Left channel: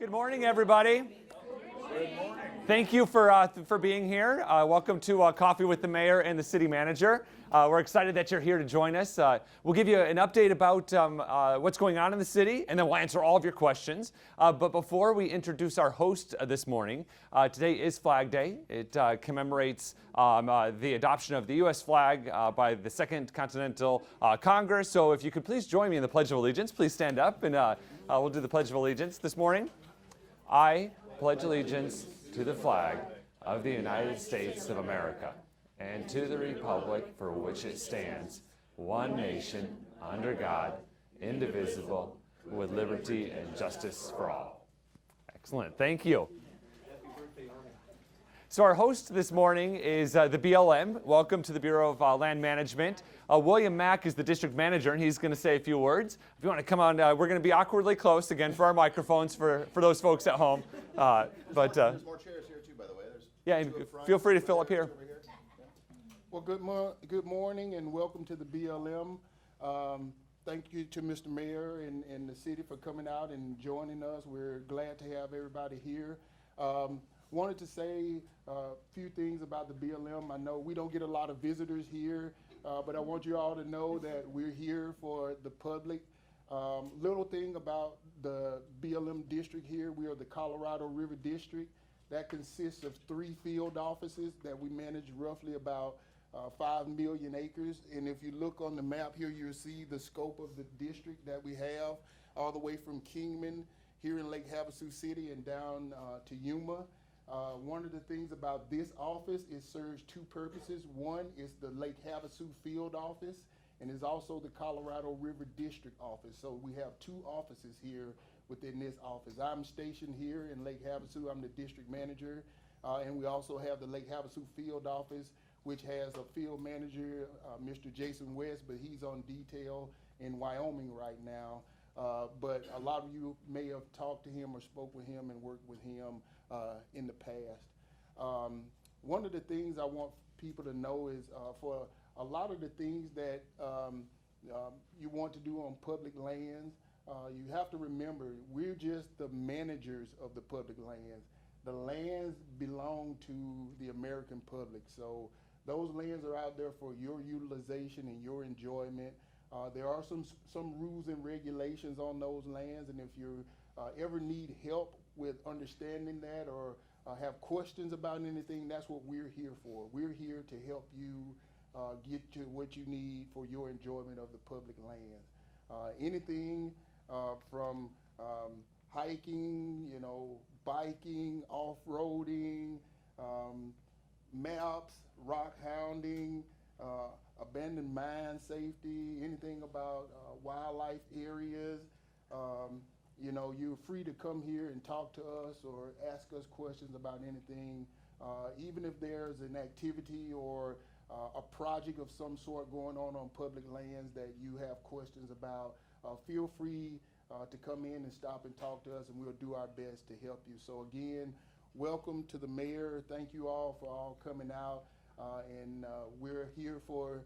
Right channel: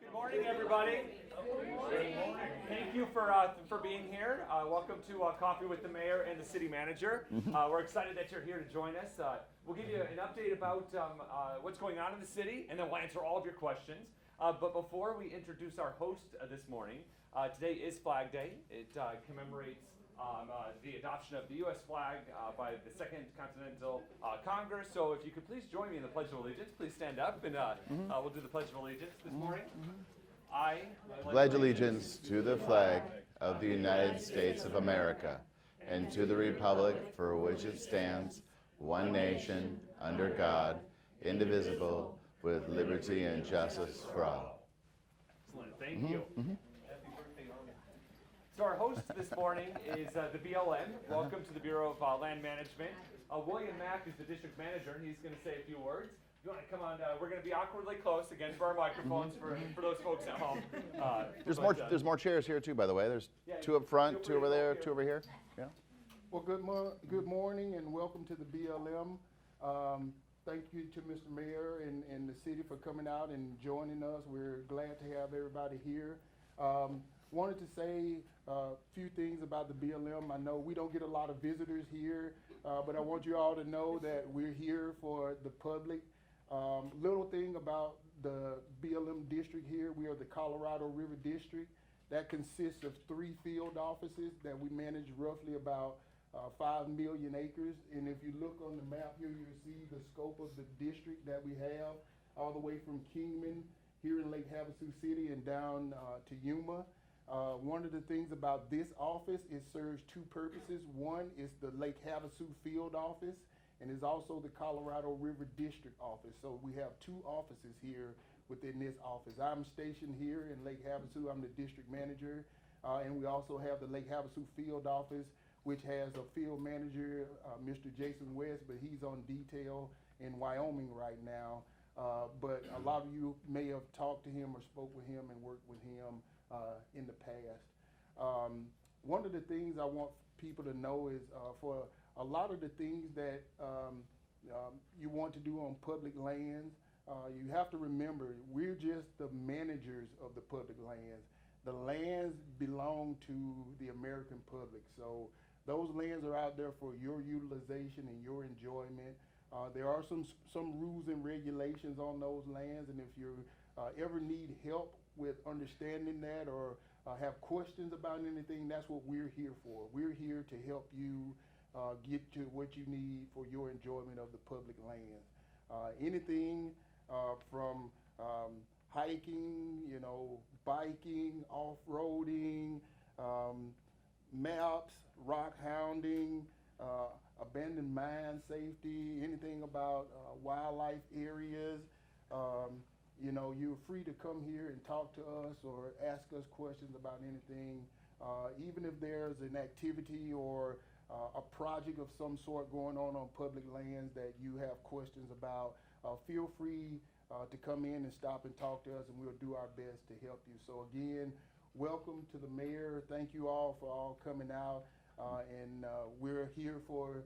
Good morning, everybody. Thank you for being here. Welcome to Coffee with the Mayor and the City Manager. We're excited that you're here to join us. We'll give you an update about what's going on in the city, and then we'll answer all of your questions. But before we introduce our host this morning, today is Flag Day. It commemorates the adoption of the U.S. flag by the Second Continental Congress. So if you could please join me in the Pledge of Allegiance, please stand up, and we'll do the Pledge of Allegiance this morning. I pledge allegiance to the flag of the United States of America and to the republic for which it stands, one nation, under God, indivisible, with liberty and justice for all. Excellent. Thank you. So our host this morning is the BLM. Welcome to the Bureau of Land Management. William Mack is the district manager, and he's going to say a few words. If you want to come on, we're going to be awkwardly close again for our microphones for those folks at home. There's more chairs here too, by the way. There's two up front. Feel free to two fill over up there, here. Two over here. Yeah. Well, good morning and welcome to the BLM. Thank you to Mr. Mayor and the city for coming out and joining us. We're glad to have everybody here. Wanted to say a few things about the BLM. I know we don't get a lot of visitors here, but I want you all to know that we're here for the public. Little thing about the BLM district here, we are the Colorado River District. That consists of 3 field offices that we manage roughly about 5 million acres. And if you look on the map here, you'll see the scope of the district that we have all the way from Kingman here in Lake Havasu City and down to Yuma. One of the things about this office, it serves 2 purposes. One is the Lake Havasu field office, and is also the Colorado River District office. So we have 2 offices here within this office. I'm stationed here in Lake Havasu. I'm the district manager, and we also have the Lake Havasu field office, which has a field manager, Mr. Jason West, but he's on detail in Wyoming right now. But a lot of you may have talked to him or spoke with him and worked with him in the past. One of the things I want people to know is for a lot of the things that you want to do on public lands, you have to remember we're just the managers of the public lands. The lands belong to the American public, so those lands are out there for your utilization and your enjoyment. There are some rules and regulations on those lands, and if you ever need help with understanding that or have questions about anything, that's what we're here for. We're here to help you get to what you need for your enjoyment of the public lands. Anything from hiking, biking, off-roading, maps, rock hounding, abandoned mine safety, anything about wildlife areas. You're free to come here and talk to us or ask us questions about anything. Even if there's an activity or a project of some sort going on public lands that you have questions about, feel free to come in and stop and talk to us, and we'll do our best to help you. So again, welcome to the mayor. Thank you all for all coming out, and we're here for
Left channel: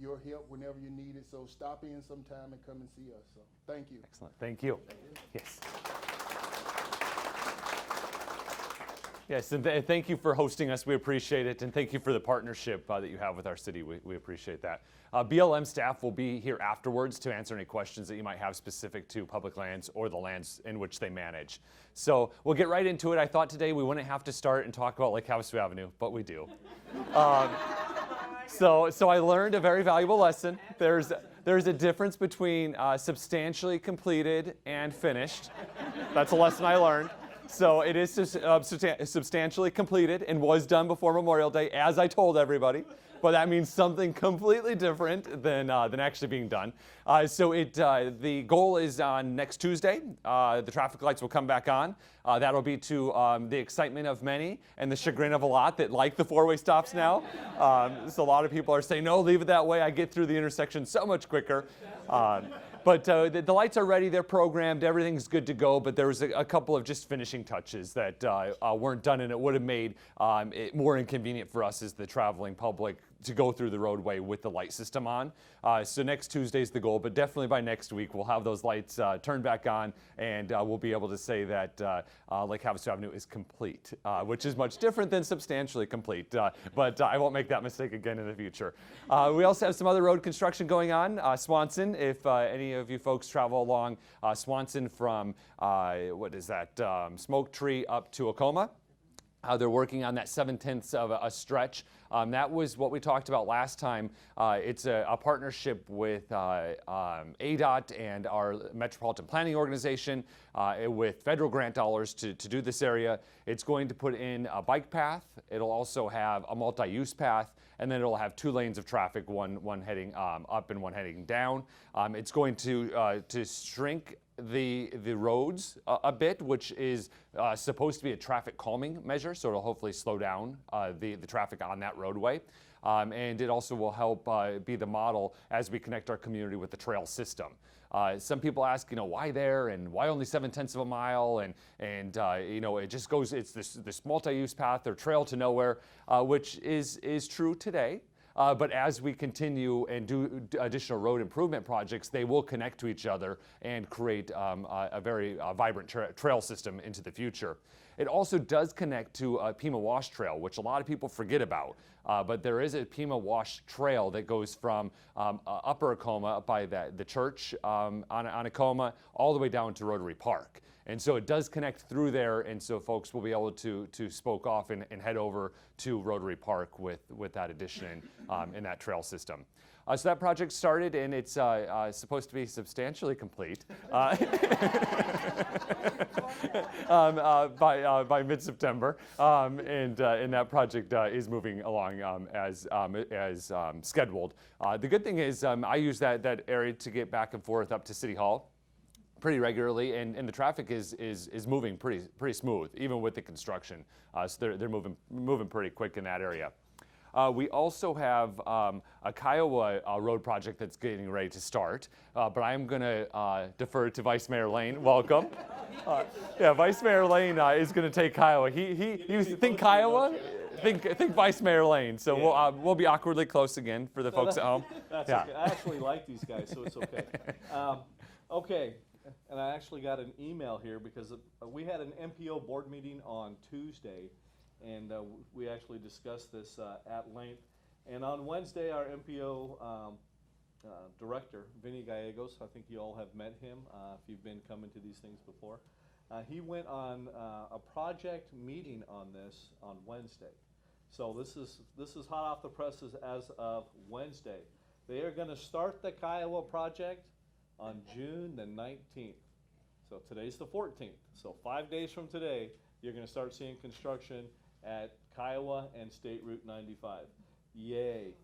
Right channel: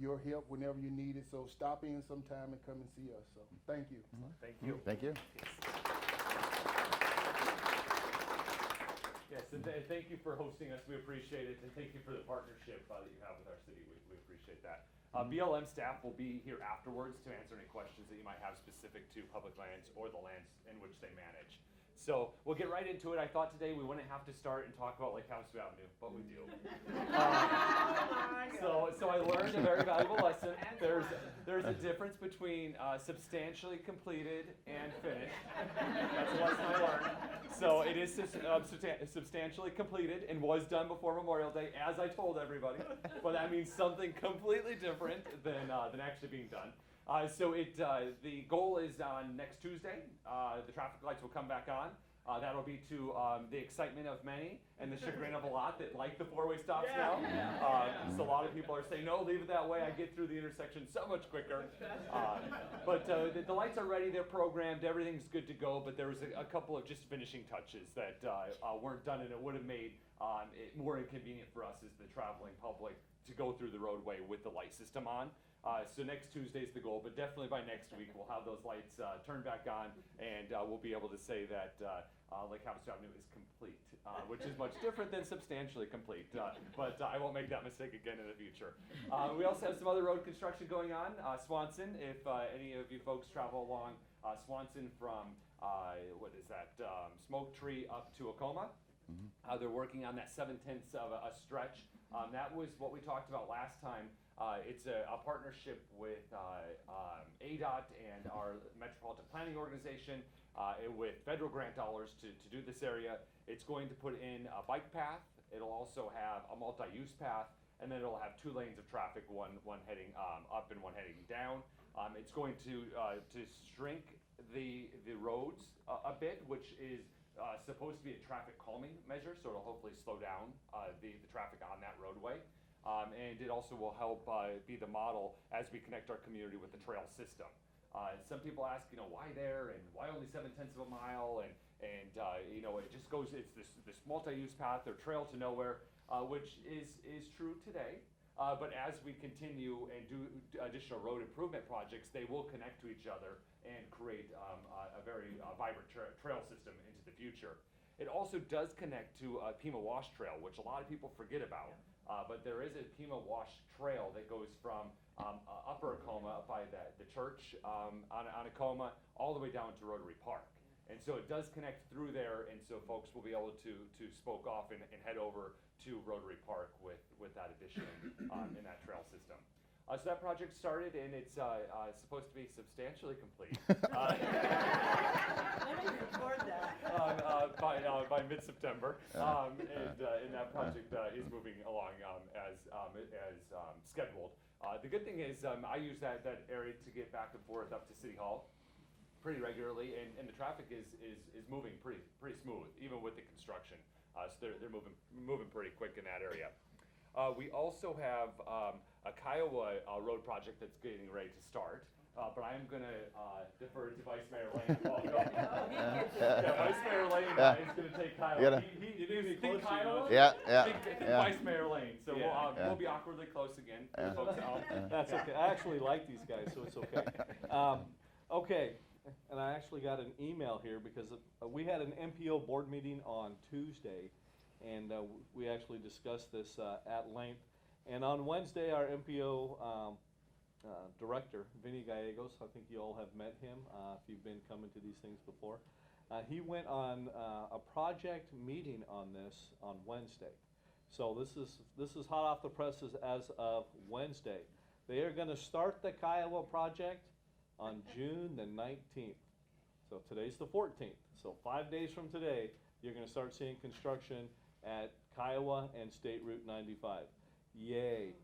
your help whenever you need it. So stop in sometime and come and see us. So thank you. Excellent. Thank you. Thank you. Yes. Yes, and thank you for hosting us. We appreciate it, and thank you for the partnership that you have with our city. We appreciate that. BLM staff will be here afterwards to answer any questions that you might have specific to public lands or the lands in which they manage. So we'll get right into it. I thought today we wouldn't have to start and talk about Lake Havasu Avenue, but we do. So I learned a very valuable lesson. There's a difference between substantially completed and finished. That's a lesson I learned. So it is substantially completed and was done before Memorial Day, as I told everybody. But that means something completely different than actually being done. The goal is on next Tuesday. The traffic lights will come back on. That'll be to the excitement of many and the chagrin of a lot that like the 4-way stops now. So a lot of people are saying, no, leave it that way. I get through the intersection so much quicker. But the lights are ready, they're programmed, everything's good to go, but there was a couple of just finishing touches that weren't done, and it would have made it more inconvenient for us as the traveling public to go through the roadway with the light system on. So next Tuesday's the goal, but definitely by next week we'll have those lights turned back on, and we'll be able to say that Lake Havasu Avenue is complete, which is much different than substantially complete, but I won't make that mistake again in the future. We also have some other road construction going on. Swanson, if any of you folks travel along Swanson from, what is that, Smoke Tree up to Acoma, they're working on that 7/10 of a stretch. That was what we talked about last time. It's a partnership with ADOT and our Metropolitan Planning Organization with federal grant dollars to do this area. It's going to put in a bike path. It'll also have a multi-use path, and then it'll have 2 lanes of traffic, one heading up and one heading down. It's going to shrink the roads a bit, which is supposed to be a traffic calming measure, so it'll hopefully slow down the traffic on that roadway. And it also will help be the model as we connect our community with the trail system. Some people ask, why there and why only 7/10 of a mile? And it just goes, it's this multi-use path or trail to nowhere, which is true today. But as we continue and do additional road improvement projects, they will connect to each other and create a very vibrant trail system into the future. It also does connect to Pima Wash Trail, which a lot of people forget about. But there is a Pima Wash Trail that goes from Upper Acoma by the church on Acoma all the way down to Rotary Park. And so it does connect through there, and so folks will be able to spoke off and head over to Rotary Park with that addition in that trail system. So that project started, and it's supposed to be substantially complete by mid-September, and that project is moving along as scheduled. The good thing is I use that area to get back and forth up to City Hall pretty regularly, and the traffic is moving pretty smooth, even with the construction. So they're moving pretty quick in that area. We also have a Kiowa road project that's getting ready to start, but I'm going to defer to Vice Mayor Lane. Welcome. Vice Mayor Lane is going to take Kiowa. He was think Kiowa. Think Vice Mayor Lane. So we'll be awkwardly close again for the folks at home. That's okay. I actually like these guys, so it's okay. Okay. And I actually got an email here because we had an MPO board meeting on Tuesday, and we actually discussed this at length. And on Wednesday, our MPO director, Vinny Gallegos, I think you all have met him if you've been coming to these things before. He went on a project meeting on this on Wednesday. So this is hot off the presses as of Wednesday. They are going to start the Kiowa project on June the 19th. So today's the 14th. So 5 days from today, you're going to start seeing construction at Kiowa and State Route 95. Yay.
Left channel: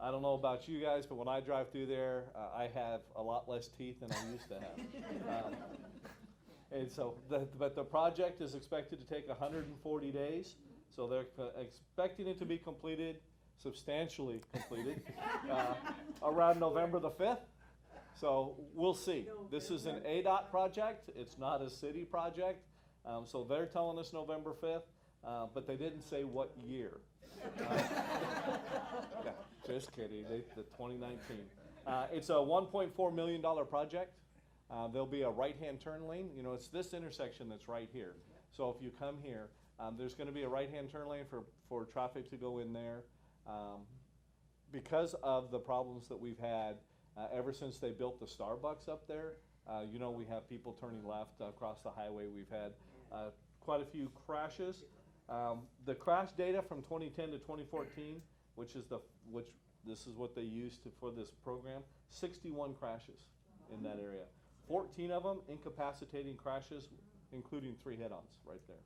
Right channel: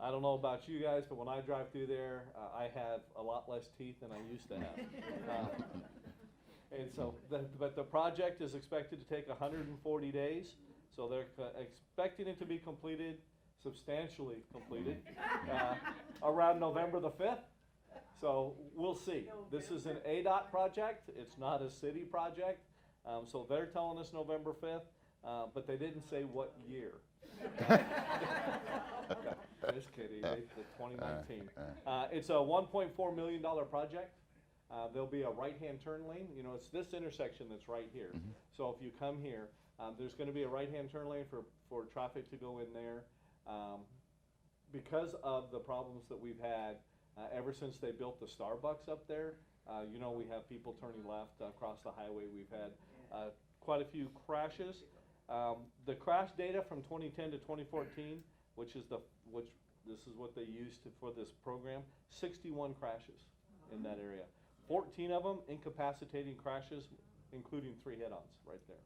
I don't know about you guys, but when I drive through there, I have a lot less teeth than I used to have. And so, but the project is expected to take 140 days. So they're expecting it to be completed, substantially completed, around November the 5th. So we'll see. This is an ADOT project. It's not a city project. So they're telling us November 5th, but they didn't say what year. Just kidding. The 2019. It's a $1.4 million project. There'll be a right-hand turn lane. It's this intersection that's right here. So if you come here, there's going to be a right-hand turn lane for traffic to go in there. Because of the problems that we've had ever since they built the Starbucks up there, we have people turning left across the highway. We've had quite a few crashes. The crash data from 2010 to 2014, which this is what they used for this program, 61 crashes in that area. 14 of them incapacitating crashes, including 3 head-ons right there.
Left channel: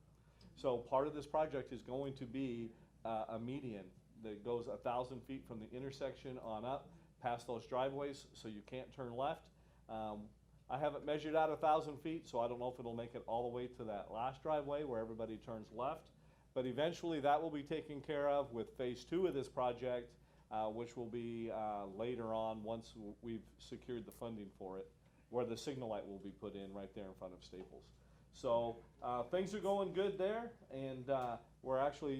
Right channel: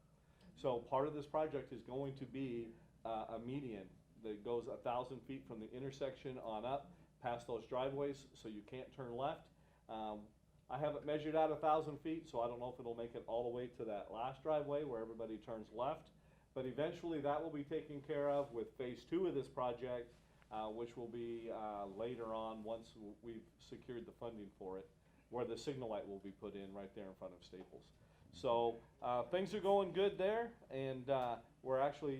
So part of this project is going to be a median that goes 1,000 feet from the intersection on up past those driveways, so you can't turn left. I haven't measured out 1,000 feet, so I don't know if it'll make it all the way to that last driveway where everybody turns left. But eventually that will be taken care of with phase 2 of this project, which will be later on once we've secured the funding for it, where the signal light will be put in right there in front of Staples. So things are going good there, and we're actually,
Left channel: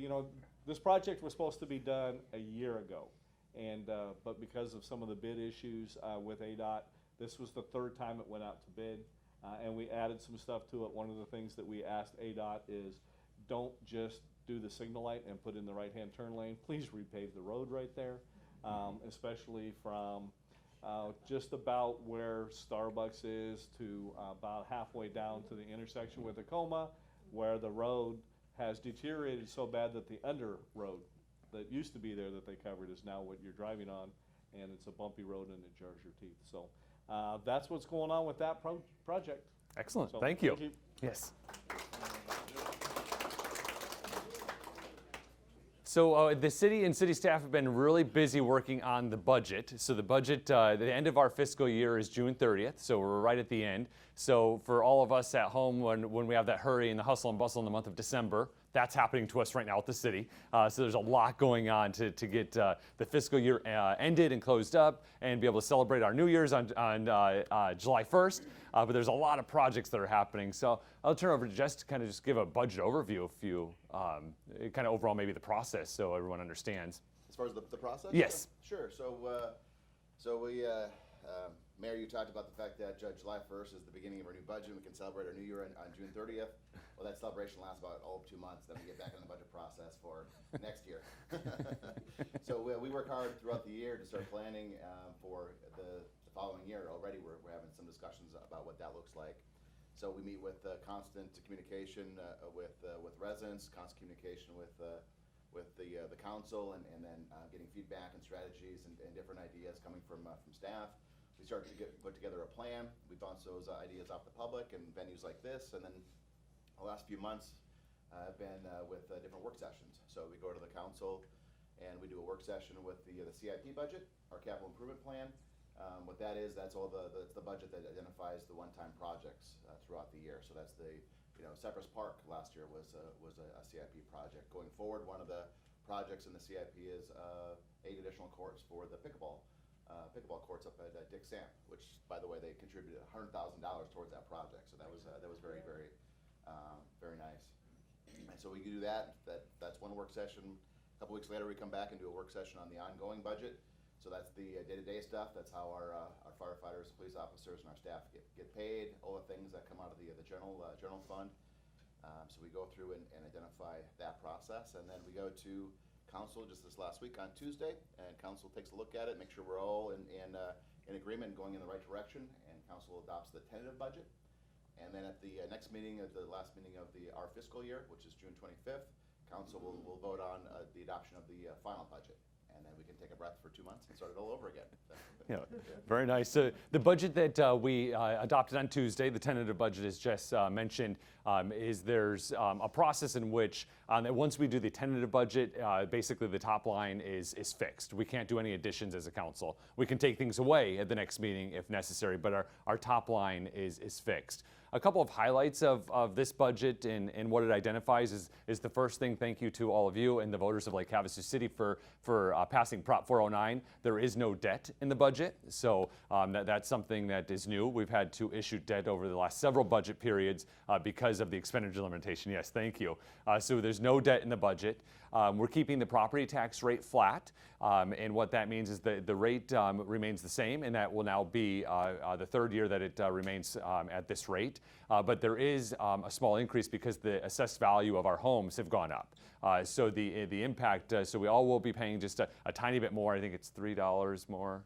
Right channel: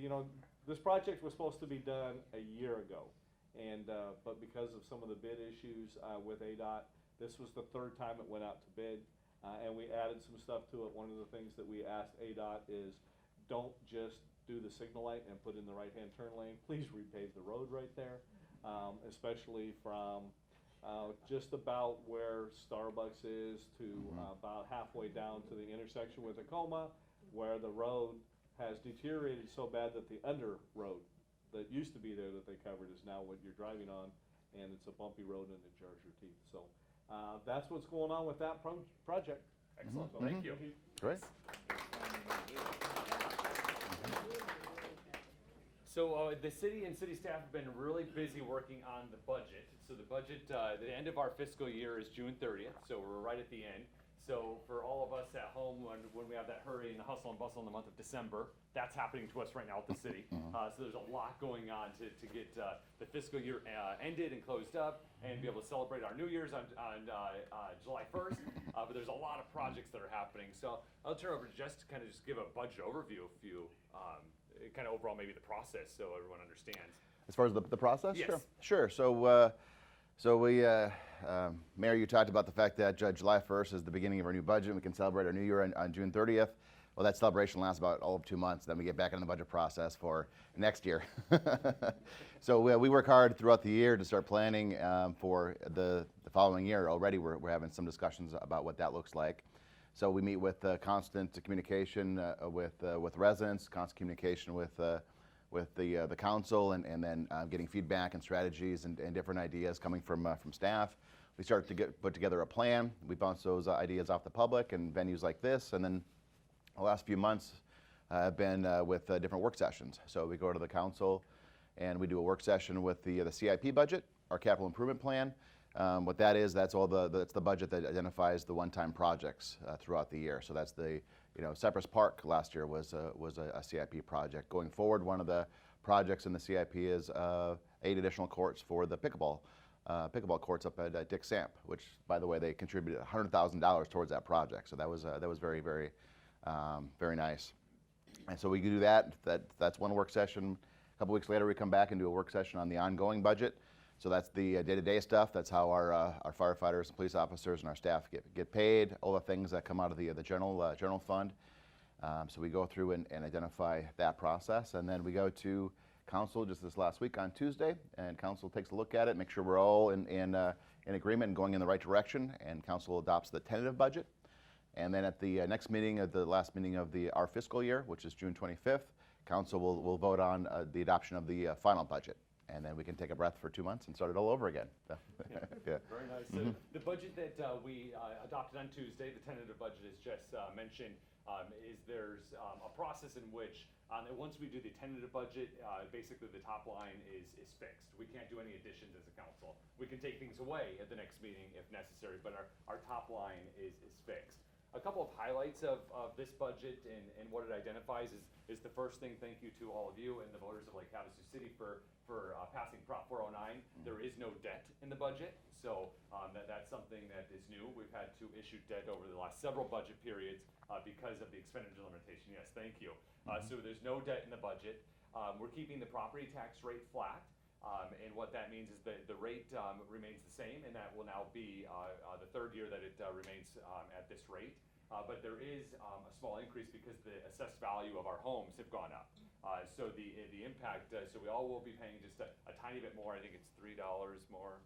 this project was supposed to be done a year ago, and but because of some of the bid issues with ADOT, this was the third time it went out to bid, and we added some stuff to it. One of the things that we asked ADOT is, don't just do the signal light and put in the right-hand turn lane. Please repave the road right there, especially from just about where Starbucks is to about halfway down to the intersection with Tacoma, where the road has deteriorated so bad that the under road that used to be there that they covered is now what you're driving on, and it's a bumpy road and it jars your teeth. So that's what's going on with that project. Excellent. So, Thank you. Yes. So the city and city staff have been really busy working on the budget. So the budget, the end of our fiscal year is June 30th, so we're right at the end. So for all of us at home, when we have that hurry and the hustle and bustle in the month of December, that's happening to us right now at the city. So there's a lot going on to get the fiscal year ended and closed up and be able to celebrate our New Year's on July 1st. But there's a lot of projects that are happening. So I'll turn over to Jess to kind of just give a budget overview, if you kind of overall maybe the process so everyone understands. As far as the process? Yes. Sure. So we, Mayor, you talked about the fact that July 1st is the beginning of our new budget. We can celebrate our new year on June 30th. Well, that celebration lasts about all of 2 months. Then we get back in the budget process for next year. So we work hard throughout the year to start planning for the following year. Already we're having some discussions about what that looks like. So we meet with constant communication with residents, constant communication with the council, and then getting feedback and strategies and different ideas coming from staff. We start to put together a plan. We bounce those ideas off the public and venues like this, and then the last few months have been with different work sessions. So we go to the council and we do a work session with the CIP budget, our capital improvement plan. What that is, that's the budget that identifies the one-time projects throughout the year. So that's the, Cypress Park last year was a CIP project. Going forward, one of the projects in the CIP is 8 additional courts for the pickleball courts up at Dick Samp, which, by the way, they contributed $100,000 towards that project. So that was very, very, very nice. And so we do that. That's one work session. A couple weeks later, we come back and do a work session on the ongoing budget. So that's the day-to-day stuff. That's how our firefighters and police officers and our staff get paid. All the things that come out of the general fund. So we go through and identify that process, and then we go to council just this last week on Tuesday, and council takes a look at it, make sure we're all in agreement and going in the right direction, and council adopts the tentative budget. And then at the next meeting, the last meeting of our fiscal year, which is June 25th, council will vote on the adoption of the final budget. And then we can take a breath for 2 months and start it all over again. Yeah. Very nice. So the budget that we adopted on Tuesday, the tentative budget, as Jess mentioned, there's a process in which once we do the tentative budget, basically the top line is fixed. We can't do any additions as a council. We can take things away at the next meeting if necessary, but our top line is fixed. A couple of highlights of this budget and what it identifies is the first thing, thank you to all of you and the voters of Lake Havasu City for passing Prop 409. There is no debt in the budget, so that's something that is new. We've had to issue debt over the last several budget periods because of the expenditure limitation. Yes, thank you. So there's no debt in the budget. We're keeping the property tax rate flat, and what that means is the rate remains the same, and that will now be the third year that it remains at this rate. But there is a small increase because the assessed value of our homes have gone up. So the impact, so we all will be paying just a tiny bit more. I think it's $3 more.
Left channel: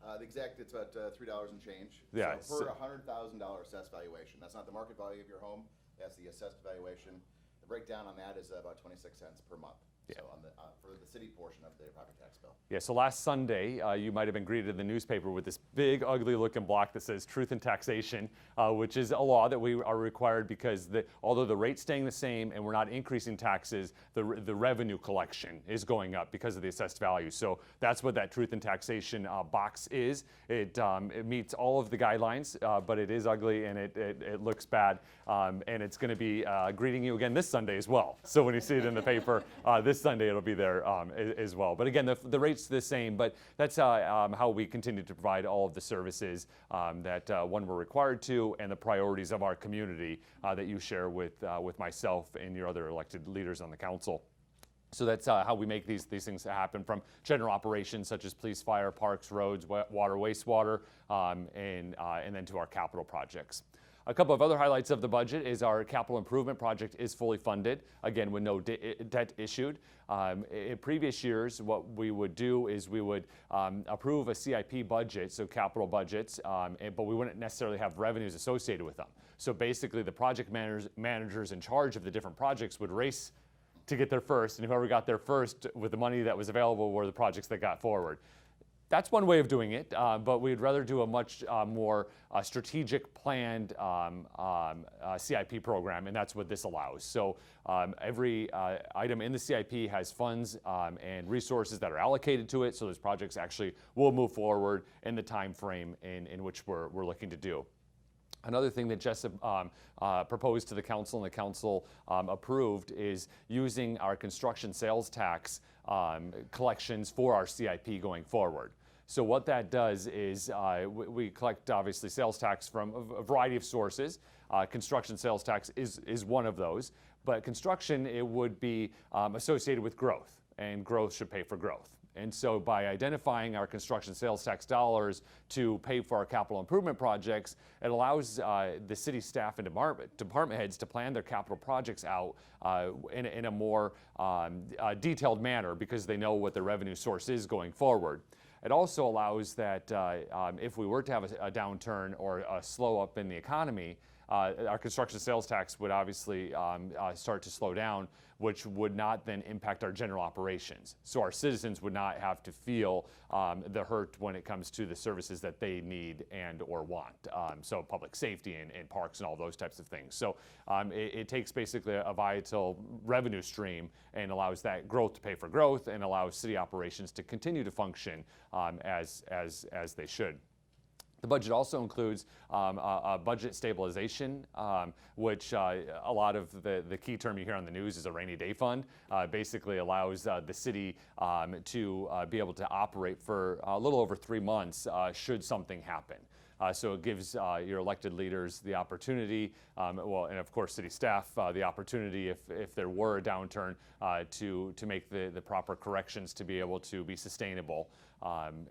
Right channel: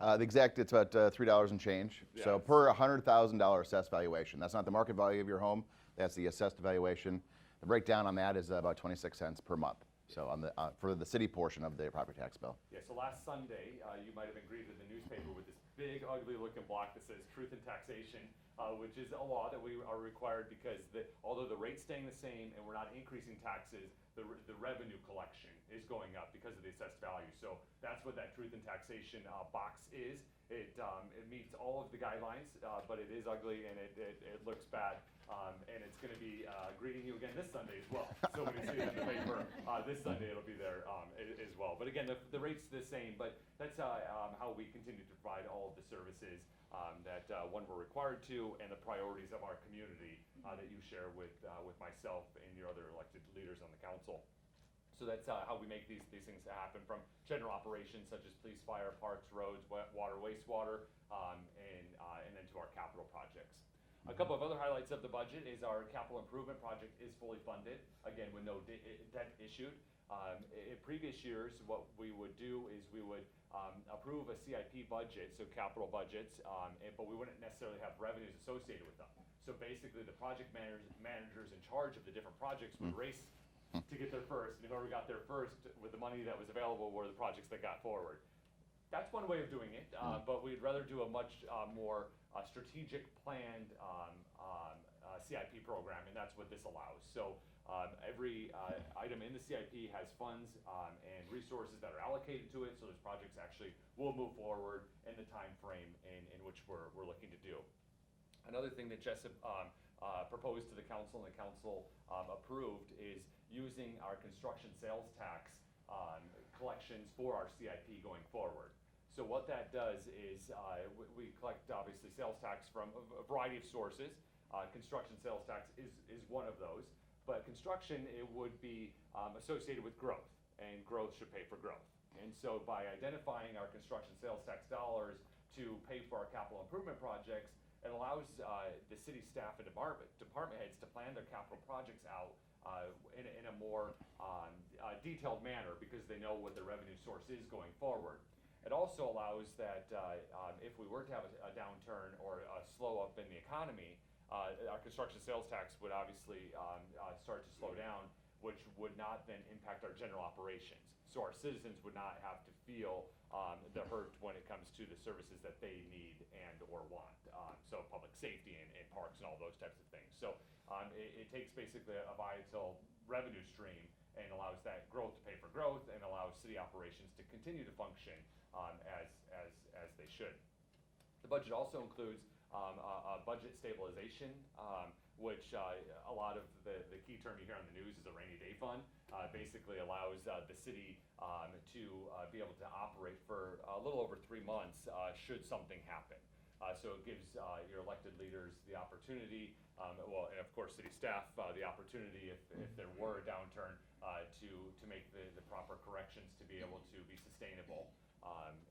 It's about $3 and change. Yeah, so per $100,000 assessed valuation. That's not the market value of your home. That's the assessed valuation. The breakdown on that is about 26 cents per month. Yeah. So for the city portion of the property tax bill. Yeah, so last Sunday, you might have been greeted in the newspaper with this big, ugly looking block that says Truth in Taxation, which is a law that we are required because although the rate's staying the same and we're not increasing taxes, the revenue collection is going up because of the assessed value. So that's what that Truth in Taxation box is. It meets all of the guidelines, but it is ugly and it looks bad. And it's going to be greeting you again this Sunday as well. So when you see it in the paper this Sunday, it'll be there as well. But again, the rate's the same, but that's how we continue to provide all of the services that we're required to, and the priorities of our community that you share with myself and your other elected leaders on the council. So that's how we make these things happen, from general operations such as police, fire, parks, roads, water, wastewater, and then to our capital projects. A couple of other highlights of the budget is our capital improvement project is fully funded, again with no debt issued. In previous years, what we would do is we would approve a CIP budget, so capital budgets, but we wouldn't necessarily have revenues associated with them. So basically the project managers in charge of the different projects would race to get there first, and whoever got there first with the money that was available were the projects that got forward. That's one way of doing it, but we'd rather do a much more strategic, planned CIP program, and that's what this allows. So every item in the CIP has funds and resources that are allocated to it, so those projects actually will move forward in the time frame in which we're looking to do. Another thing that Jess proposed to the council and the council approved is using our construction sales tax collections for our CIP going forward. So what that does is we collect obviously sales tax from a variety of sources. Construction sales tax is one of those, but construction, it would be associated with growth, and growth should pay for growth. And so by identifying our construction sales tax dollars to pay for our capital improvement projects, it allows the city staff and department heads to plan their capital projects out in a more detailed manner, because they know what their revenue source is going forward. It also allows that if we were to have a downturn or a slow up in the economy, our construction sales tax would obviously start to slow down, which would not then impact our general operations. So our citizens would not have to feel the hurt when it comes to the services that they need and or want. So public safety and parks and all those types of things. So it takes basically a vital revenue stream and allows that growth to pay for growth, and allows city operations to continue to function as they should. The budget also includes a budget stabilization, which a lot of the key term you hear on the news is a rainy day fund. Basically allows the city to be able to operate for a little over 3 months should something happen. So it gives your elected leaders the opportunity, well, and of course city staff, the opportunity if there were a downturn to make the proper corrections to be able to be sustainable.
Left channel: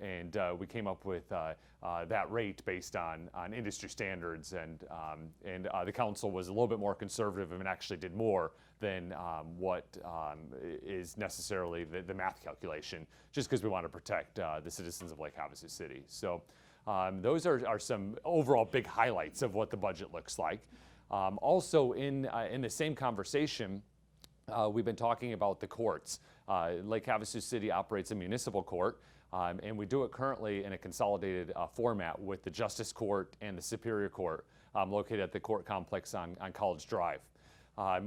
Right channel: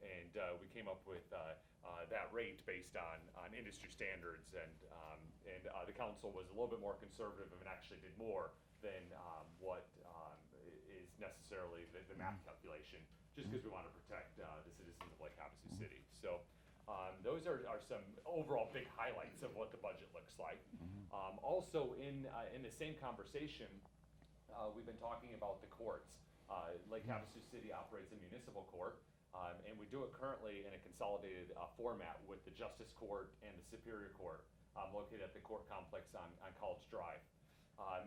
And we came up with that rate based on industry standards, and the council was a little bit more conservative and actually did more than what is necessarily the math calculation, just because we want to protect the citizens of Lake Havasu City. So those are some overall big highlights of what the budget looks like. Also in the same conversation, we've been talking about the courts. Lake Havasu City operates a municipal court, and we do it currently in a consolidated format with the Justice Court and the Superior Court located at the court complex on College Drive.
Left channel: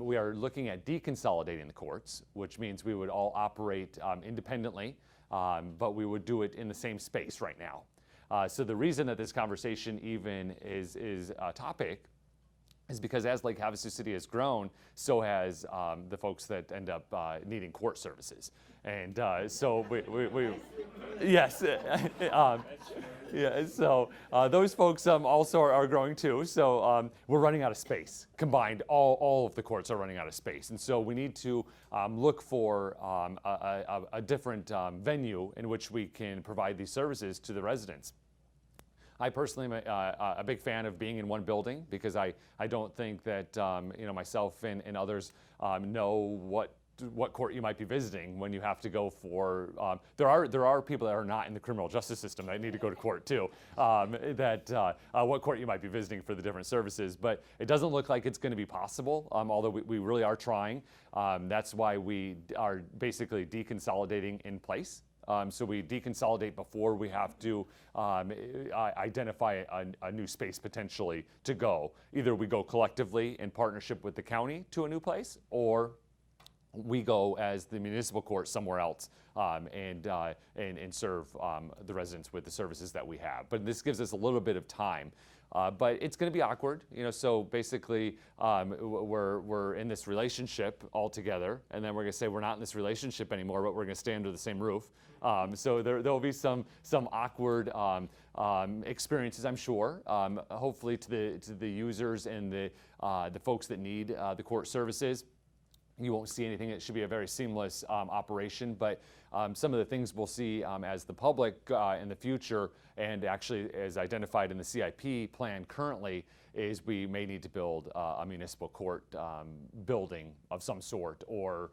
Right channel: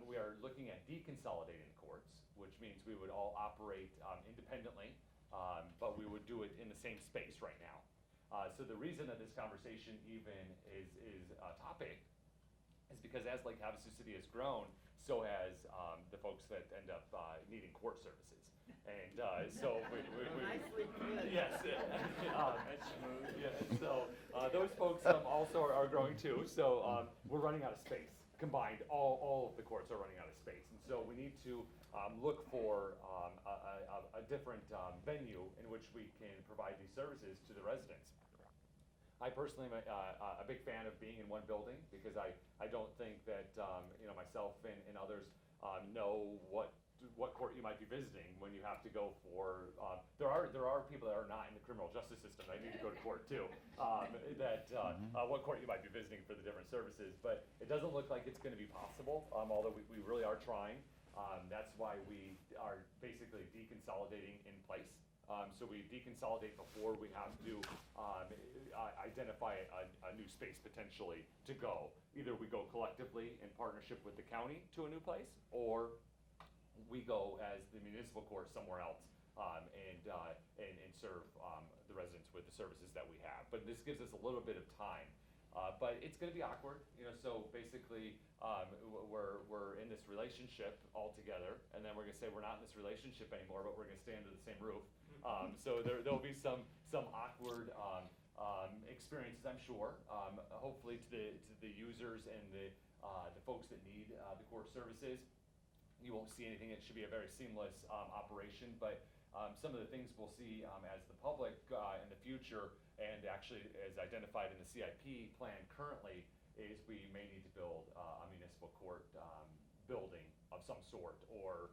We are looking at deconsolidating the courts, which means we would all operate independently, but we would do it in the same space right now. So the reason that this conversation even is a topic is because as Lake Havasu City has grown, so has the folks that end up needing court services. And so we yes, yeah, so those folks also are growing too. So we're running out of space. Combined, all of the courts are running out of space. And so we need to look for a different venue in which we can provide these services to the residents. I personally am a big fan of being in one building, because I don't think that myself and others know what court you might be visiting when you have to go for. There are people that are not in the criminal justice system that need to go to court too. What court you might be visiting for the different services, but it doesn't look like it's going to be possible. Although we really are trying. That's why we are basically deconsolidating in place. So we deconsolidate before we have to identify a new space potentially to go. Either we go collectively in partnership with the county to a new place, or we go as the municipal court somewhere else and serve the residents with the services that we have. But this gives us a little bit of time. But it's going to be awkward, so basically we're in this relationship all together, and then we're going to say we're not in this relationship anymore, but we're going to stay under the same roof. So there'll be some awkward experiences, I'm sure, hopefully to the users and the folks that need the court services. you won't see anything. It should be a very seamless operation, but some of the things we'll see as the public in the future, and actually as identified in the CIP plan currently, is we may need to build a municipal court building of some sort, or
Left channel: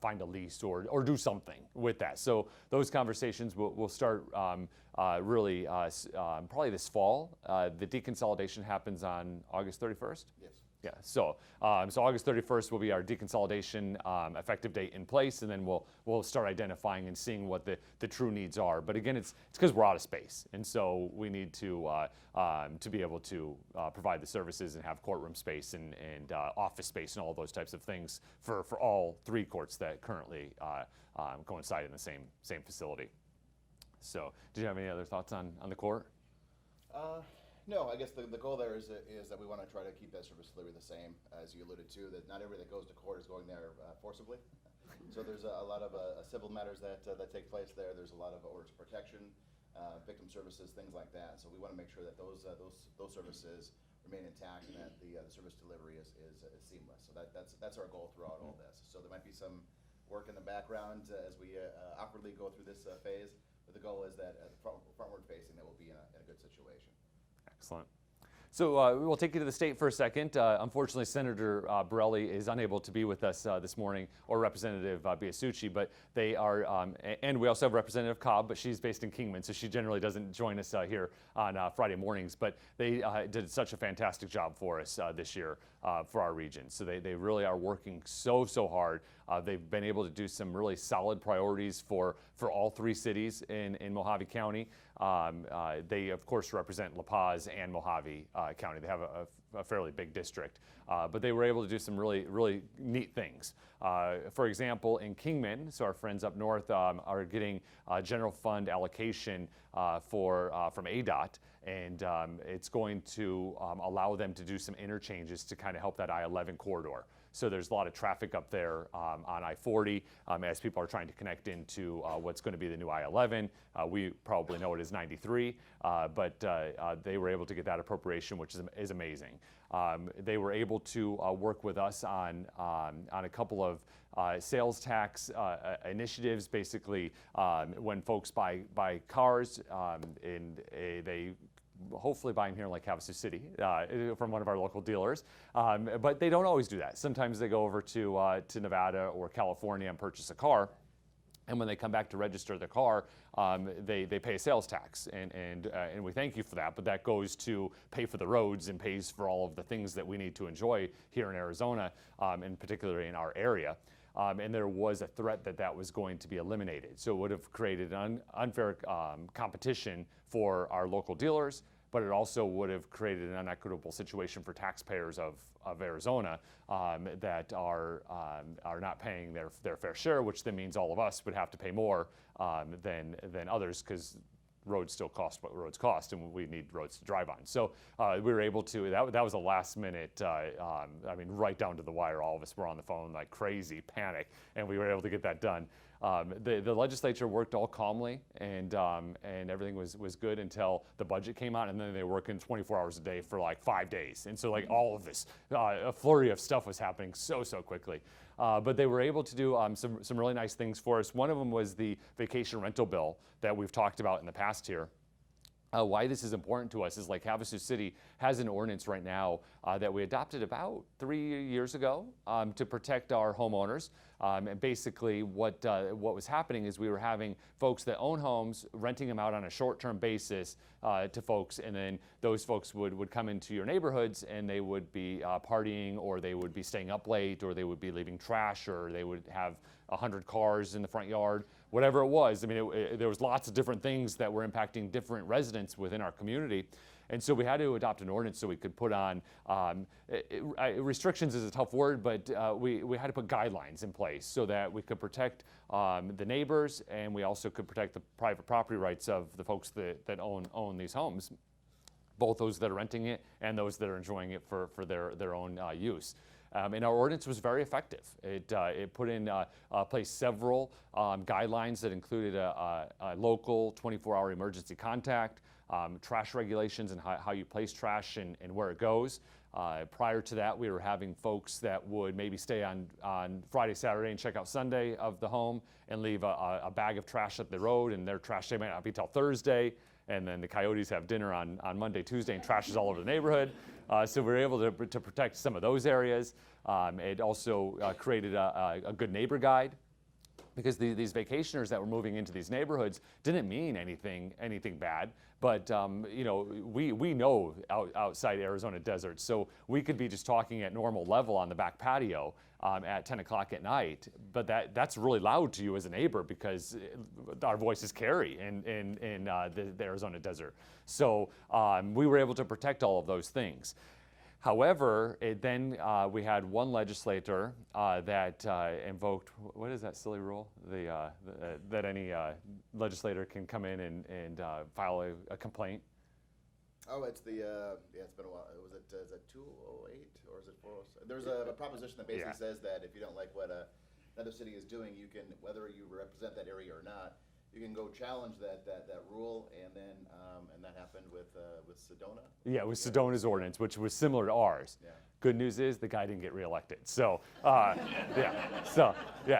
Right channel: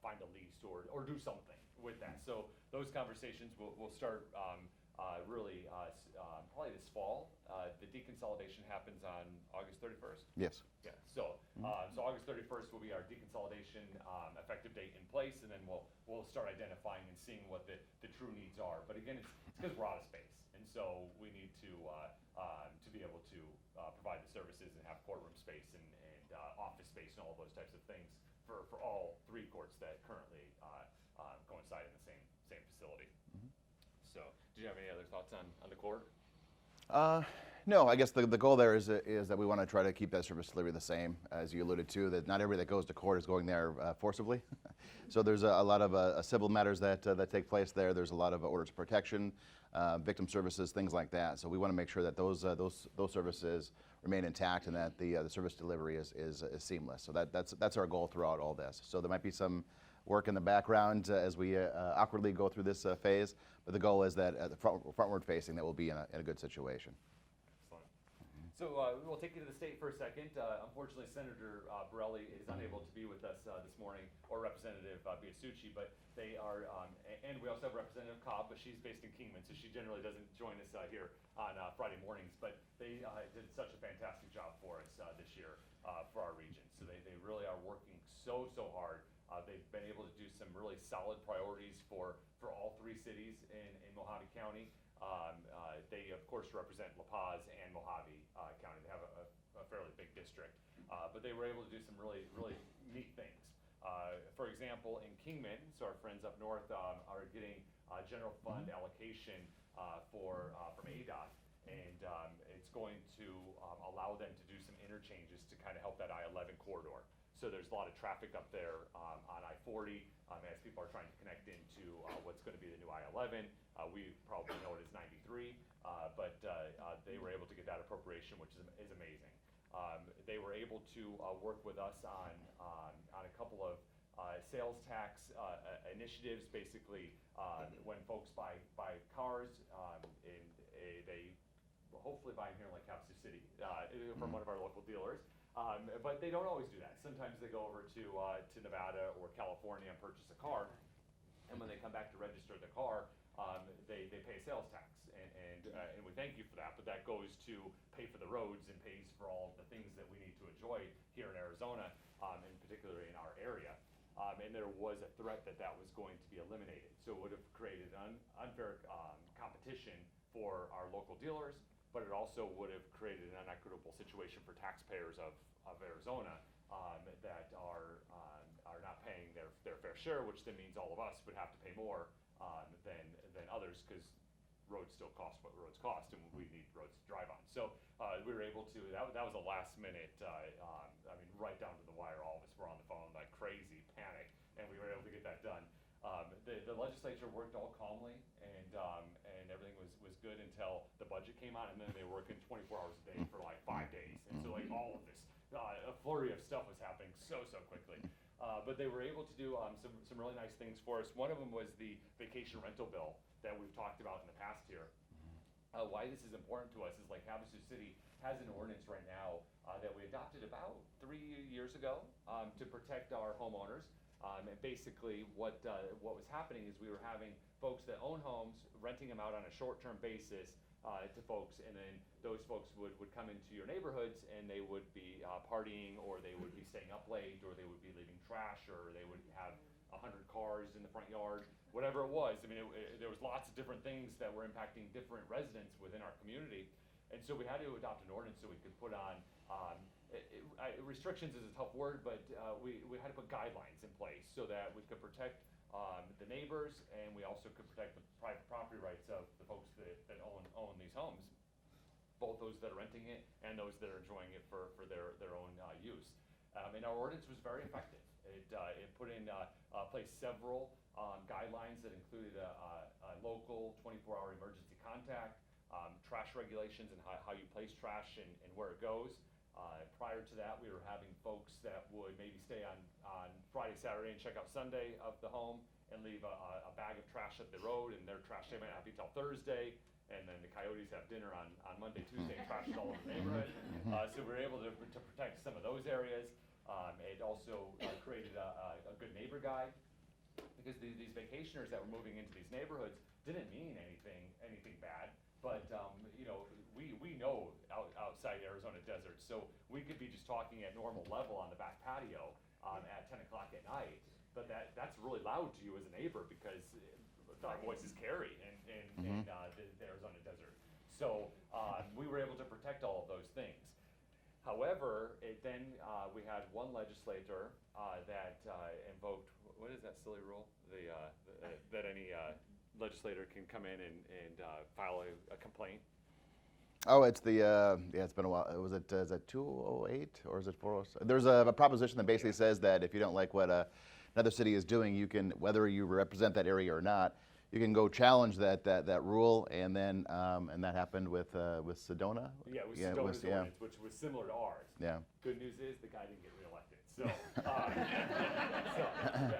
find a lease, or do something with that. So those conversations will start really probably this fall. The deconsolidation happens on August 31st. Yes. Yeah, so August 31st will be our deconsolidation effective date in place, and then we'll start identifying and seeing what the true needs are. But again, it's because we're out of space, and so we need to be able to provide the services and have courtroom space and office space and all those types of things for all 3 courts that currently coincide in the same facility. So, did you have any other thoughts on the court? No, I guess the goal there is that we want to try to keep that service delivery the same, as you alluded to, that not everybody that goes to court is going there forcibly. So there's a lot of civil matters that take place there. There's a lot of orders of protection, victim services, things like that. So we want to make sure that those services remain intact, and that the service delivery is seamless. So that's our goal throughout all this. So there might be some work in the background as we awkwardly go through this phase, but the goal is that the frontward facing, that we'll be in a good situation. Excellent. So we'll take you to the state for a second. Unfortunately, Senator Borelli is unable to be with us this morning, or Representative Biasucci, but they are, and we also have Representative Cobb, but she's based in Kingman, so she generally doesn't join us here on Friday mornings, but they did such a fantastic job for us this year for our region. So they really are working so hard. They've been able to do some really solid priorities for all 3 cities in Mojave County. They, of course, represent La Paz and Mojave County. They have a fairly big district, but they were able to do some really neat things. For example, in Kingman, so our friends up north are getting general fund allocation from ADOT, and it's going to allow them to do some interchanges to kind of help that I-11 corridor. So there's a lot of traffic up there on I-40 as people are trying to connect into what's going to be the new I-11. We probably know it as 93, but they were able to get that appropriation, which is amazing. They were able to work with us on a couple of sales tax initiatives. Basically, when folks buy cars, and they hopefully buy them here in like Havasu City from one of our local dealers, but they don't always do that. Sometimes they go over to Nevada or California and purchase a car, and when they come back to register the car, they pay a sales tax, and we thank you for that. But that goes to pay for the roads and pays for all of the things that we need to enjoy here in Arizona, and particularly in our area. And there was a threat that was going to be eliminated. So it would have created an unfair competition for our local dealers, but it also would have created an unequitable situation for taxpayers of Arizona that are not paying their fair share, which then means all of us would have to pay more than others, because roads still cost what roads cost, and we need roads to drive on. So we were able to, that was a last minute, I mean, right down to the wire. All of us were on the phone like crazy, panic, and we were able to get that done. The legislature worked all calmly, and everything was good until the budget came out, and then they were working 24 hours a day for like 5 days. And so like all of this, a flurry of stuff was happening so quickly. But they were able to do some really nice things for us. One of them was the vacation rental bill that we've talked about in the past here. Why this is important to us is, like, Havasu City has an ordinance right now that we adopted about 3 years ago to protect our homeowners. And basically what was happening is we were having folks that own homes renting them out on a short-term basis to folks, and then those folks would come into your neighborhoods, and they would be partying, or they would be staying up late, or they would be leaving trash, or they would have 100 cars in the front yard, whatever it was. I mean, there was lots of different things that were impacting different residents within our community. And so we had to adopt an ordinance so we could put on, restrictions is a tough word, but we had to put guidelines in place so that we could protect the neighbors, and we also could protect the private property rights of the folks that own these homes, both those that are renting it and those that are enjoying it for their own use. And our ordinance was very effective. It put in place several guidelines that included a local 24-hour emergency contact, trash regulations and how you place trash and where it goes. Prior to that, we were having folks that would maybe stay on Friday, Saturday, and check out Sunday of the home and leave a bag of trash at the road, and their trash day might not be till Thursday. And then the coyotes have dinner on Monday, Tuesday, and trash is all over the neighborhood. So we were able to protect some of those areas. It also created a good neighbor guide, because these vacationers that were moving into these neighborhoods didn't mean anything bad. But you know, we know outside Arizona desert, so we could be just talking at normal level on the back patio at 10 o'clock at night, but that's really loud to you as a neighbor, because our voices carry in the Arizona desert. So we were able to protect all of those things. However, then we had one legislator that invoked, what is that silly rule? That any legislator can come in and file a complaint. Oh, it's the, yeah, it's been a while. Is it 208 or is it 407? There's a proposition that basically says that if you don't like what another city is doing, you can, whether you represent that area or not, you can go challenge that rule, and then and that happened with Sedona. Yeah, it was Sedona's ordinance, which was similar to ours. Yeah. Good news is the guy didn't get reelected. So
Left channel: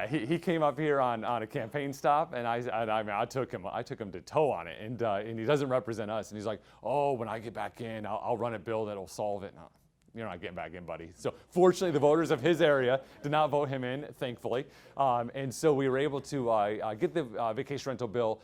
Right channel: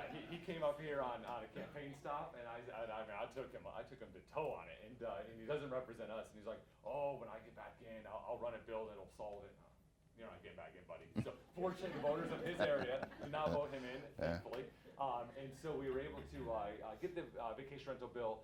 he came up here on a campaign stop, and I took him to toe on it, and he doesn't represent us, and he's like, oh, when I get back in, I'll run a bill that'll solve it. No, you're not getting back in, buddy. So fortunately, the voters of his area did not vote him in, thankfully. And so we were able to get the vacation rental bill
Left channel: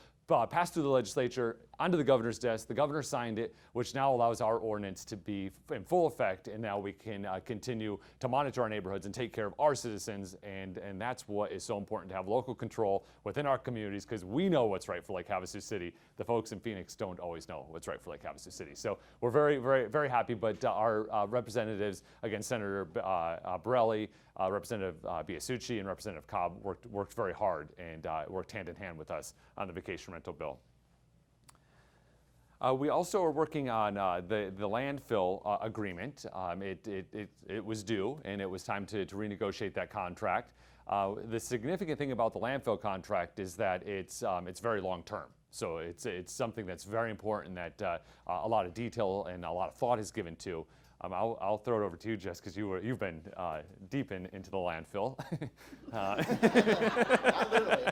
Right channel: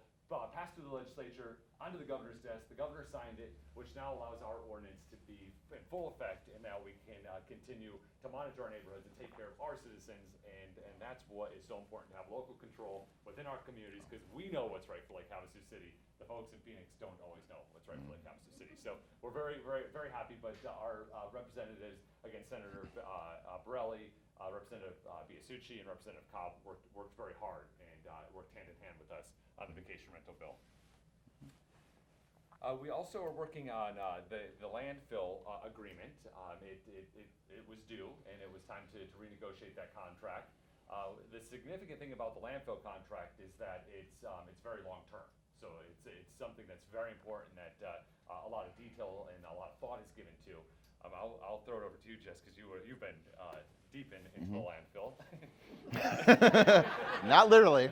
passed through the legislature, onto the governor's desk. The governor signed it, which now allows our ordinance to be in full effect, and now we can continue to monitor our neighborhoods and take care of our citizens, and that's what is so important, to have local control within our communities, because we know what's right for Lake Havasu City. The folks in Phoenix don't always know what's right for Lake Havasu City. So we're very, very, very happy, but our representatives, again, Senator Borelli, Representative Biasucci, and Representative Cobb worked very hard and worked hand in hand with us on the vacation rental bill. We also are working on the landfill agreement. It was due, and it was time to renegotiate that contract. The significant thing about the landfill contract is that it's very long term. So it's something that's very important, that a lot of detail and a lot of thought is given to. I'll throw it over to you, Jess, because you've been deep into the landfill. Not literally.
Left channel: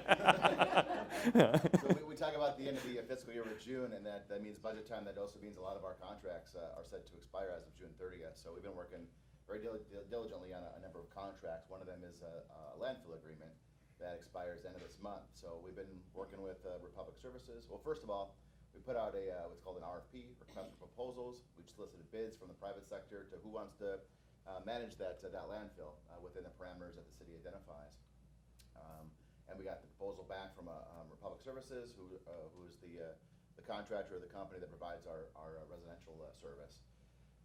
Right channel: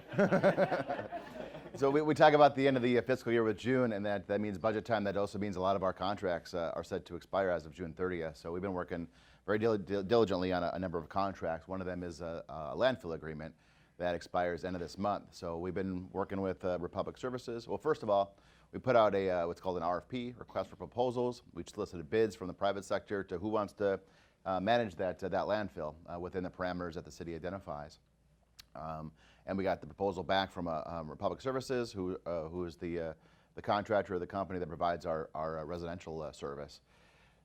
So we talk about the end of the fiscal year with June, and that means budget time. That also means a lot of our contracts are set to expire as of June 30th. So we've been working very diligently on a number of contracts. One of them is a landfill agreement that expires end of this month. So we've been working with Republic Services. Well, first of all, we put out a what's called an RFP, request for proposals. We solicited bids from the private sector to who wants to manage that landfill within the parameters that the city identifies. And we got the proposal back from Republic Services, who is the contractor or the company that provides our residential service.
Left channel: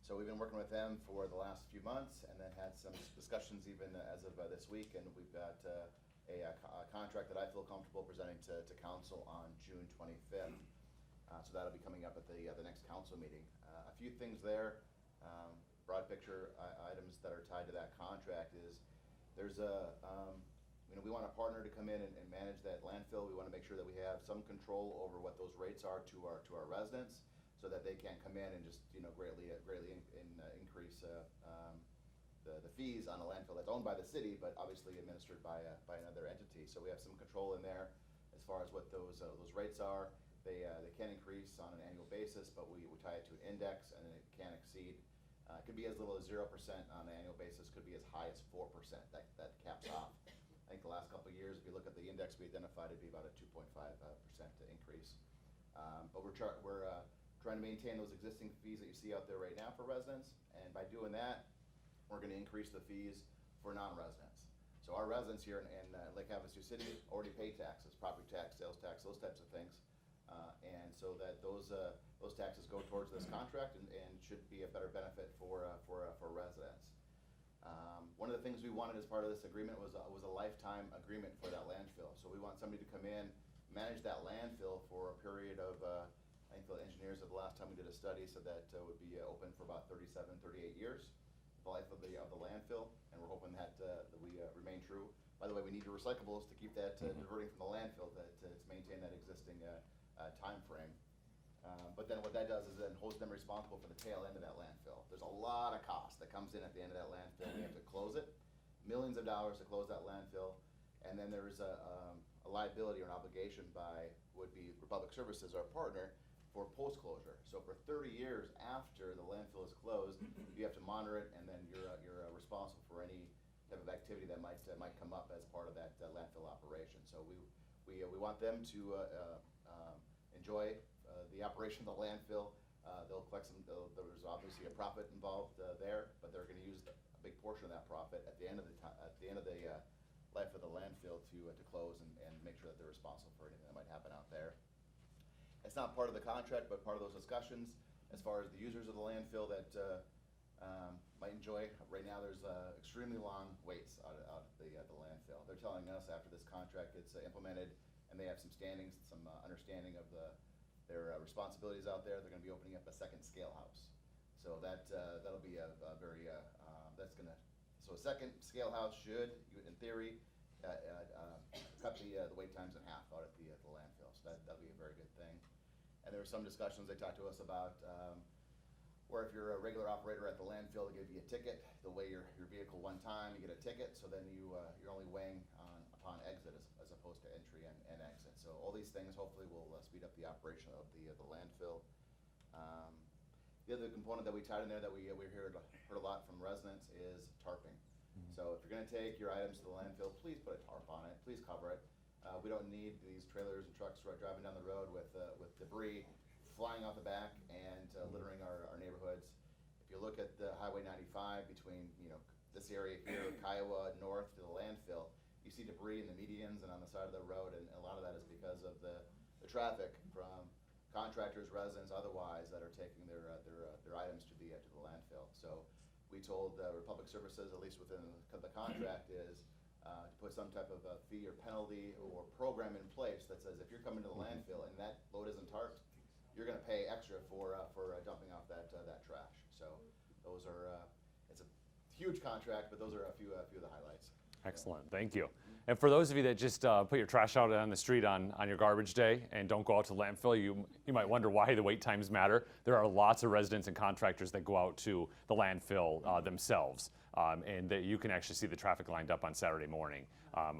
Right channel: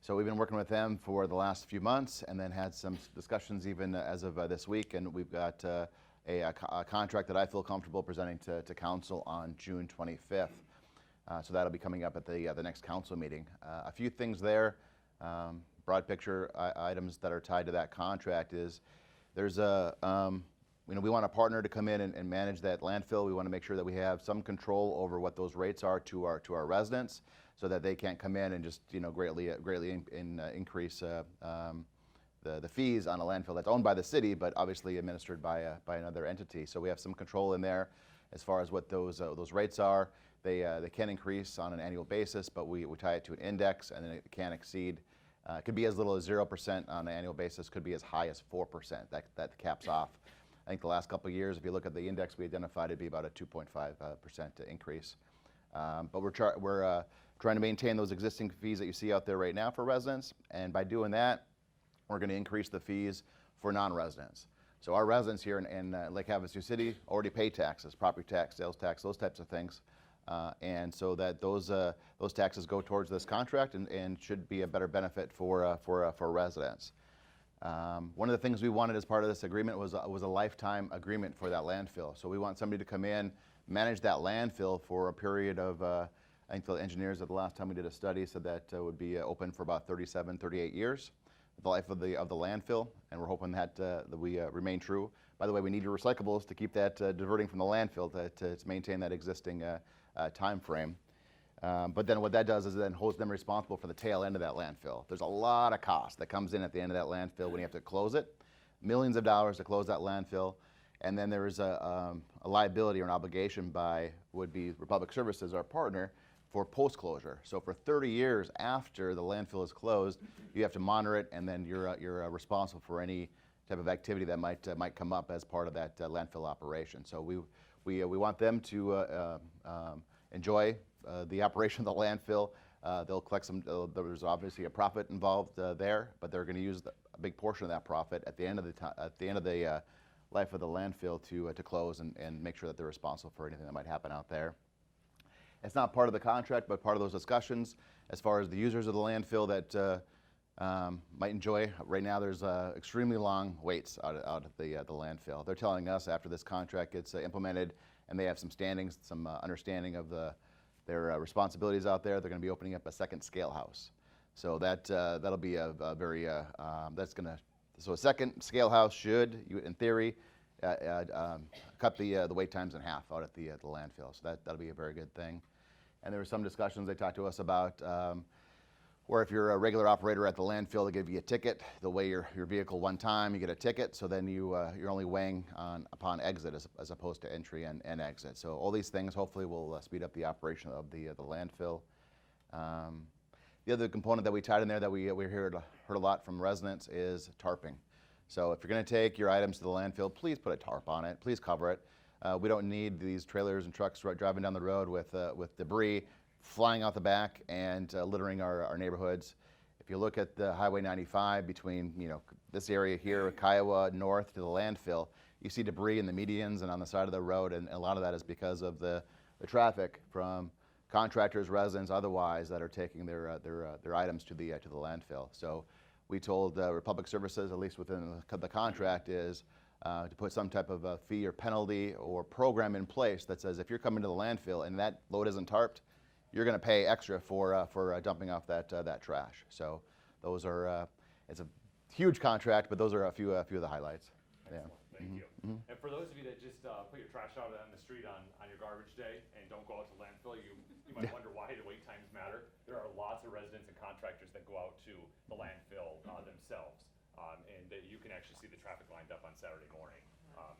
So we've been working with them for the last few months, and then had some discussions even as of this week, and we've got a contract that I feel comfortable presenting to council on June 25th. So that'll be coming up at the next council meeting. A few things there, broad picture items that are tied to that contract is there's we want a partner to come in and manage that landfill. We want to make sure that we have some control over what those rates are to our residents, so that they can't come in and just greatly increase the fees on a landfill that's owned by the city, but obviously administered by another entity. So we have some control in there as far as what those rates are. They can increase on an annual basis, but we tie it to an index, and then it can exceed. It could be as little as 0% on an annual basis, could be as high as 4%. That caps off. I think the last couple of years, if you look at the index we identified, it'd be about a 2.5% increase. But we're trying to maintain those existing fees that you see out there right now for residents, and by doing that, we're going to increase the fees for non-residents. So our residents here in Lake Havasu City already pay taxes, property tax, sales tax, those types of things. And so that those taxes go towards this contract and should be a better benefit for residents. One of the things we wanted as part of this agreement was a lifetime agreement for that landfill. So we want somebody to come in, manage that landfill for a period of, I think the engineers at the last time we did a study said that would be open for about 37, 38 years, the life of the landfill, and we're hoping that we remain true. By the way, we need your recyclables to keep that diverting from the landfill to maintain that existing time frame. But then what that does is it then holds them responsible for the tail end of that landfill. There's a lot of cost that comes in at the end of that landfill when you have to close it. Millions of dollars to close that landfill. And then there is a liability or an obligation by would be Republic Services, our partner, for post-closure. So for 30 years after the landfill is closed, you have to monitor it, and then you're responsible for any type of activity that might come up as part of that landfill operation. So we want them to enjoy the operation of the landfill. They'll collect some. There's obviously a profit involved there, but they're going to use a big portion of that profit at the end of the life of the landfill to close and make sure that they're responsible for anything that might happen out there. It's not part of the contract, but part of those discussions as far as the users of the landfill that might enjoy. Right now, there's extremely long waits out at the landfill. They're telling us after this contract gets implemented and they have some standings, some understanding of their responsibilities out there, they're going to be opening up a second scale house. So that'll be a very so a second scale house should, in theory, cut the wait times in half out at the landfill. So that'll be a very good thing. And there were some discussions they talked to us about where if you're a regular operator at the landfill, they give you a ticket. They'll weigh your vehicle one time, you get a ticket, so then you're only weighing upon exit as opposed to entry and exit. So all these things hopefully will speed up the operation of the landfill. The other component that we tied in there that we heard a lot from residents is tarping. So if you're going to take your items to the landfill, please put a tarp on it. Please cover it. We don't need these trailers and trucks driving down the road with debris flying out the back and littering our neighborhoods. If you look at the Highway 95 between this area here, Kiowa north to the landfill, you see debris in the medians and on the side of the road, and a lot of that is because of the traffic from contractors, residents, otherwise that are taking their items to the landfill. So we told Republic Services, at least within the contract, is to put some type of a fee or penalty or program in place that says if you're coming to the landfill and that load isn't tarped, you're going to pay extra for dumping off that trash. So those are it's a huge contract, but those are a few of the highlights. Excellent, thank you. And for those of you that just put your trash out on the street on your garbage day and don't go out to the landfill, you might wonder why the wait times matter. There are lots of residents and contractors that go out to the landfill themselves, and that you can actually see the traffic lined up on Saturday morning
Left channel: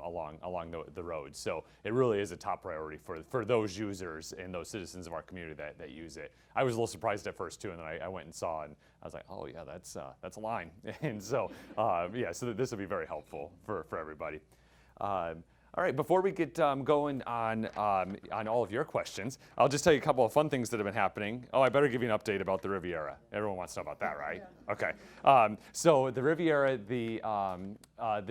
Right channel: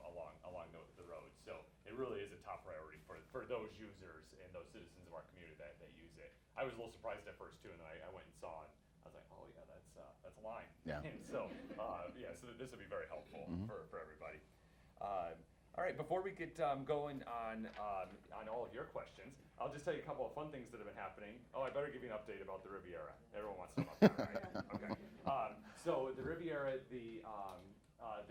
along the road. So it really is a top priority for those users and those citizens of our community that use it. I was a little surprised at first too, and then I went and saw, and I was like, oh yeah, that's a line. Yeah. And so so this will be very helpful for everybody. All right, before we get going on all of your questions, I'll just tell you a couple of fun things that have been happening. Oh, I better give you an update about the Riviera. Everyone wants to know about that, right? Okay. So the Riviera, the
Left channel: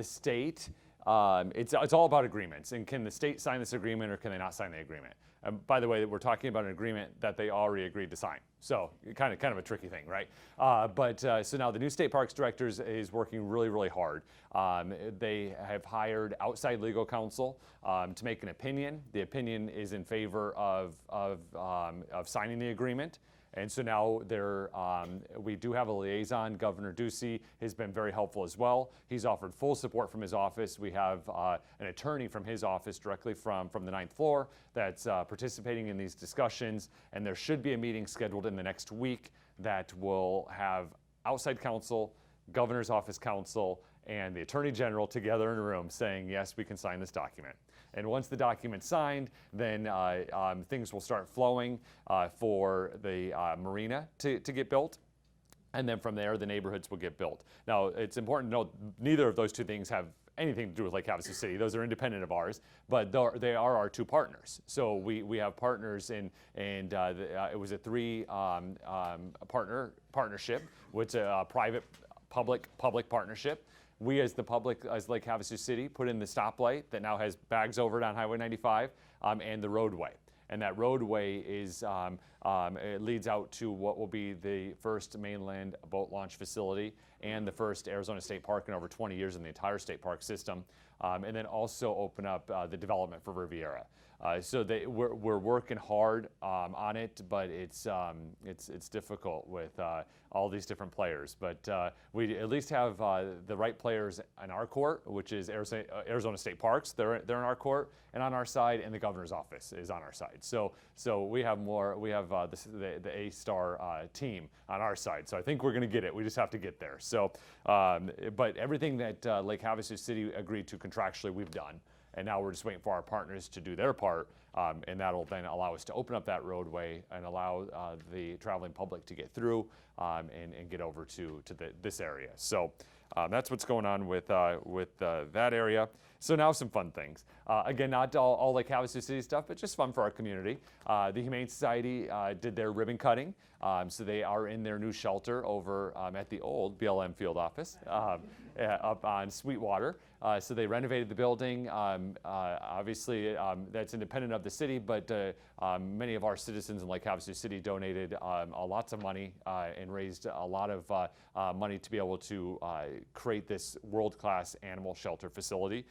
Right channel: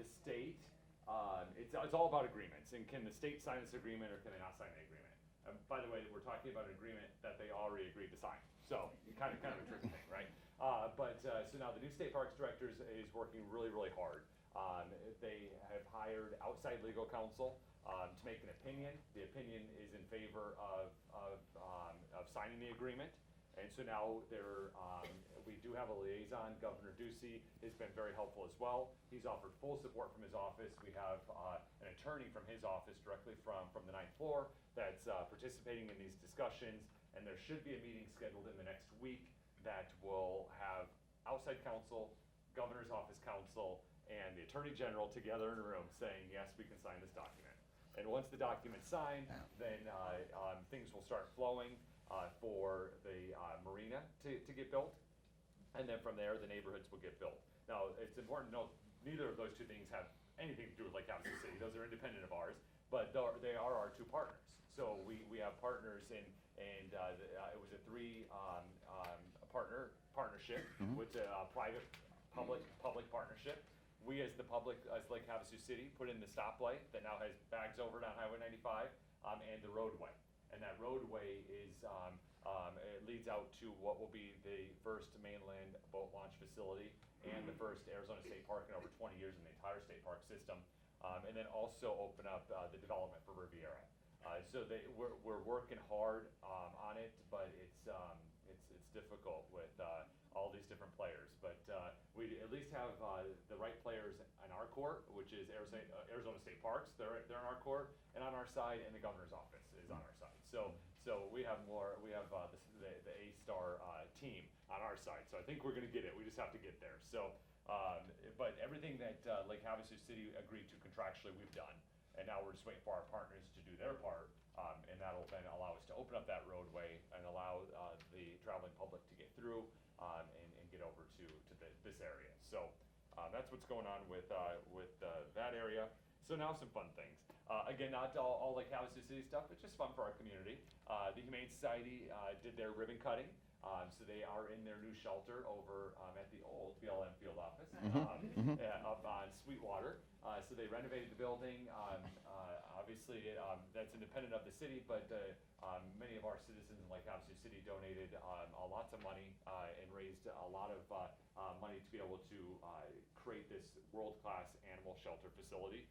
state, it's all about agreements. And can the state sign this agreement or can they not sign the agreement? By the way, we're talking about an agreement that they already agreed to sign. So kind of a tricky thing, right? So now the new state parks director is working really, really hard. They have hired outside legal counsel to make an opinion. The opinion is in favor of signing the agreement. And so now we do have a liaison. Governor Ducey has been very helpful as well. He's offered full support from his office. We have an attorney from his office directly from the 9th floor that's participating in these discussions. And there should be a meeting scheduled in the next week that will have outside counsel, governor's office counsel, and the attorney general together in a room saying, yes, we can sign this document. And once the document's signed, then things will start flowing for the marina to get built. And then from there, the neighborhoods will get built. Now, it's important to note, neither of those two things have anything to do with Lake Havasu City. Those are independent of ours, but they are our two partners. So we have partners in, and it was a partnership, which a private public partnership. We as the public, as Lake Havasu City, put in the stoplight that now has bags over it on Highway 95 and the roadway. And that roadway it leads out to what will be the first mainland boat launch facility and the first Arizona State Park in over 20 years in the entire state park system. And then also open up the development for Riviera. So we're working hard on it, but it's difficult with all these different players. But we at least have the right players in our court, which is Arizona State Parks. They're in our court and on our side, and the governor's office is on our side. So we have more. We have the A-star team on our side. So I think we're going to get it. We just have to get there. So, but everything that Lake Havasu City agreed to contractually, we've done. And now we're just waiting for our partners to do their part, and that'll then allow us to open up that roadway and allow the traveling public to get through and get over to this area. So that's what's going on with that area. So now some fun things. Again, not all Lake Havasu City stuff, but just fun for our community. The Humane Society did their ribbon cutting. So they are in their new shelter over at the old BLM field office up on Sweetwater. So they renovated the building. Obviously, that's independent of the city, but many of our citizens in Lake Havasu City donated lots of money and raised a lot of money to be able to create this world-class animal shelter facility.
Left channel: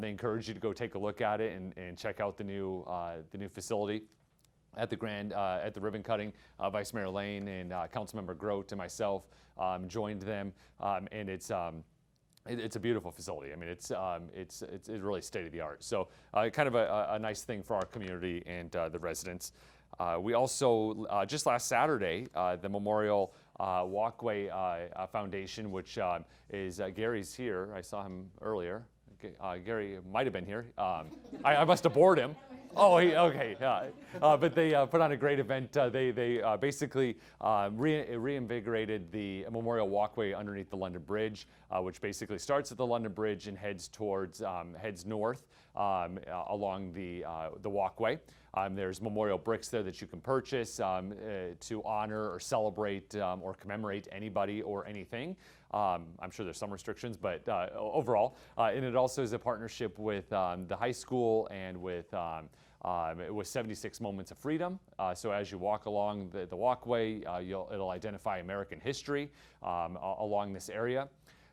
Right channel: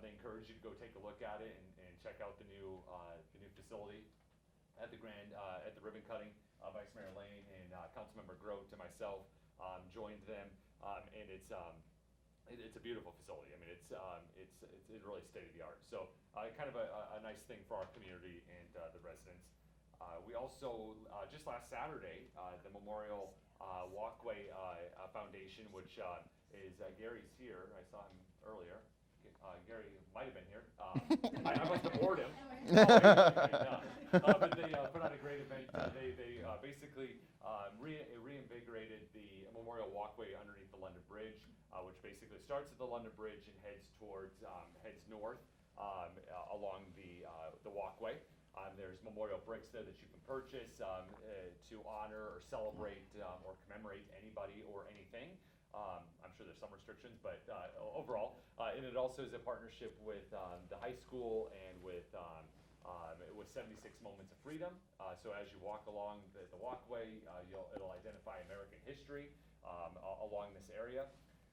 They encourage you to go take a look at it and check out the new facility. At the ribbon cutting, Vice Mayor Lane and Councilmember Grote and myself joined them, and it's a beautiful facility. I mean, it's really state of the art. So kind of a nice thing for our community and the residents. We also just last Saturday, the Memorial Walkway Foundation, which is Gary's here. I saw him earlier. Gary might have been here. I must have bored him. Oh, okay. But they put on a great event. They basically reinvigorated the Memorial Walkway underneath the London Bridge, which basically starts at the London Bridge and heads north along the walkway. There's memorial bricks there that you can purchase to honor or celebrate or commemorate anybody or anything. I'm sure there's some restrictions, but overall, and it also is a partnership with the high school and with 76 Moments of Freedom. So as you walk along the walkway, it'll identify American history along this area.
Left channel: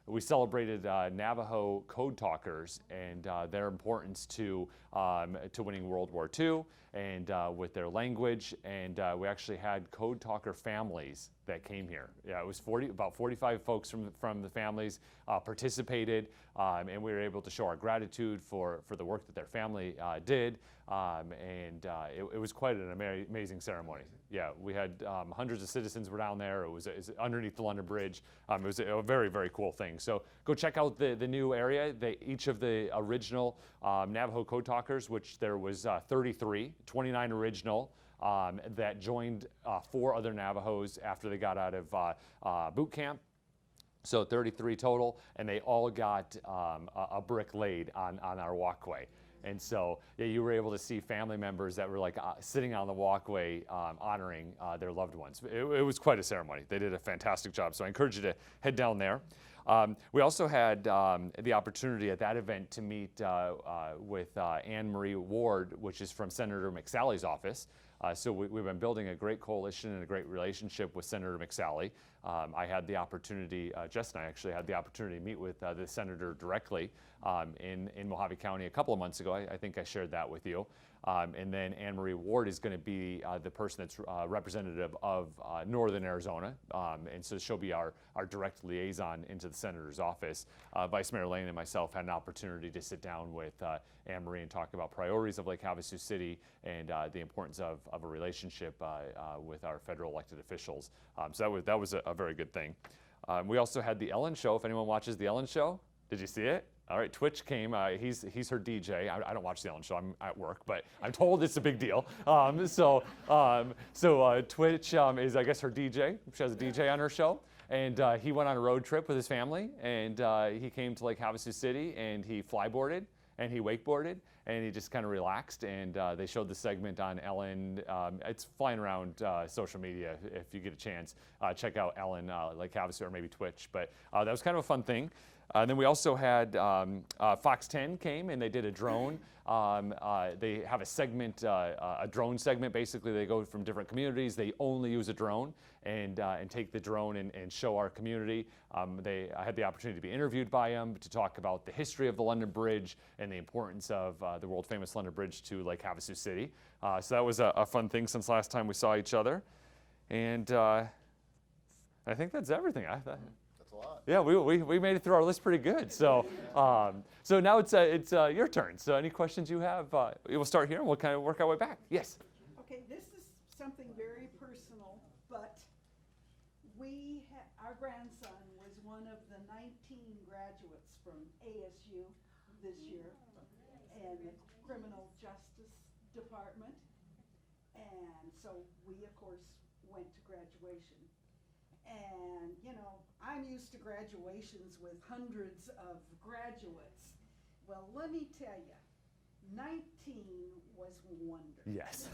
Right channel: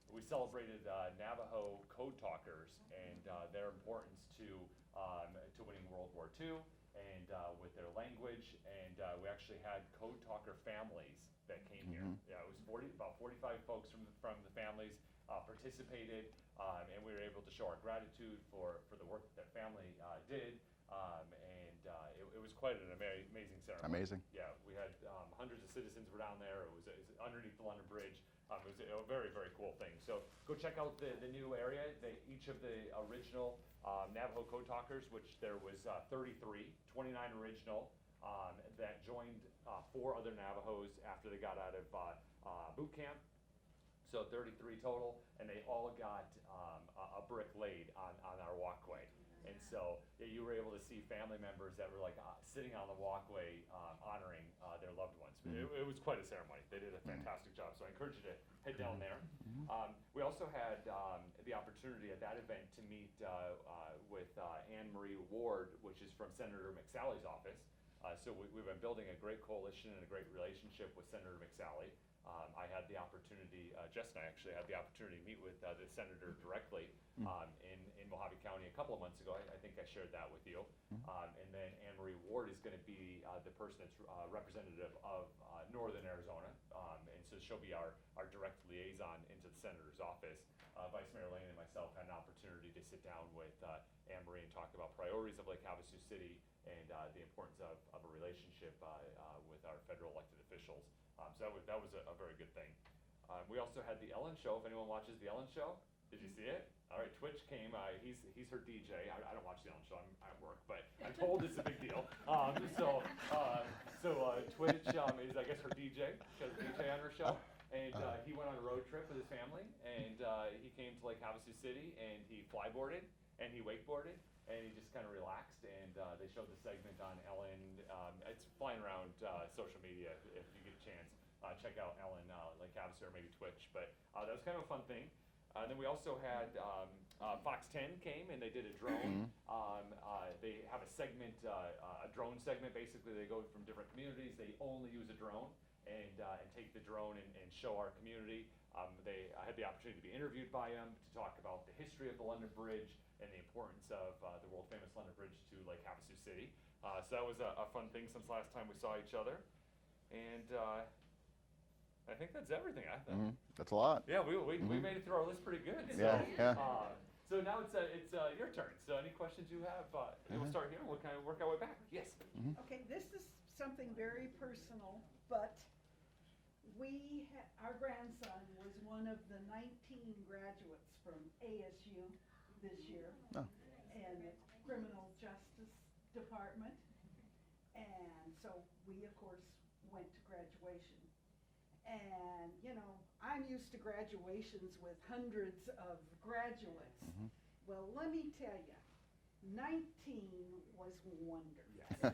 We celebrated Navajo code talkers and their importance to winning World War II and with their language. And we actually had code talker families that came here. Yeah, it was about 45 folks from the families participated, and we were able to show our gratitude for the work that their family did. It was quite an amazing ceremony. Amazing. Yeah, we had hundreds of citizens were down there. It was underneath the London Bridge. It was a very, very cool thing. So go check out the new area. Each of the original Navajo code talkers, which there was 29 original that joined 4 other Navajos after they got out of boot camp. So 33 total, and they all got a brick laid on our walkway. And so yeah, you were able to see family members that were like sitting on the walkway honoring their loved ones. It was quite a ceremony. They did a fantastic job. So I encourage you to head down there. We also had the opportunity at that event to meet with Anne Marie Ward, which is from Senator McSally's office. So we've been building a great coalition and a great relationship with Senator McSally. I had the opportunity, Jess and I actually had the opportunity to meet with the senator directly in Mojave County a couple of months ago. I think I shared that with you. And then Anne Marie Ward is going to be the person that's representative of Northern Arizona. And so she'll be our direct liaison into the senator's office. Vice Mayor Lane and myself had an opportunity to sit down with Anne Marie and talk about priorities of Lake Havasu City and the importance of a relationship with our federal elected officials. So that was a very good thing. We also had the Ellen Show. If anyone watches the Ellen Show, did you see it? All right, Twitch came. He's her DJ. I don't watch the Ellen Show. I'm at work, but I'm told it's a big deal. So Twitch is, I guess, her DJ. She has a DJ on her show. And he went on a road trip with his family, and he came to Lake Havasu City, and he flyboarded, and he wakeboarded, and he just kind of relaxed. And they showed the segment on Ellen. It's flying around social media. If you get a chance, check out Ellen Lake Havasu or maybe Twitch. But that was kind of a fun thing. Then we also had Fox 10 came and they did a drone. They have a segment, a drone segment. Basically, they go from different communities. They only use a drone and take the drone and show our community. I had the opportunity to be interviewed by them to talk about the history of the London Bridge and the importance of the world famous London Bridge to Lake Havasu City. So that was a fun thing since last time we saw each other. And I think that's everything. That's a lot. Yeah, we made it through our list pretty good. So Yeah. so now it's your turn. So any questions you have, we'll start here and we'll kind of work our way back. Yes. Okay, this is something very personal, but our grandson was one of the 19 graduates from ASU this year, and the Criminal Justice Department, and so we, of course, went to graduation. And, you know, I'm used to graduations with hundreds of graduates. Well, let me tell you, 19 was wonderful. Yes.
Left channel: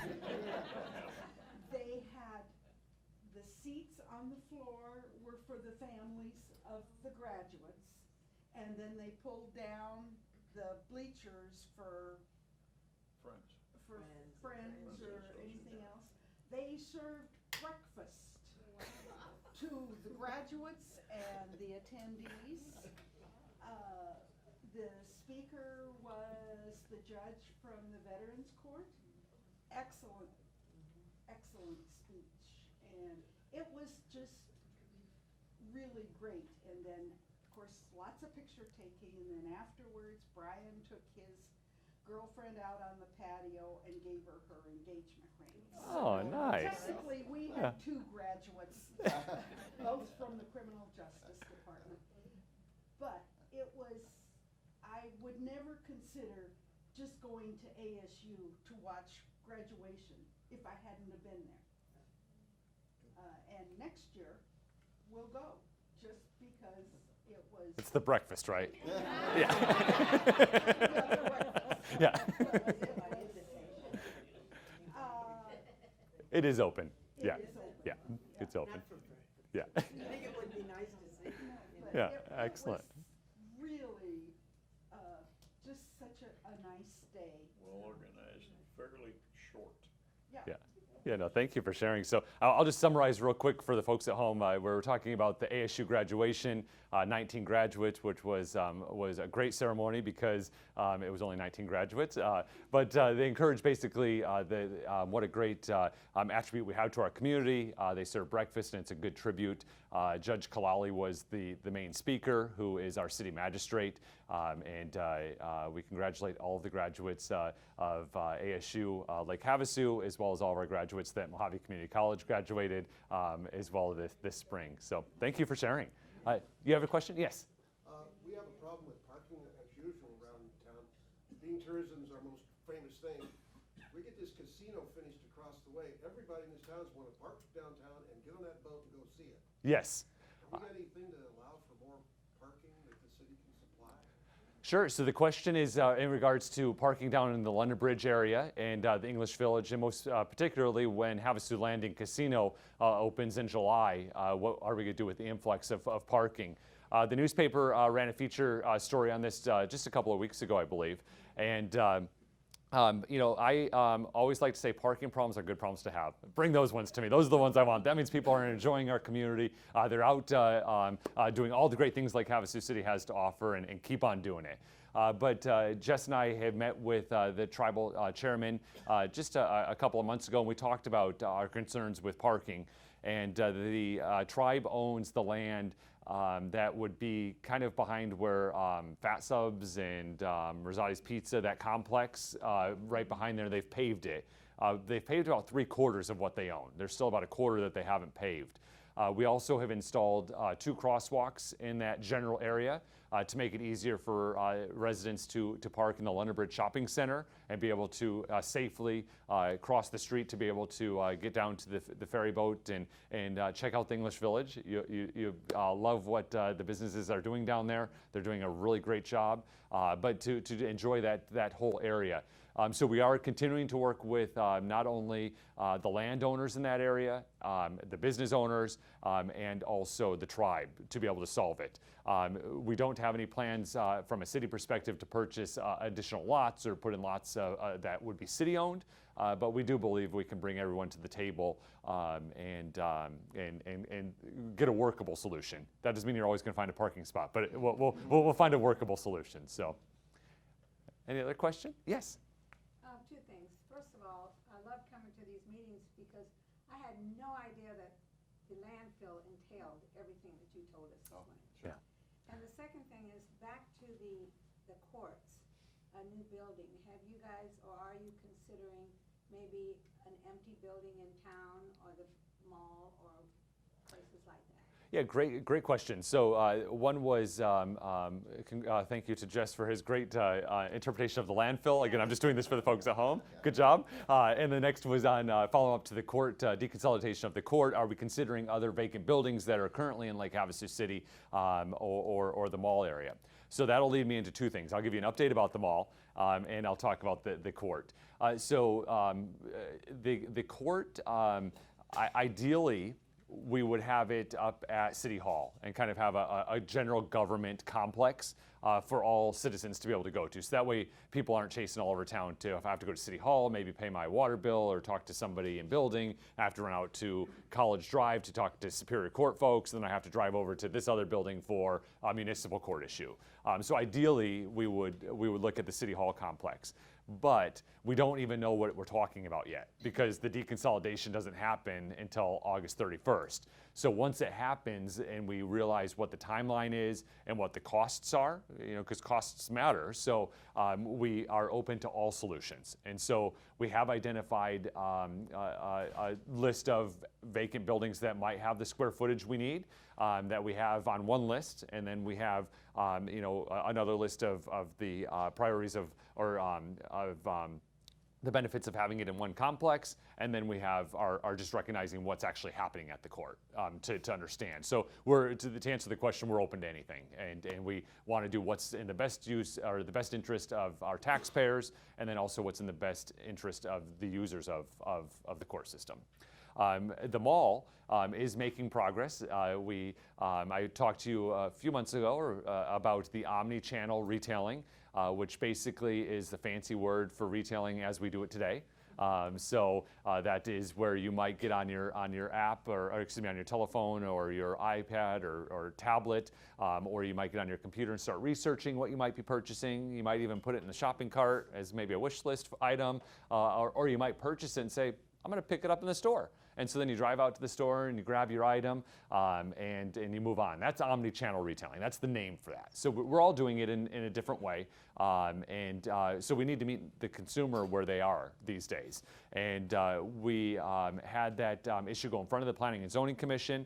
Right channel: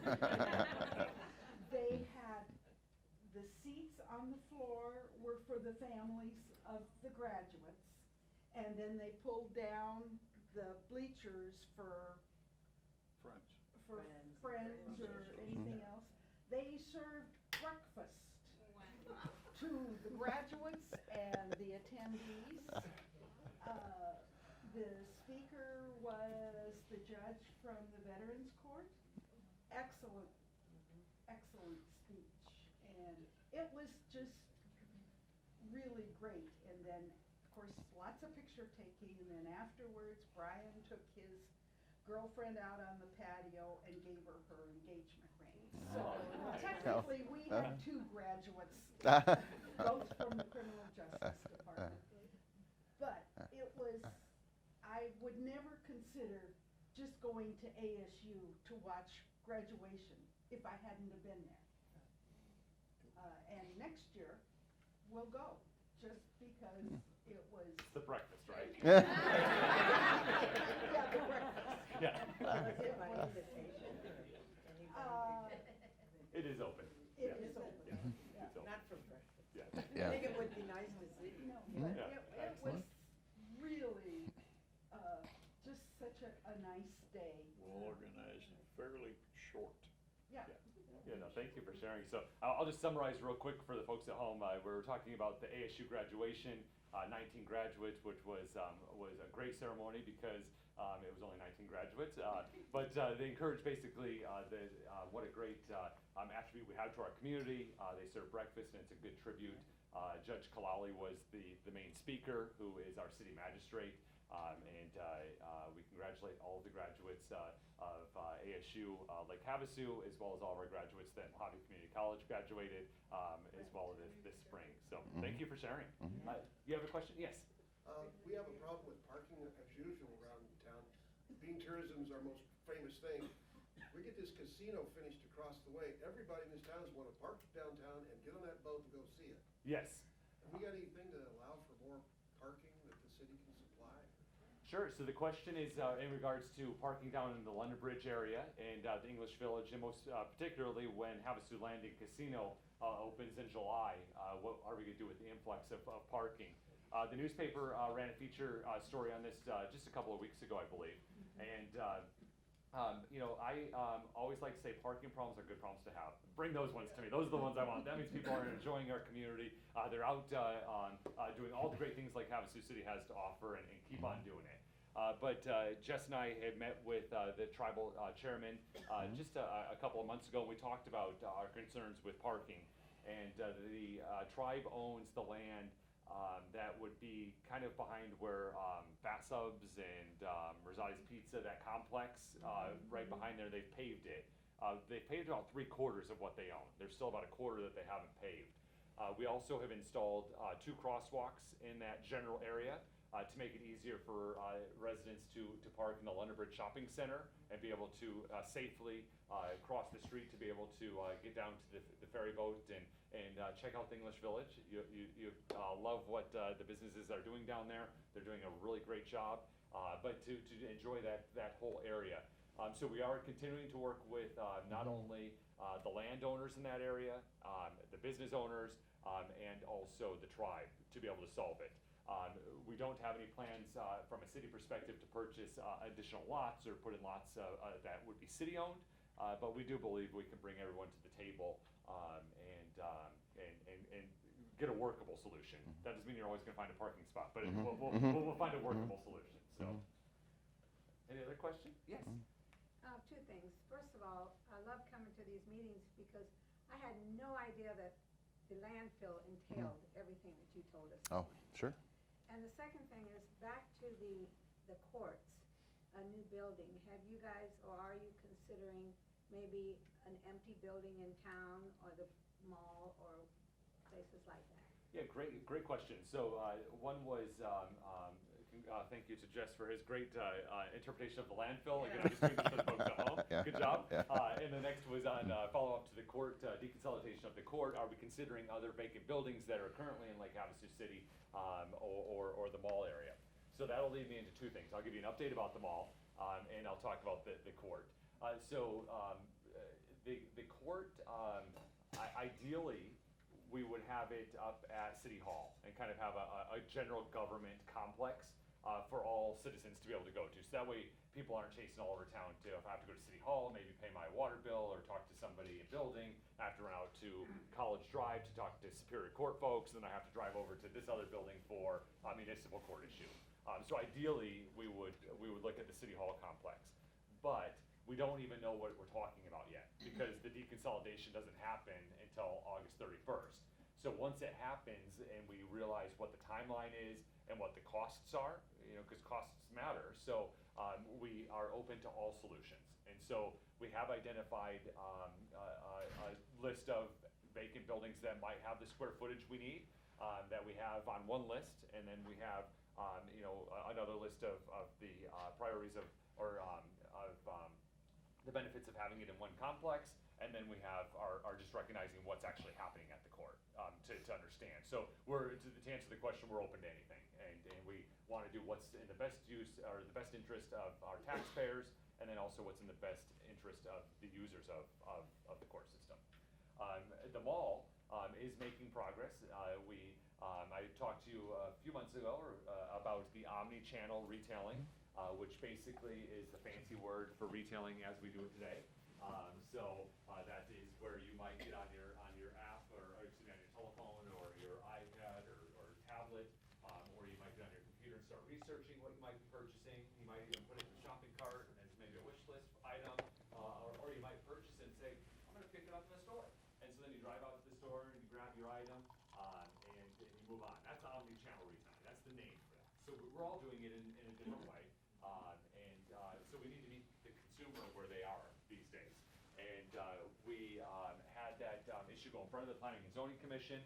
They had the seats on the floor were for the families of the graduates, and then they pulled down the bleachers for friends or anything else. They served breakfast to the graduates and the attendees. The speaker was the judge from the Veterans Court. Excellent speech, and it was just really great. And then, of course, lots of picture taking, and then afterwards, Brian took his girlfriend out on the patio and gave her her engagement ring. Oh, nice. Technically, we had two graduates, both from the Criminal Justice Department. But it was, I would never consider just going to ASU to watch graduation if I hadn't have been there. And next year, we'll go, just because it was. It's the breakfast, right? Yeah, the breakfast. Yeah. Uh, It is open. It Yeah. is open. Yeah. It's open. Not for breakfast. Yeah. I think it would be nice to see. But Yeah, it excellent. was really just such a nice day. Well organized and fairly short. Yeah. Yeah. Yeah, no, thank you for sharing. So I'll just summarize real quick for the folks at home. We're talking about the ASU graduation, 19 graduates, which was a great ceremony because it was only 19 graduates. But they encourage basically what a great attribute we have to our community. They serve breakfast, and it's a good tribute. Judge Kalali was the main speaker, who is our city magistrate. And we congratulate all of the graduates of ASU Lake Havasu, as well as all of our graduates that Mojave Community College graduated, as well this spring. So thank you for sharing. You have a question? Yes. We have a problem with parking as usual around town. Being tourism's our most famous thing. We get this casino finished across the way. Everybody in this town want to park downtown and get on that boat and go see it. Yes. Have we got anything to allow for more parking that the city can supply? Sure. So the question is in regards to parking down in the London Bridge area and the English Village, and most particularly when Havasu Landing Casino opens in July. What are we going to do with the influx of parking? The newspaper ran a feature story on this just a couple of weeks ago, I believe. And you know, I always like to say parking problems are good problems to have. Bring those ones to me. Those are the ones I want. That means people are enjoying our community. They're out doing all the great things like Havasu City has to offer, and keep on doing it. But Jess and I have met with the tribal chairman just a couple of months ago, and we talked about our concerns with parking. And the tribe owns the land that would be kind of behind where Fat Subs and Rosati's Pizza, that complex, right behind there. They've paved it. They've paved about 3/4 of what they own. There's still about 1/4 that they haven't paved. We also have installed 2 crosswalks in that general area to make it easier for residents to park in the London Bridge Shopping Center and be able to safely cross the street to be able to get down to the ferry boat and check out the English Village. You love what the businesses are doing down there. They're doing a really great job, but to enjoy that whole area. So we are continuing to work with not only the landowners in that area, the business owners, and also the tribe to be able to solve it. We don't have any plans from a city perspective to purchase additional lots or put in lots that would be city-owned, but we do believe we can bring everyone to the table and get a workable solution. That doesn't mean you're always going to find a parking spot, but we'll find a workable solution. So, any other question? Yes. Two things. First of all, I love coming to these meetings because I had no idea that the landfill entailed the courts, a new building. Have you guys, or are you considering maybe an empty building in town or the mall or places like that? Yeah, great question. So one was, thank you to Jess for his great interpretation of the landfill. Again, I'm just doing this for the folks at home. Yeah. Good job. And the next was on follow up to the court, deconsolidation of the court. Are we considering other vacant buildings that are currently in Lake Havasu City or the mall area? So that'll lead me into two things. I'll give you an update about the mall, and I'll talk about the court. The court, ideally, we would have it up at City Hall and kind of have a general government complex for all citizens to be able to go to. So that way people aren't chasing all over town to, if I have to go to City Hall, maybe pay my water bill or talk to somebody in building, I have to run out to College Drive to talk to Superior Court folks, and then I have to drive over to this other building for a municipal court issue. So ideally we would look at the City Hall complex. But we don't even know what we're talking about yet because the deconsolidation doesn't happen until August 31st. So once it happens and we realize what the timeline is and what the costs are, because costs matter, so we are open to all solutions. And so we have identified a list of vacant buildings that might have the square footage we need, that we have on one list, and then we have another list of the priorities of the benefits of having it in one complex, and then we have are just recognizing what's actually happening at the court to understand. So to answer the question, we're open to anything, and we want to do what's in the best use or the best interest of our taxpayers, and then also what's in the best interest of the users of the court system. The mall is making progress. I talked to you a few months ago about the omni-channel retailing, which basically is the fancy word for retailing as we do it today. That is where you might get on your app, or excuse me, on your telephone or your iPad or tablet, or you might get on your computer and start researching what you might be purchasing. You might even put it in the shopping cart as maybe a wish list item, or you might purchase it and say, I'm going to pick it up in the store. And so then you drive out to the store and you grab your item, and you move on. That's omni-channel retailing. That's the name for that. So we're all doing it in a different way. So we need to meet the consumer where they are these days. And we had that issue go in front of the Planning and Zoning Commission.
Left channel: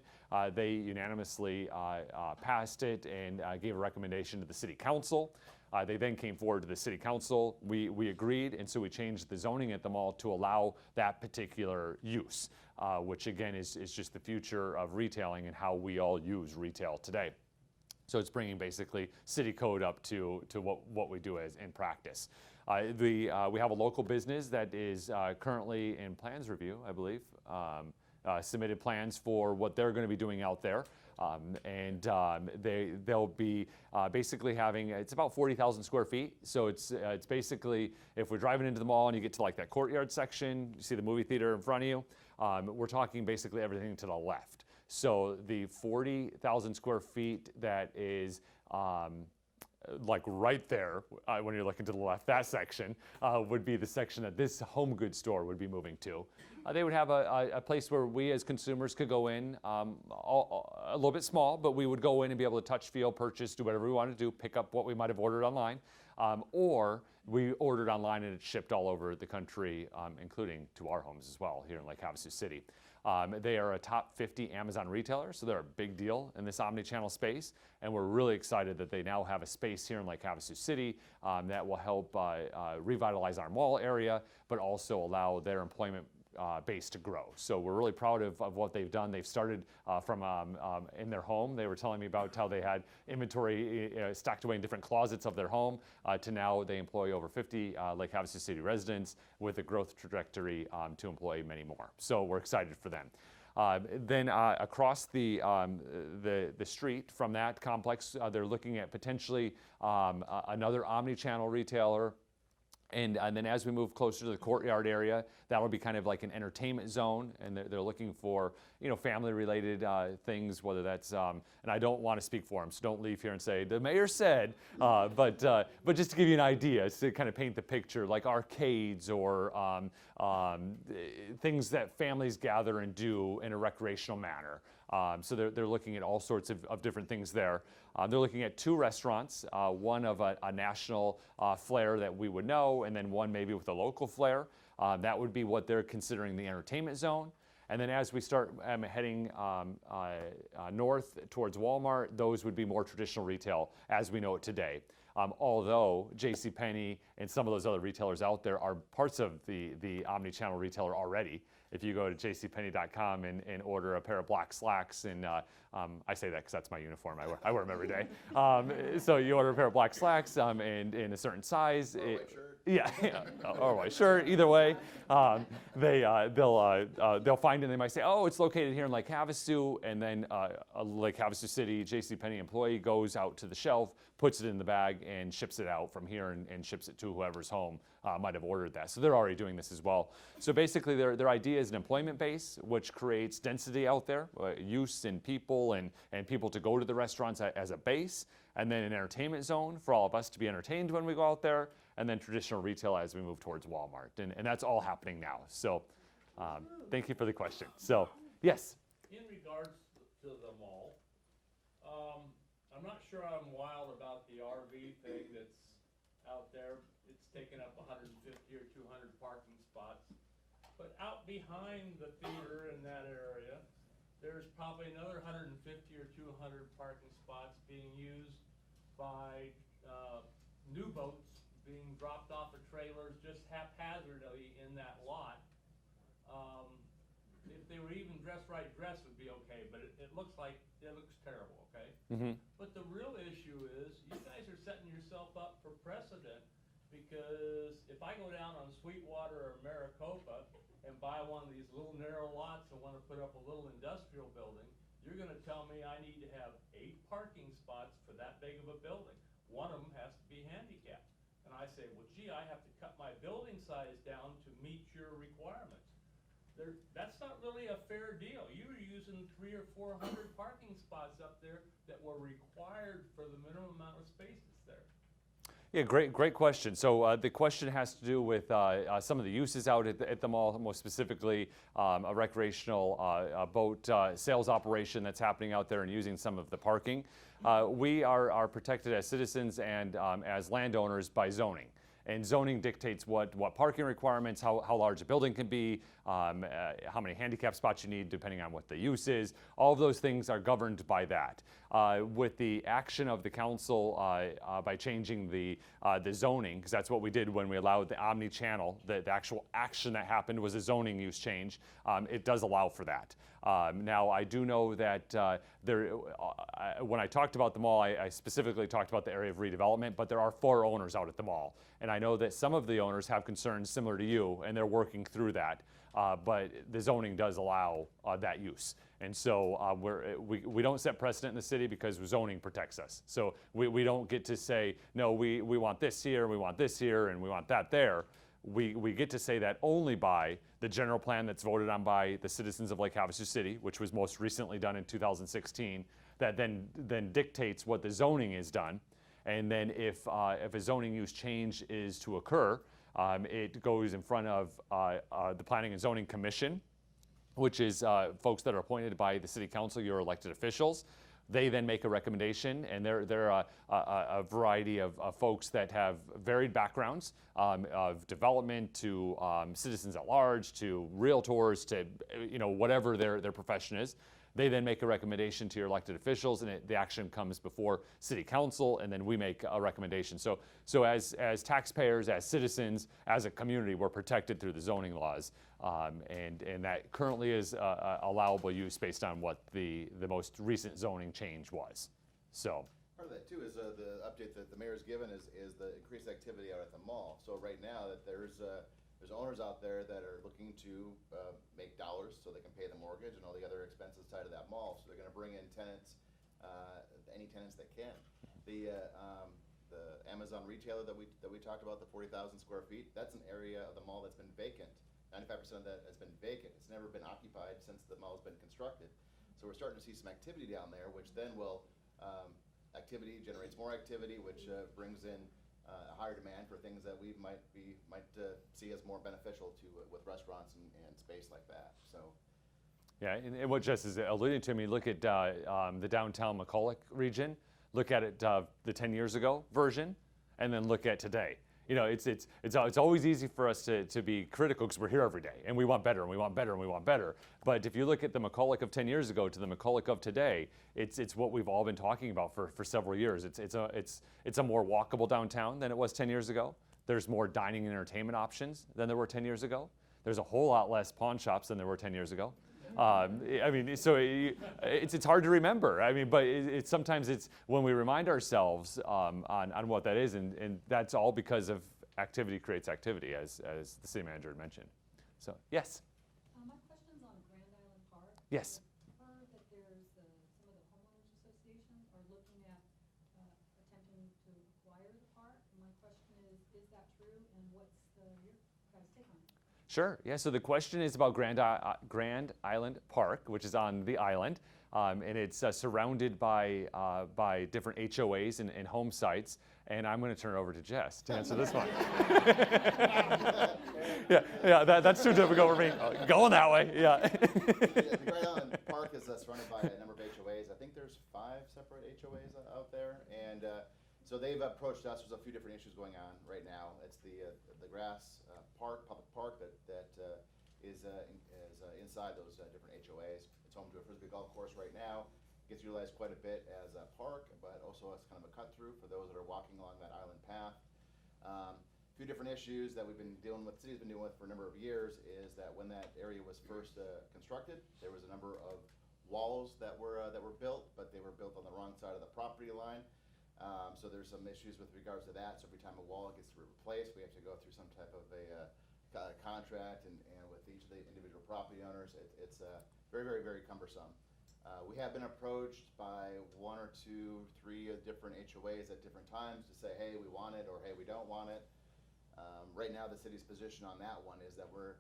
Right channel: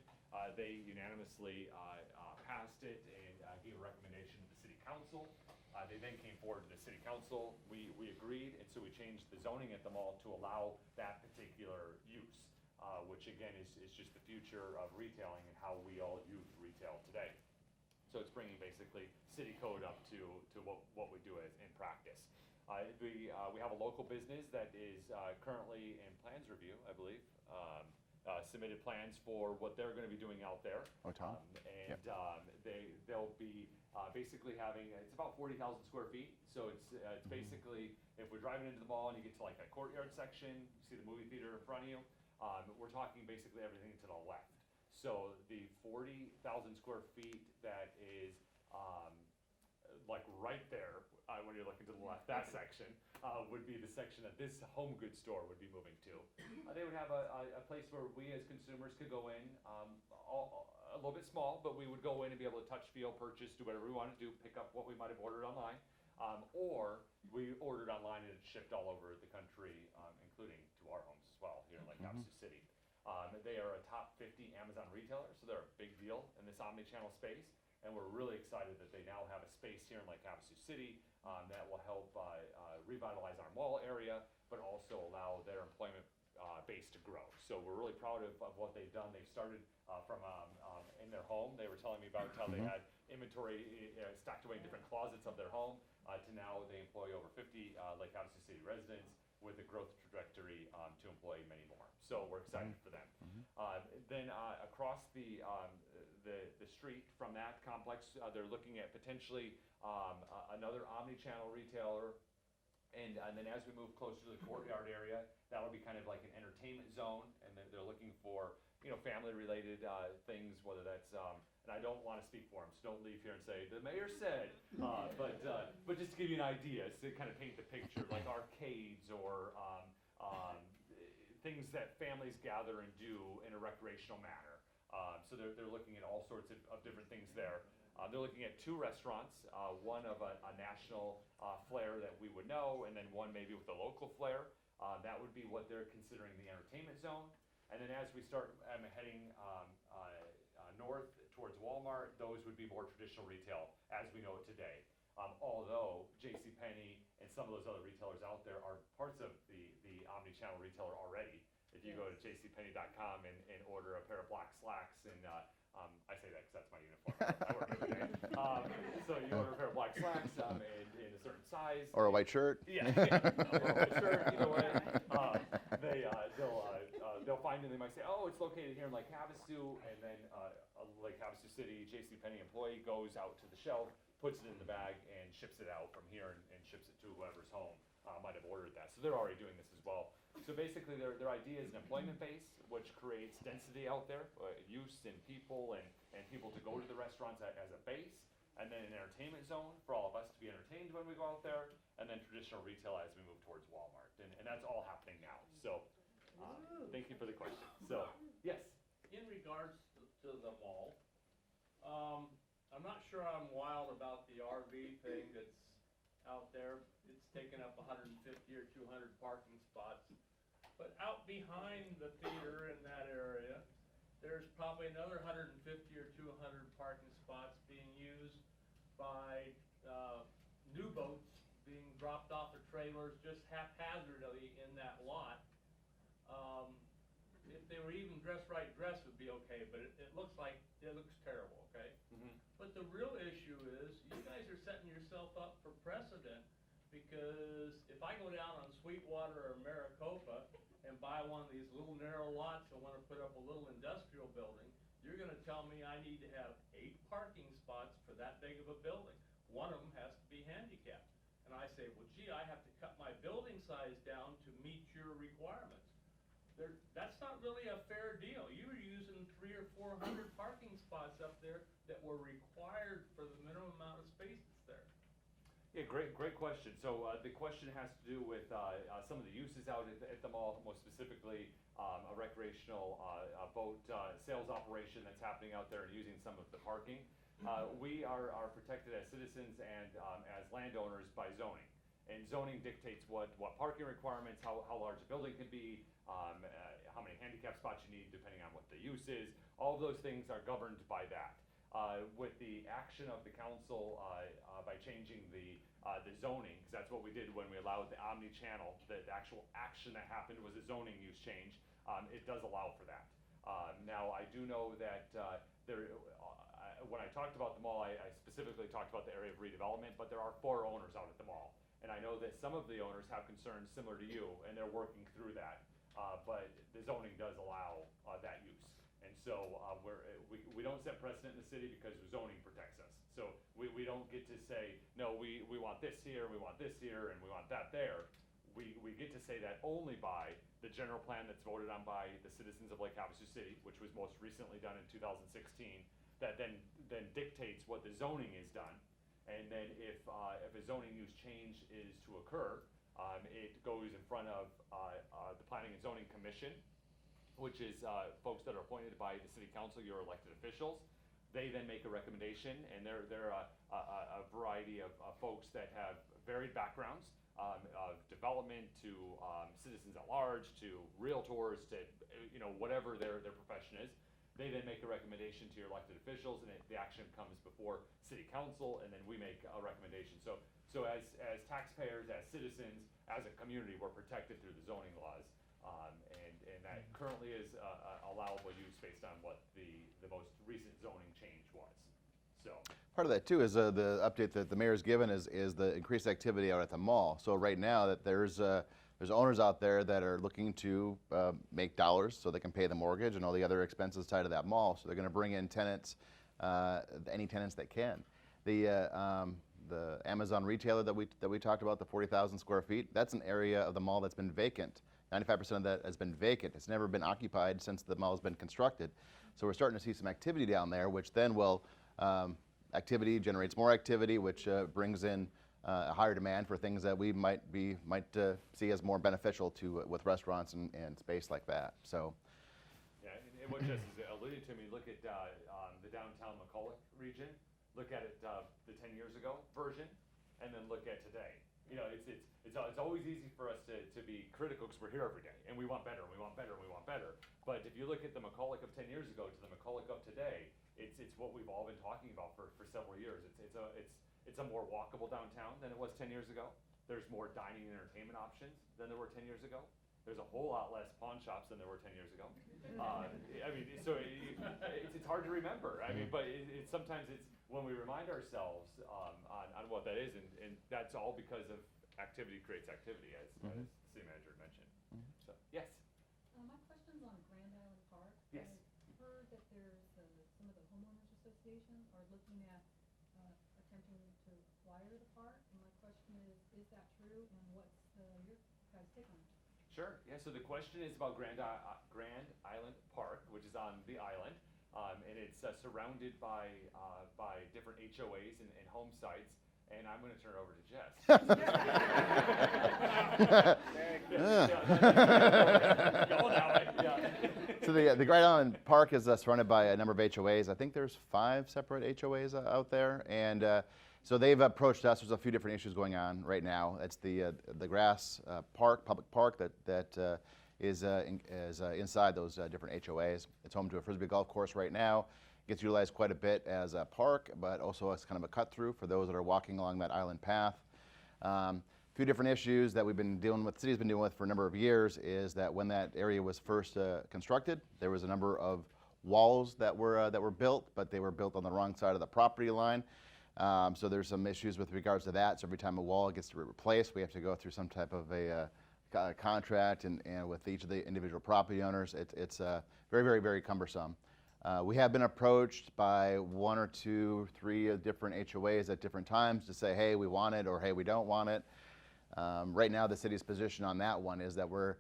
They unanimously passed it and gave a recommendation to the City Council. They then came forward to the City Council. We agreed, and so we changed the zoning at the mall to allow that particular use, which again is just the future of retailing and how we all use retail today. So it's bringing basically city code up to what we do as in practice. We have a local business that is currently in plans review, I believe. Submitted plans for what they're going to be doing out there, they'll be basically having, it's about 40,000 square feet. So it's basically, if we're driving into the mall and you get to like that courtyard section, you see the movie theater in front of you, we're talking basically everything to the left. So the 40,000 square feet that is like right there when you're looking to the left, that section would be the section that this home goods store would be moving to. They would have a place where we as consumers could go in, a little bit small, but we would go in and be able to touch, feel, purchase, do whatever we wanted to do, pick up what we might have ordered online, or we ordered online and it's shipped all over the country, including to our homes as well here in Lake Havasu City. They are a top 50 Amazon retailer, so they're a big deal in this omni-channel space, and we're really excited that they now have a space here in Lake Havasu City that will help revitalize our mall area, but also allow their employment base to grow. So we're really proud of what they've done. They've started from in their home. They were telling me about how they had inventory stacked away in different closets of their home, to now they employ over 50 Lake Havasu City residents with a growth trajectory to employ many more. So we're excited for them. Then across the street from that complex, they're looking at potentially another omni-channel retailer. And then as we move closer to the courtyard area, that'll be kind of like an entertainment zone, and they're looking for, family-related things, whether that's, and I don't want to speak for them, so don't leave here and say, the mayor said, but just to give you an idea, to kind of paint the picture, like arcades or things that families gather and do in a recreational manner. So they're looking at all sorts of different things there. They're looking at 2 restaurants, one of a national flair that we would know, and then one maybe with a local flair. That would be what they're considering the entertainment zone. And then as we start heading north towards Walmart, those would be more traditional retail as we know it today. Although JCPenney and some of those other retailers out there are parts of the omni-channel retailer already. If you go to jcpenney.com and order a pair of black slacks, and I say that because that's my uniform, I wear them every day. So you order a pair of black slacks and in a certain size. Or a white shirt. Yeah, or a white shirt, either way. They'll find it and they might say, oh, it's located here in Lake Havasu, and then a Lake Havasu City JCPenney employee goes out to the shelf, puts it in the bag, and ships it out from here and ships it to whoever's home might have ordered that. So they're already doing this as well. So basically their idea is an employment base, which creates density out there, use and people and people to go to the restaurants as a base, and then an entertainment zone for all of us to be entertained when we go out there, and then traditional retail as we move towards Walmart. And that's all happening now. So thank you for the question. So, yes? In regards to the mall, I'm not sure I'm wild about the RV thing that's out there. It's taken up 150 or 200 parking spots. But out behind the theater in that area, there's probably another 150 or 200 parking spots being used by new boats being dropped off of trailers just haphazardly in that lot. If they were even dressed would be okay, but it looks terrible, okay? Mm-hmm. But the real issue is, you guys are setting yourself up for precedent, because if I go down on Sweetwater or Maricopa and buy one of these little narrow lots and want to put up a little industrial building, you're going to tell me I need to have 8 parking spots for that big of a building. One of them has to be handicapped. And I say, well, gee, I have to cut my building size down to meet your requirements. That's not really a fair deal. You were using 300 or 400 parking spots up there that were required for the minimum amount of spaces there. Yeah, great question. So the question has to do with some of the uses out at the mall, most specifically a recreational boat sales operation that's happening out there and using some of the parking. We are protected as citizens and as landowners by zoning. And zoning dictates what parking requirements, how large a building can be, how many handicap spots you need depending on what the use is. All of those things are governed by that. With the action of the council by changing the zoning, because that's what we did when we allowed the omni-channel, the actual action that happened was a zoning use change. It does allow for that. Now, I do know that when I talked about the mall, I specifically talked about the area of redevelopment, but there are 4 owners out at the mall. And I know that some of the owners have concerns similar to you, and they're working through that. But the zoning does allow that use. And so we don't set precedent in the city because zoning protects us. So we don't get to say, no, we want this here, we want this here, and we want that there. We get to say that only by the general plan that's voted on by the citizens of Lake Havasu City, which was most recently done in 2016, that then dictates what the zoning is done. And then if a zoning use change is to occur, it goes in front of the Planning and Zoning Commission, which is folks that are appointed by the City Council, your elected officials. They then make a recommendation, and they're a variety of folks that have varied backgrounds, of development to citizens at large, to realtors, to whatever their profession is. They then make a recommendation to your elected officials, and the action comes before City Council, and then we make a recommendation. So as taxpayers, as citizens, as a community, we're protected through the zoning laws, and that currently is allowable use based on what the most recent zoning change was. So part of that too is the update that the mayor's given is the increased activity out at the mall. So right now that there's owners out there that are looking to make dollars so they can pay the mortgage and all the other expenses tied to that mall. So they're going to bring in tenants, any tenants that can. The Amazon retailer that we talked about, the 40,000 square feet, that's an area of the mall that's been vacant. 95% of that has been vacant. It's never been occupied since the mall has been constructed. So we're starting to see some activity down there, which then will activity generates more activity, which brings in a higher demand for things that we might see as more beneficial to with restaurants and space like that. So Yeah, and what Jess is alluding to, I mean, look at the downtown McCulloch region, look at it the 10 years ago version, and then look at today. You know, it's always easy for us to be critical because we're here every day and we want better and we want better and we want better. But if you look at the McCulloch of 10 years ago to the McCulloch of today, it's what we've all been talking about for several years. It's a more walkable downtown than it was 10 years ago. There's more dining and entertainment options than there were 10 years ago. There's a whole lot less pawn shops than there were 10 years ago. I mean, so it's hard to remember. I mean, but sometimes it's when we remind ourselves on what that is, and that's all because of activity creates activity, as the city manager had mentioned. So, yes. My question's on Grand Island Park. Yes. I've heard that there's some of the homeowners association are looking at attempting to acquire the park. And my question is that true? And what's your guys' take on it? Sure. Yeah. So the question is about Grand Island Park, which is on the island, and it's surrounded by different HOAs and home sites. And I'm going to turn it over to Jess to answer this one. yeah, that's too difficult for me. Going that way. Yeah. So the Grand Island Park is surrounded by a number of HOAs. I think there's 5 separate HOAs out there, and so they've approached us. There's a few different issues going on right now. It's the grass park, public park that is inside those different HOAs. It's home to a Frisbee golf course right now. Gets utilized quite a bit as a park, but also as kind of a cut through for those that are walking along that island path. A few different issues that we've been dealing with, the city's been dealing with for a number of years, is that when that area was first constructed, there was a number of walls that were built, but they were built on the wrong side of the property line. So there's some issues with regards to that. So every time a wall gets replaced, we have to go through some type of a contract, and with each of the individual property owners, it's very, very, very cumbersome. We have been approached by 1 or 2, 3 different HOAs at different times to say, hey, we want it, or hey, we don't want it. Right now, the city's position on that one is that we're,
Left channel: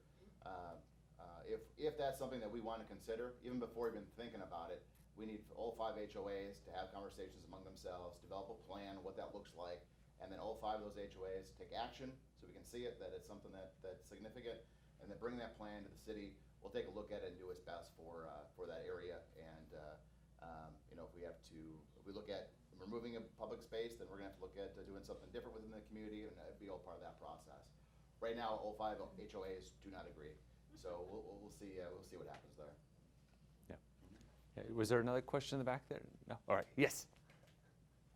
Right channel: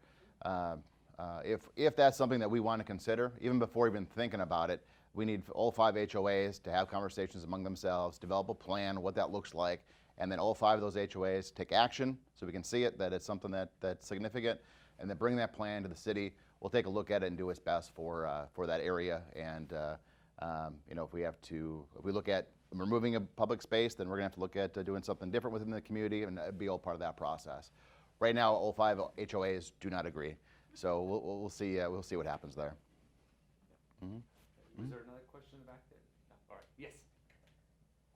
if that's something that we want to consider, even before even thinking about it, we need all 5 HOAs to have conversations among themselves, develop a plan, what that looks like, and then all 5 of those HOAs take action so we can see it, that it's something that's significant, and then bring that plan to the city. We'll take a look at it and do what's best for that area. And you know, if we look at removing a public space, then we're gonna have to look at doing something different within the community, and that'd be all part of that process. Right now, all 5 HOAs do not agree, so we'll see. We'll see what happens there. Yeah. Mm-hmm. Yeah. Was there another question in the back there? No. All right. Yes.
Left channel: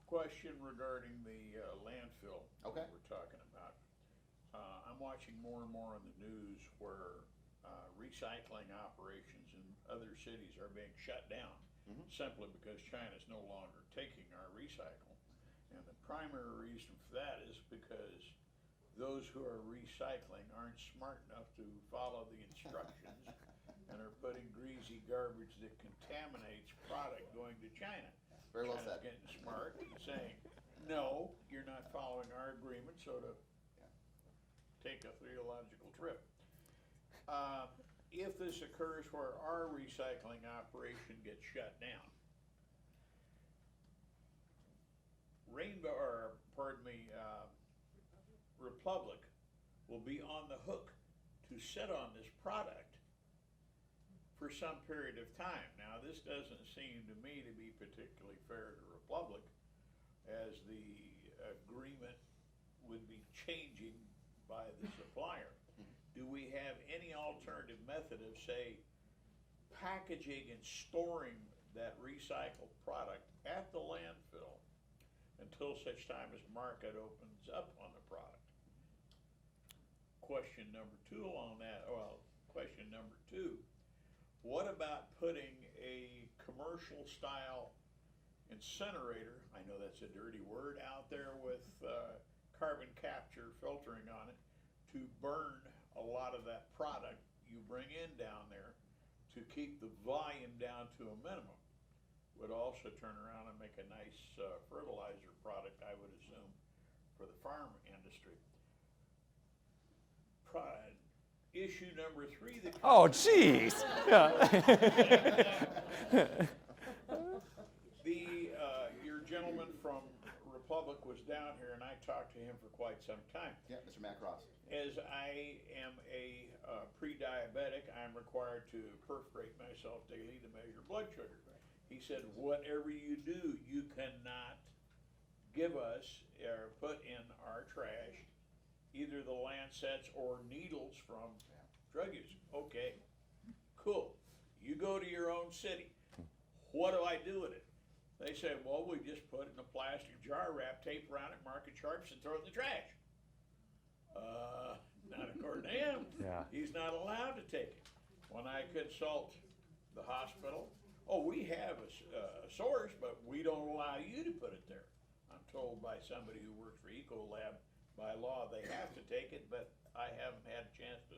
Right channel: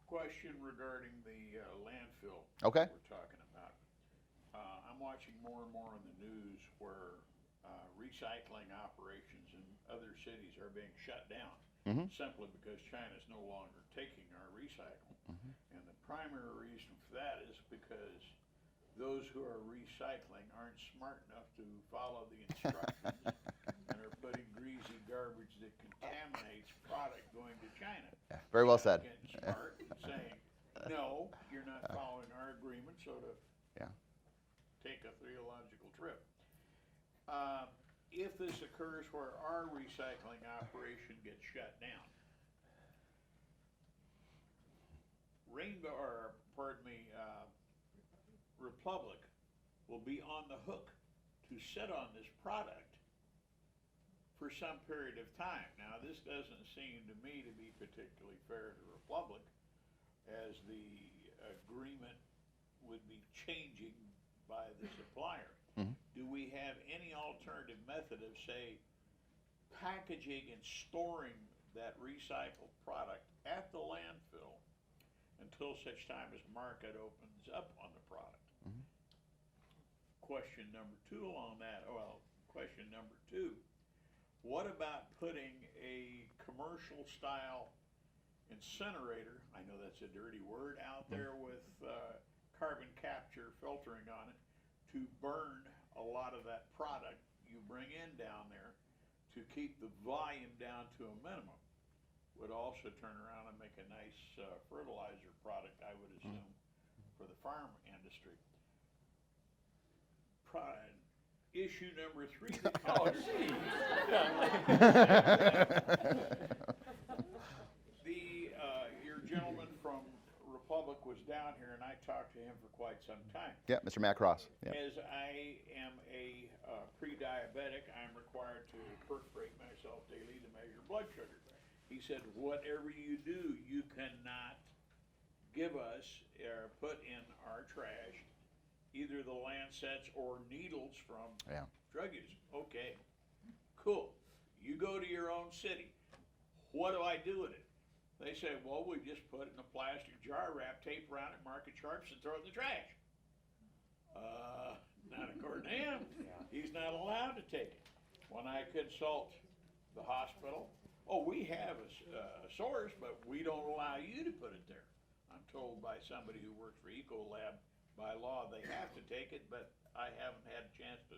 Question regarding the landfill. Okay. We're talking about. I'm watching more and more on the news where recycling operations in other cities are being shut down, simply because China's no longer taking our recycle. And the primary reason for that is because those who are recycling aren't smart enough to follow the instructions and are putting greasy garbage that contaminates product going to China. Yeah, very well said. Getting smart and saying, no, you're not following our agreement, so to take a theological trip. If this occurs where our recycling operation gets shut down, Republic will be on the hook to sit on this product for some period of time. Now, this doesn't seem to me to be particularly fair to Republic, as the agreement would be changing by the supplier. Do we have any alternative method of, say, packaging and storing that recycled product at the landfill until such time as market opens up on the product? Question number 2 along that, question number 2, what about putting a commercial style incinerator, I know that's a dirty word, out there with carbon capture filtering on it to burn a lot of that product you bring in down there to keep the volume down to a minimum? Would also turn around and make a nice fertilizer product, I would assume, for the farm industry. Issue number 3. Oh, jeez. Your gentleman from public was down here, and I talked to him for quite some time. Yeah, Mr. Matt Cross. Yeah. As I am a pre-diabetic, I'm required to perforate myself daily to measure blood sugar. He said, whatever you do, you cannot give us or put in our trash either the lancets or needles from Yeah. drug use. Okay, cool. You go to your own city. What do I do with it? They say, well, we just put it in a plastic jar, wrap tape around it, mark it sharps, and throw it in the trash. Not according to him. Yeah. He's not allowed to take it. When I consult the hospital, oh, we have a source, but we don't allow you to put it there. I'm told by somebody who works for Ecolab, by law, they have to take it, but I haven't had a chance to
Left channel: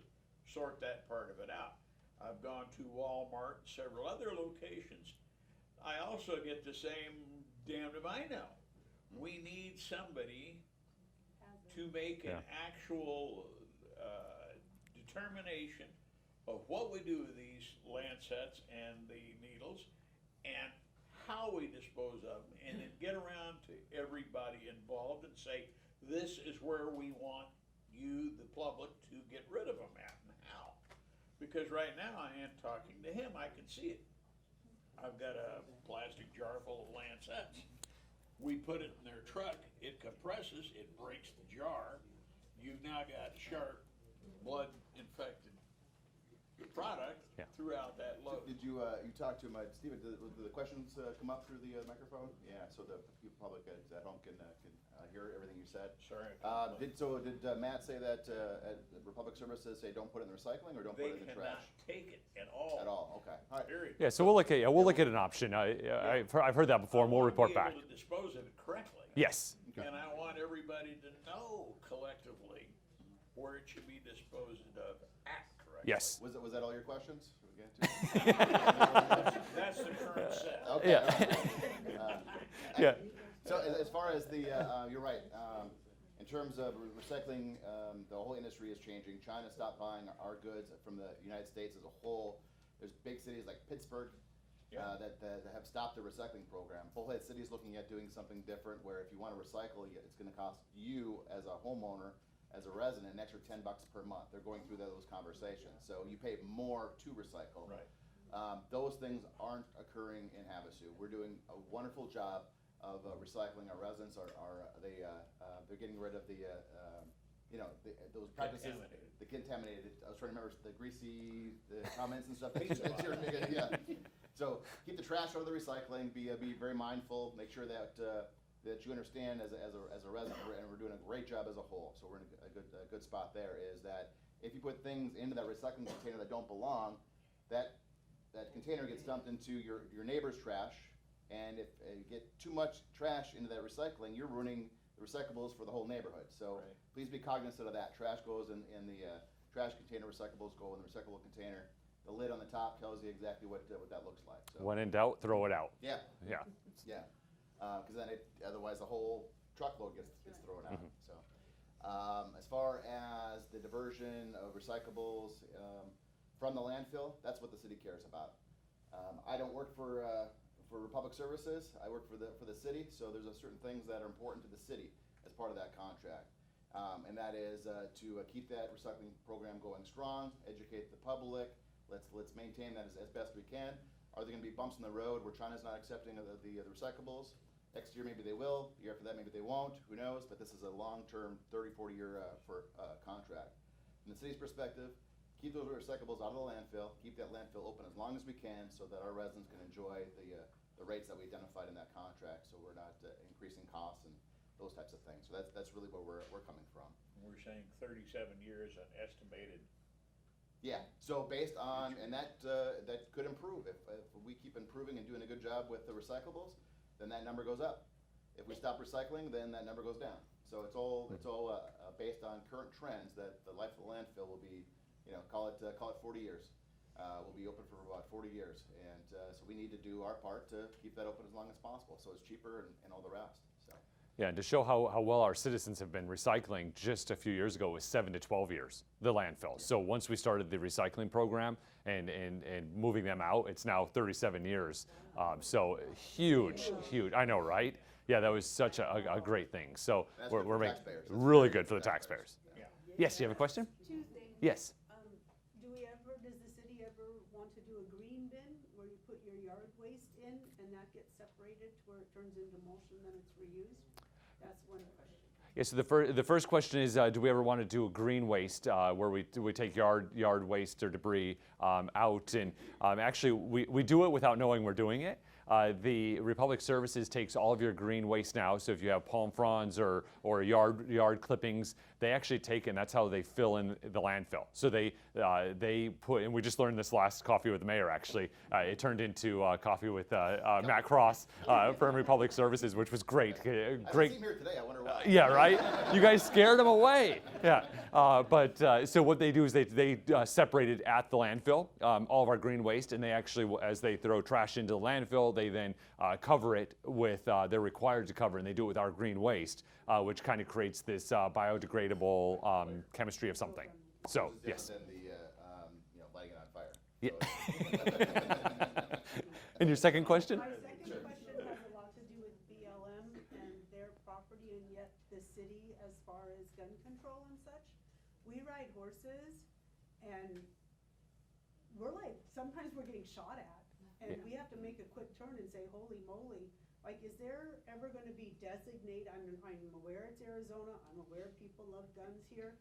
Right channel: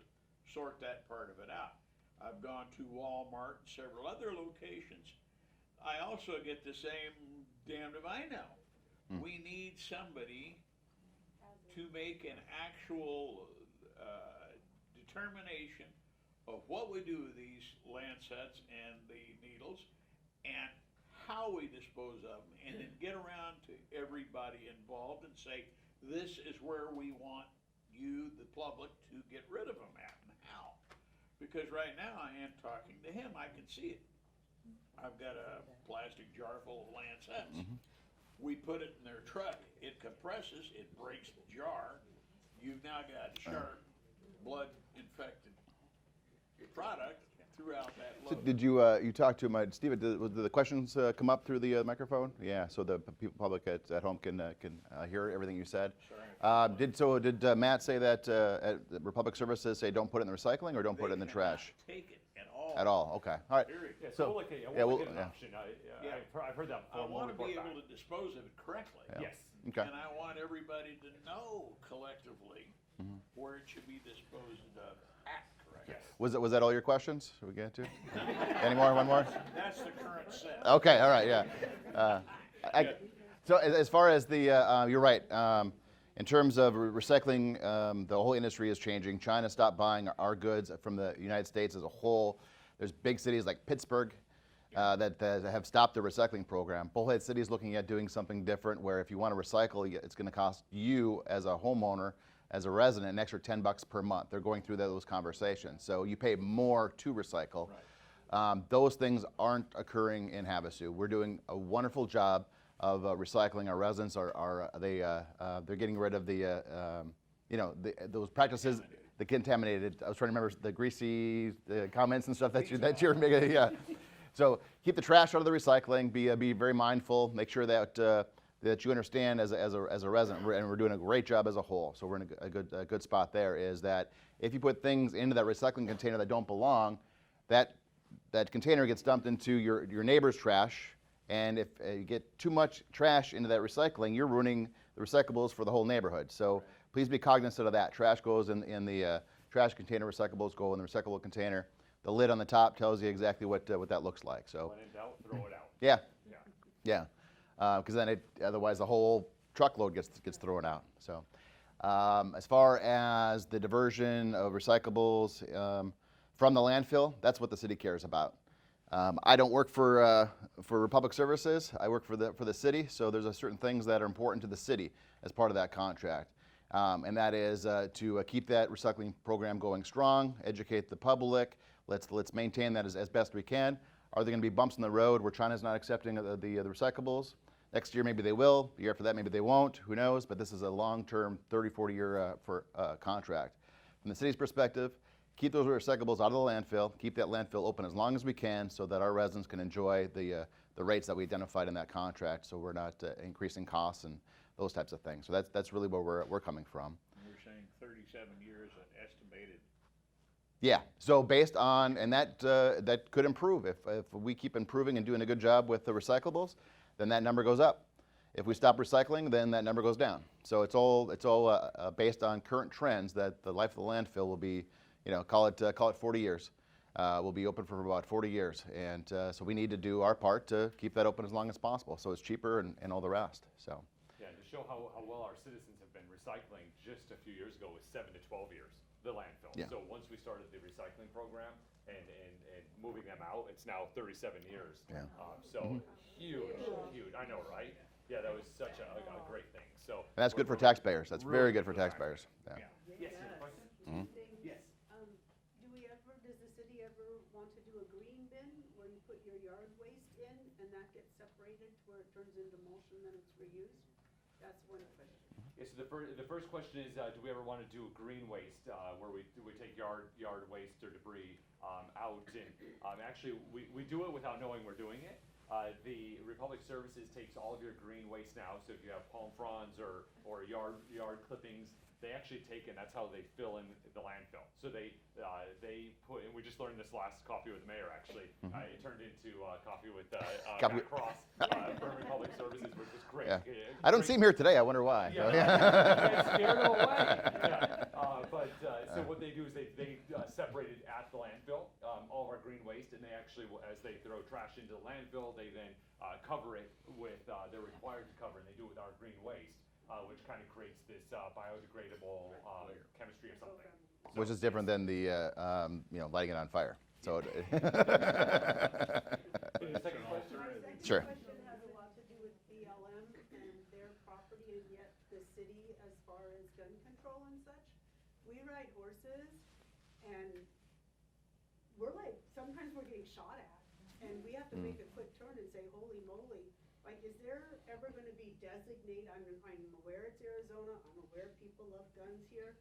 sort that part of it out. I've gone to Walmart and several other locations. I also get the same, damned if I know. We need somebody to make an actual determination of what we do with these lancets and the needles and how we dispose of them, and then get around to everybody involved and say, this is where we want you, the public, to get rid of them at and how. Because right now I am talking to him, I can see it. I've got a plastic jar full of lancets. We put it in their truck, it compresses, it breaks the jar. You've now got sharp, blood infected product throughout that So load. did you you talk to my Steve? Did the questions come up through the microphone? Yeah, so the people, public at home can hear everything you said. Sorry. Did Matt say that at Republic Services say don't put it in the recycling or don't put it in the trash? Take it at all. At all? Okay. All right. Period. Yeah, so we'll look at we'll look we'll- at an option. I've heard that before, and we'll report back. I want to be able to dispose of it correctly. Yes. Okay. And I want everybody to know collectively where it should be disposed of at correctly. Yes. Was that all your questions? Should we get to? Any more? One more? That's the current set. Okay. All right. Yeah. Yeah. So as far as the, you're right. In terms of recycling, the whole industry is changing. China stopped buying our goods from the United States as a whole. There's big cities like Pittsburgh that have stopped the recycling program. Bullhead City is looking at doing something different where if you want to recycle, it's going to cost you as a homeowner, as a resident, an extra $10 per month. They're going through those conversations. So you pay more to recycle. Right. Those things aren't occurring in Havasu. We're doing a wonderful job of recycling. Our residents they're getting rid of the those practices, the contaminated. I was trying to remember the greasy comments and stuff that you're making. Yeah. So keep the trash out of the recycling. Be very mindful. Make sure that that you understand as a resident, and we're doing a great job as a whole. So we're in a good spot there. Is that if you put things into that recycling container that don't belong, that container gets dumped into your neighbor's trash. And if you get too much trash into that recycling, you're ruining the recyclables for the whole neighborhood. So please be cognizant of that. Trash goes in the trash container, recyclables go in the recyclable container. The lid on the top tells you exactly what that looks like. So When in doubt, throw it out. yeah, Yeah. because then otherwise the whole truckload gets thrown out. So as far as the diversion of recyclables from the landfill, that's what the city cares about. I don't work for Republic Services. I work for the city. So there's certain things that are important to the city as part of that contract, and that is to keep that recycling program going strong, educate the public. Let's maintain that as best we can. Are there going to be bumps in the road where China's not accepting the recyclables? Next year maybe they will. The year after that maybe they won't. Who knows? But this is a long-term 30, 40-year contract. From the city's perspective, keep those recyclables out of the landfill. Keep that landfill open as long as we can so that our residents can enjoy the rates that we identified in that contract, so we're not increasing costs and those types of things. So that's really where we're coming from. We're saying 37 years at estimated. Yeah. So based on, and that could improve if we keep improving and doing a good job with the recyclables, then that number goes up. If we stop recycling, then that number goes down. So it's all based on current trends that the life of the landfill will be, call it 40 years. We'll be open for about 40 years, and so we need to do our part to keep that open as long as possible. So it's cheaper and all the rest. So. Yeah, and to show how well our citizens have been recycling, just a few years ago was 7 to 12 years, the landfill. Yeah. So once we started the recycling program and moving them out, it's now 37 years. Yeah. So huge, I know, right? Yeah, that was such a great thing. So And that's good for we're making- taxpayers. That's really very good for the taxpayers. Yeah. Yes, you have a question? Yes. Do we ever, does the city ever want to do a green bin where you put your yard waste in and that gets separated to where it turns into mulch and then it's reused? That's one question. Yeah, so the first question is, do we ever want to do a green waste where we take yard waste or debris out? And actually, we do it without knowing we're doing it. The Republic Services takes all of your green waste now. So if you have palm fronds or yard clippings, they actually take it, and that's how they fill in the landfill. So they put, and we just learned this last coffee with the mayor actually. It turned into coffee with Matt Cross from Republic Services, which was great. Yeah. I don't see him here today. I wonder why. Yeah, right. You guys scared him away. Yeah, so what they do is they separate it at the landfill, all of our green waste, and they actually, as they throw trash into the landfill, they then cover it with, they're required to cover, and they do it with our green waste, which kind of creates this biodegradable chemistry of something. So which is different yes. than the lighting it on fire. So And your second question? Sure. Question has a lot to do with BLM and their property and yet the city as far as gun control and such. We ride horses and we're like, sometimes we're getting shot at and we have to make a quick turn and say, holy moly. Like, is there ever gonna be designated, I'm aware it's Arizona, I'm aware people love guns here,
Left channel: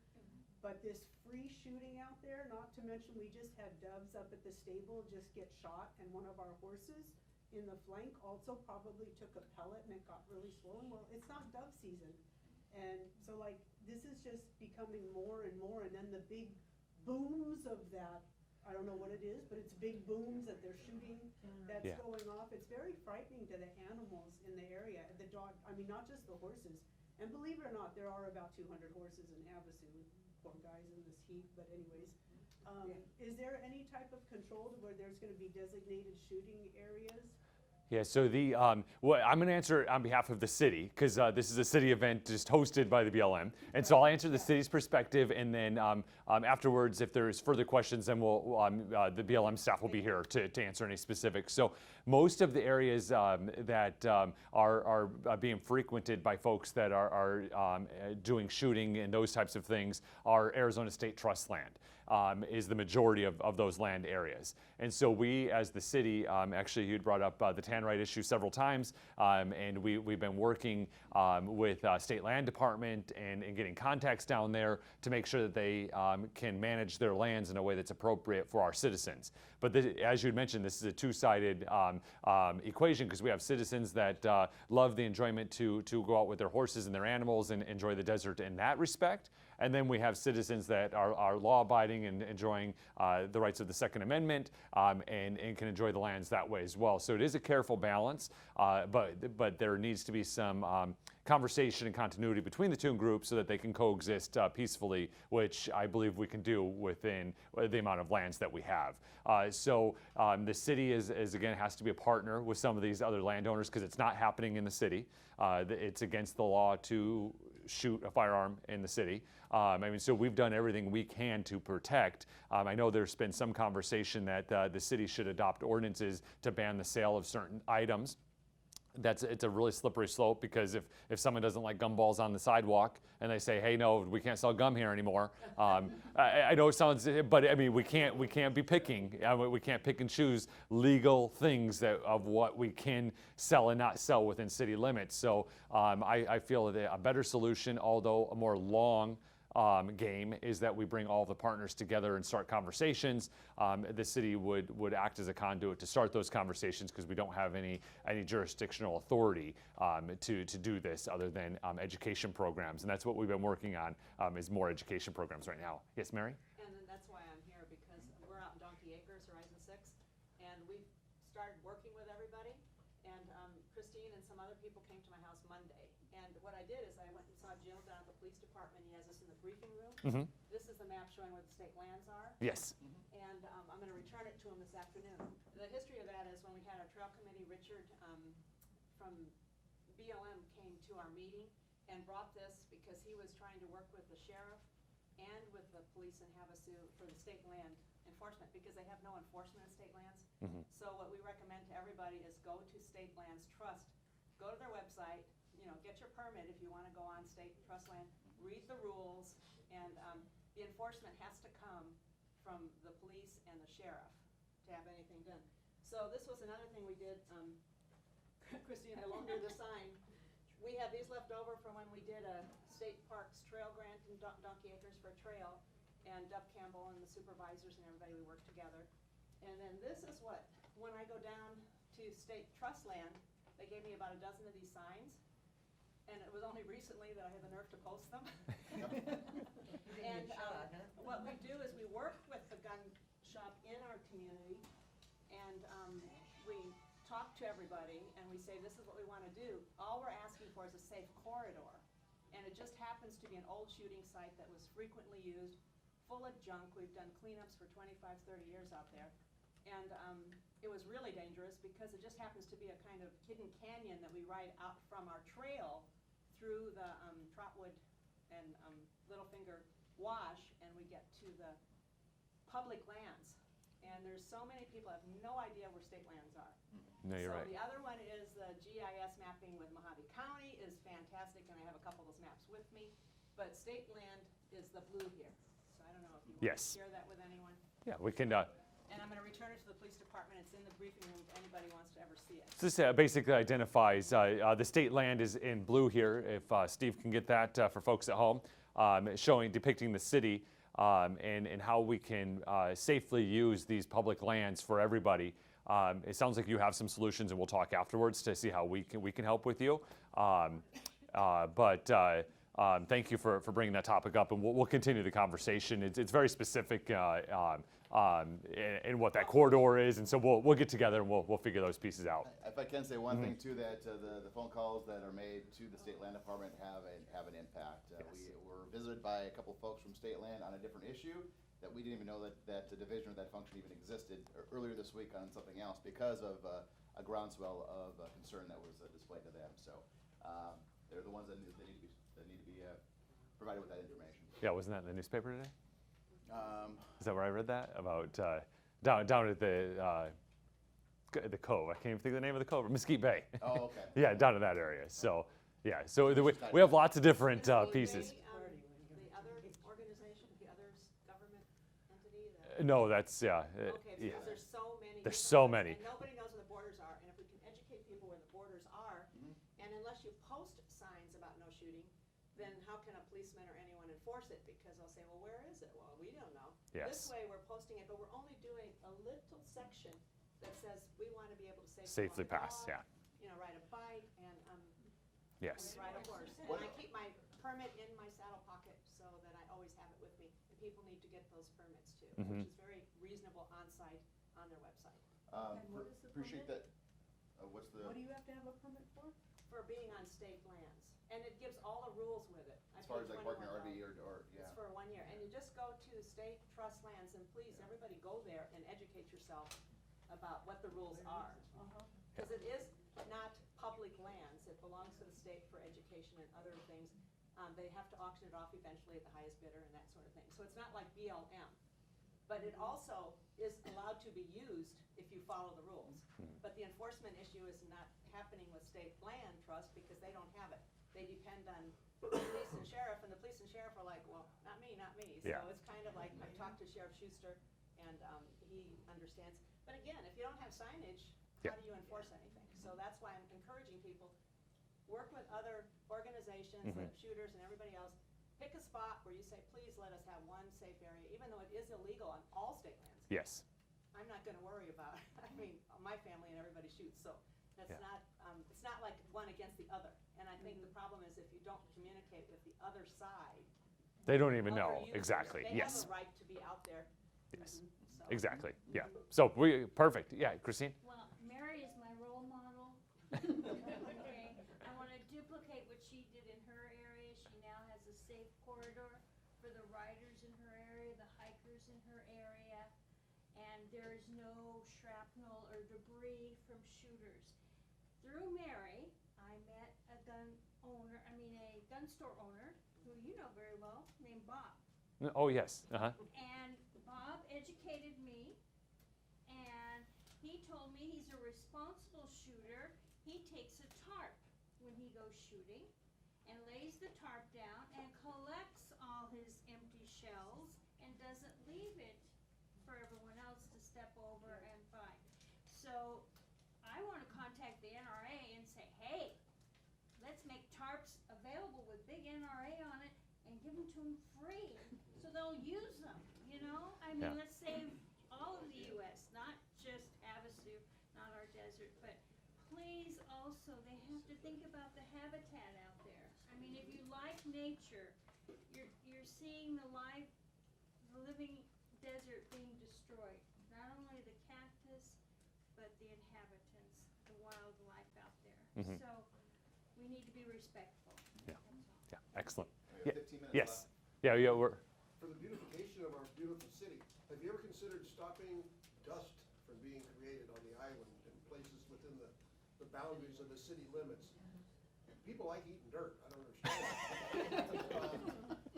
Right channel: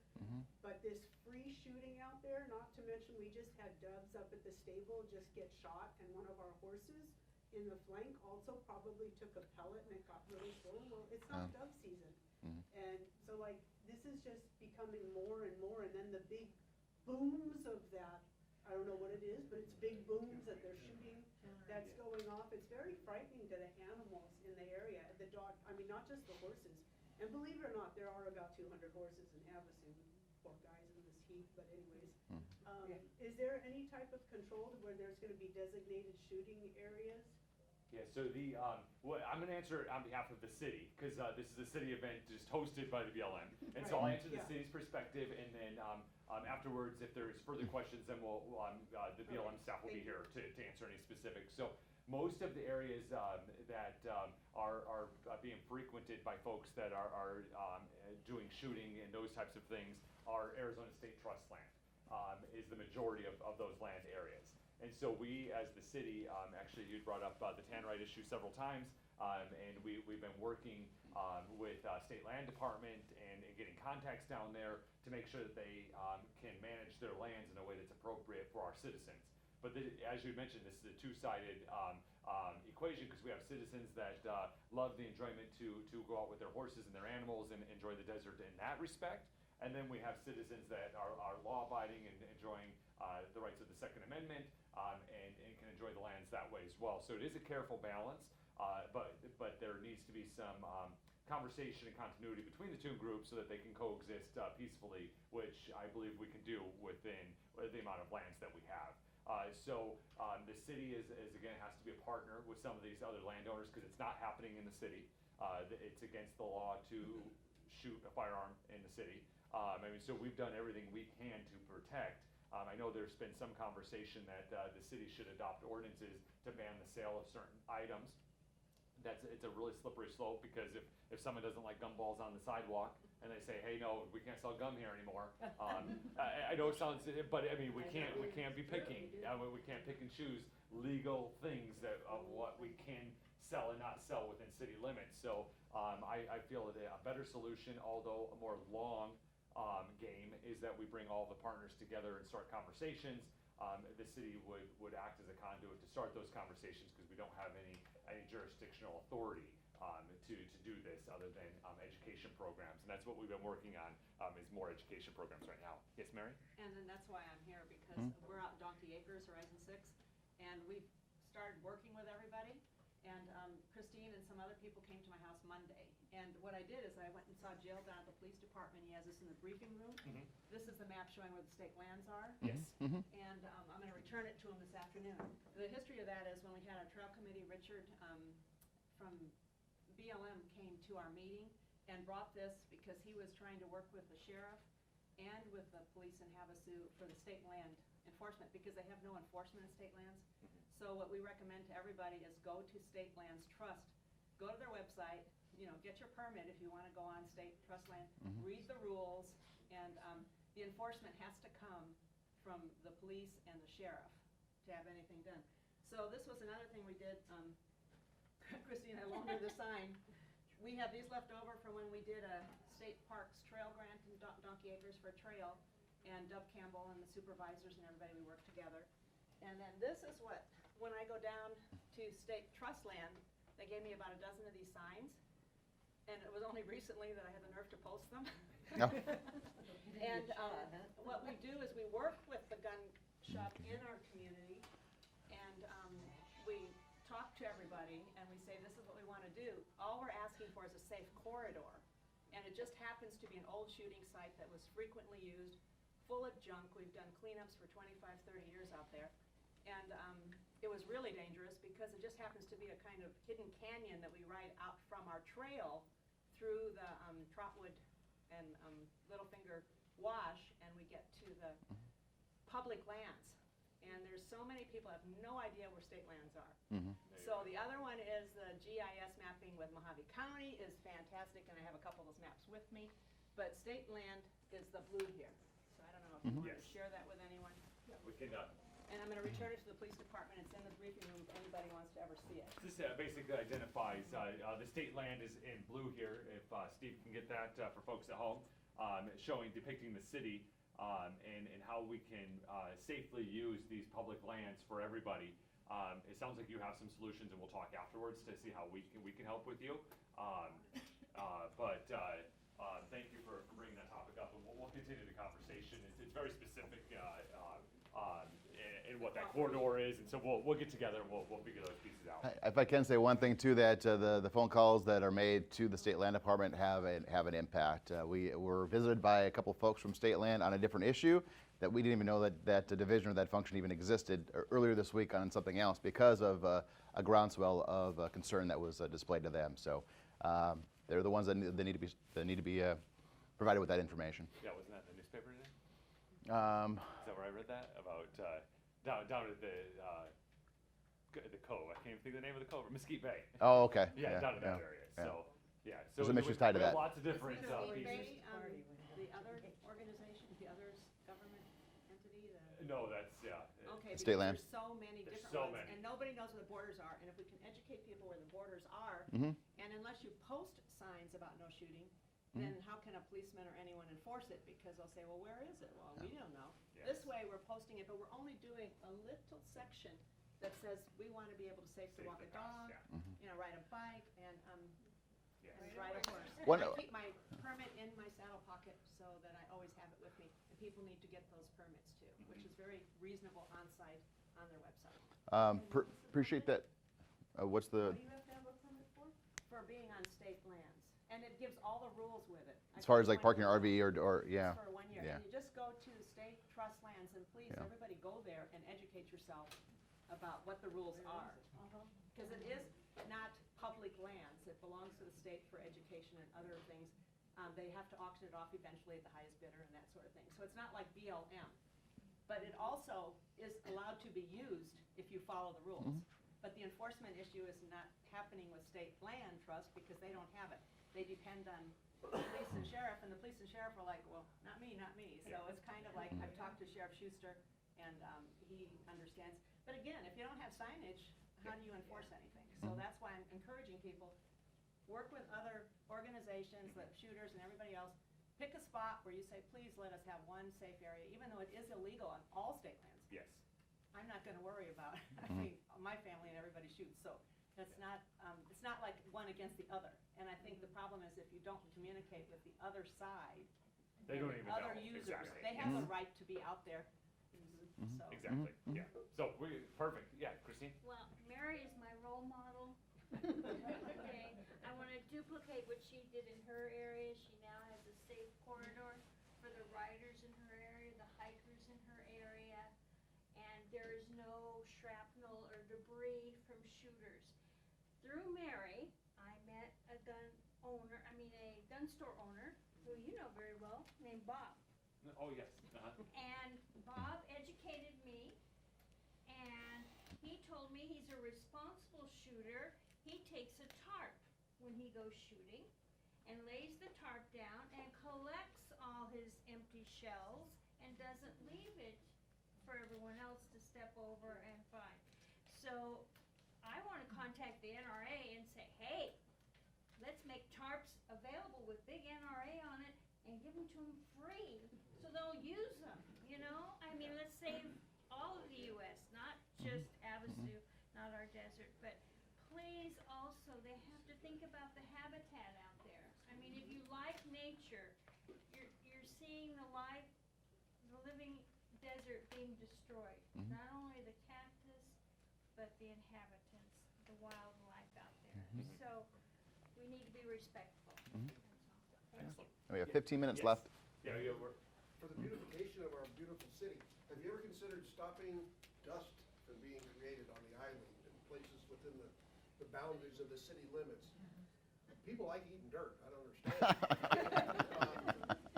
but this free shooting out there, not to mention we just had doves up at the stable just get shot and one of our horses in the flank also probably took a pellet and it got really swollen. Well, it's not dove season. And so like, this is just becoming more and more, and then the big booms of that, I don't know what it is, but it's big booms that they're shooting that's going off. It's very frightening to the animals in the area, the dog, I mean, not just the horses. And believe it or not, there are about 200 horses in Havasu, poor guys in this heat, but anyways. Is there any type of control where there's gonna be designated shooting areas? Yeah, so I'm going to answer on behalf of the city because this is a city event just hosted by the BLM. And so I'll answer the city's perspective, and then afterwards, if there's further questions, then the BLM staff will be here to answer any specifics. So most of the areas that are being frequented by folks that are doing shooting and those types of things are Arizona State Trust land. Is the majority of those land areas. And so we, as the city, actually you'd brought up the Tannerite issue several times, and we've been working with State Land Department and getting contacts down there to make sure that they can manage their lands in a way that's appropriate for our citizens. But as you'd mentioned, this is a two-sided equation because we have citizens that love the enjoyment to go out with their horses and their animals and enjoy the desert in that respect. And then we have citizens that are law-abiding and enjoying the rights of the Second Amendment and can enjoy the lands that way as well. So it is a careful balance, but there needs to be some conversation and continuity between the two groups so that they can coexist peacefully, which I believe we can do within the amount of lands that we have. So the city is again has to be a partner with some of these other landowners because it's not happening in the city. It's against the law to shoot a firearm in the city. So we've done everything we can to protect. I know there's been some conversation that the city should adopt ordinances to ban the sale of certain items. It's a really slippery slope because if someone doesn't like gumballs on the sidewalk and they say, hey, no, we can't sell gum here anymore. I know it sounds, but I mean, we can't be picking. We can't pick and choose legal things of what we can sell and not sell within city limits. So I feel that a better solution, although a more long game, is that we bring all the partners together and start conversations. The city would act as a conduit to start those conversations because we don't have any jurisdictional authority to do this other than education programs, and that's what we've been working on is more education programs right now. Yes, Mary? And then that's why I'm here because we're out in Donkey Acres, Horizon 6, and we've started working with everybody. And Christine and some other people came to my house Monday. And what I did is I went and saw Jill down at the police department. He has this in the briefing room. This is the map showing where the state lands are. Yes. And I'm going to return it to him this afternoon. The history of that is when we had our trail committee, Richard from BLM came to our meeting and brought this because he was trying to work with the sheriff and with the police in Havasu for the state land enforcement because they have no enforcement in state lands. So what we recommend to everybody is go to State Lands Trust, go to their website, get your permit if you want to go on state trust land, read the rules, and the enforcement has to come from the police and the sheriff to have anything done. So this was another thing we did. Christine, I loaned her the sign. We have these left over from when we did a state parks trail grant in Donkey Acres for a trail, and Dub Campbell and the supervisors and everybody, we worked together. And then this is what, when I go down to state trust land, they gave me about a dozen of these signs, and it was only recently that I had the nerve to post them. No. And what we do is we work with the gun shop in our community, and we talk to everybody, and we say, this is what we want to do. All we're asking for is a safe corridor, and it just happens to be an old shooting site that was frequently used, full of junk. We've done cleanups for 25, 30 years out there, and it was really dangerous because it just happens to be a kind of hidden canyon that we ride out from our trail through the Trotwood and Littlefinger wash, and we get to the public lands. And there's so many people have no idea where state lands are. No, you're So right. the other one is the GIS mapping with Mojave County is fantastic, and I have a couple of those maps with me. But state land is the blue here. So I don't know if you want Yes. to share that with anyone. Yeah, we can. And I'm going to return it to the police department. It's in the briefing room if anybody wants to ever see it. This basically identifies the state land is in blue here. If Steve can get that for folks at home, depicting the city and how we can safely use these public lands for everybody. It sounds like you have some solutions, and we'll talk afterwards to see how we can help with you. Thank you for bringing that topic up, and we'll continue the conversation. It's very specific in what that corridor is, and so we'll get together and we'll figure those pieces out. If I can say one thing too, that the phone calls that are made to the state land department have an impact. We were visited by a couple folks from state land on a different issue that we didn't even know that the division or that function even existed earlier this week on something else because of a groundswell of concern that was displayed to them. So they're the ones that need to be provided with that information. Yeah, wasn't that in the newspaper today? Um, Is that where I read that about down at the cove? I can't even think of the name of the cove. Mesquite Bay. oh, okay. Yeah, down in that area. So yeah, so Some we issues tied to have that. lots of different Is pieces. the other organization, the other government entity? The, No, that's okay, State because land. there's so many. There's different so ones, many. And nobody knows where the borders are. And if we can educate people where the borders are, Mhm. and unless you post signs about no shooting, then how can a policeman or anyone enforce it? Because they'll say, well, where is it? Well, we don't know. This Yes. way we're posting it, but we're only doing a little section that says we want to be able to safely Safely walk a pass, dog, yeah. you know, ride a bike, and Yes. ride a horse. One- I keep my permit in my saddle pocket so that I always have it with me. And people need to get those permits too, which is very reasonable on-site on their website. Appreciate that. What's the What do you have to have a permit for? For being on state lands. And it gives all the rules with it. as far as like parking an RV or yeah. For 1 year. Yeah. And you just go to state trust lands, and please, everybody go there and educate yourself about what the rules are. Because it is not public lands. It belongs to the state for education and other things. They have to auction it off eventually at the highest bidder and that sort of thing. So it's not like BLM. But it also is allowed to be used if you follow the rules. But the enforcement issue is not happening with state land trust because they don't have it. They depend on police and sheriff, and the police and sheriff are like, well, not me, not me. So Yeah. it's kind of like, I've talked to Sheriff Schuster, and he understands. But again, if you don't have signage, how do you enforce anything? So that's why I'm encouraging people, work with other organizations like shooters and everybody else. Pick a spot where you say, please let us have one safe area, even though it is illegal on all state lands. Yes. I'm not gonna worry about it. I mean, my family and everybody shoots, so that's not, it's not like one against the other. And I think the problem is if you don't communicate with the other side. They don't even other know. users, Exactly. They Yes. have a right to be out there. Yes. So- Exactly. Yeah. So perfect. Yeah, Christine. Well, Mary is my role model. Okay, I want to duplicate what she did in her area. She now has a safe corridor for the riders in her area, the hikers in her area, and there is no shrapnel or debris from shooters. Through Mary, I met a gun store owner, who you know very well, named Bob. Oh, yes. And Bob educated me, and he told me he's a responsible shooter. He takes a tarp when he goes shooting and lays the tarp down and collects all his empty shells and doesn't leave it for everyone else to step over and find. So I want to contact the NRA and say, hey, let's make tarps available with big NRA on it and give them to them free so they'll use them, you know? I mean, Yeah. let's save all of the U.S., not just Havasu, not our desert, but please also, they have to think about the habitat out there. I mean, if you like nature, you're seeing the living desert being destroyed. Not only the cactus, but the inhabitants, the wildlife out there. So we need to be respectful. That's all. Yeah, excellent. We have Yeah. 15 minutes Yes. left. Yeah, we're. For the beautification of our beautiful city, have you ever considered stopping dust from being created on the island and places within the boundaries of the city limits? People like eating dirt, I don't understand.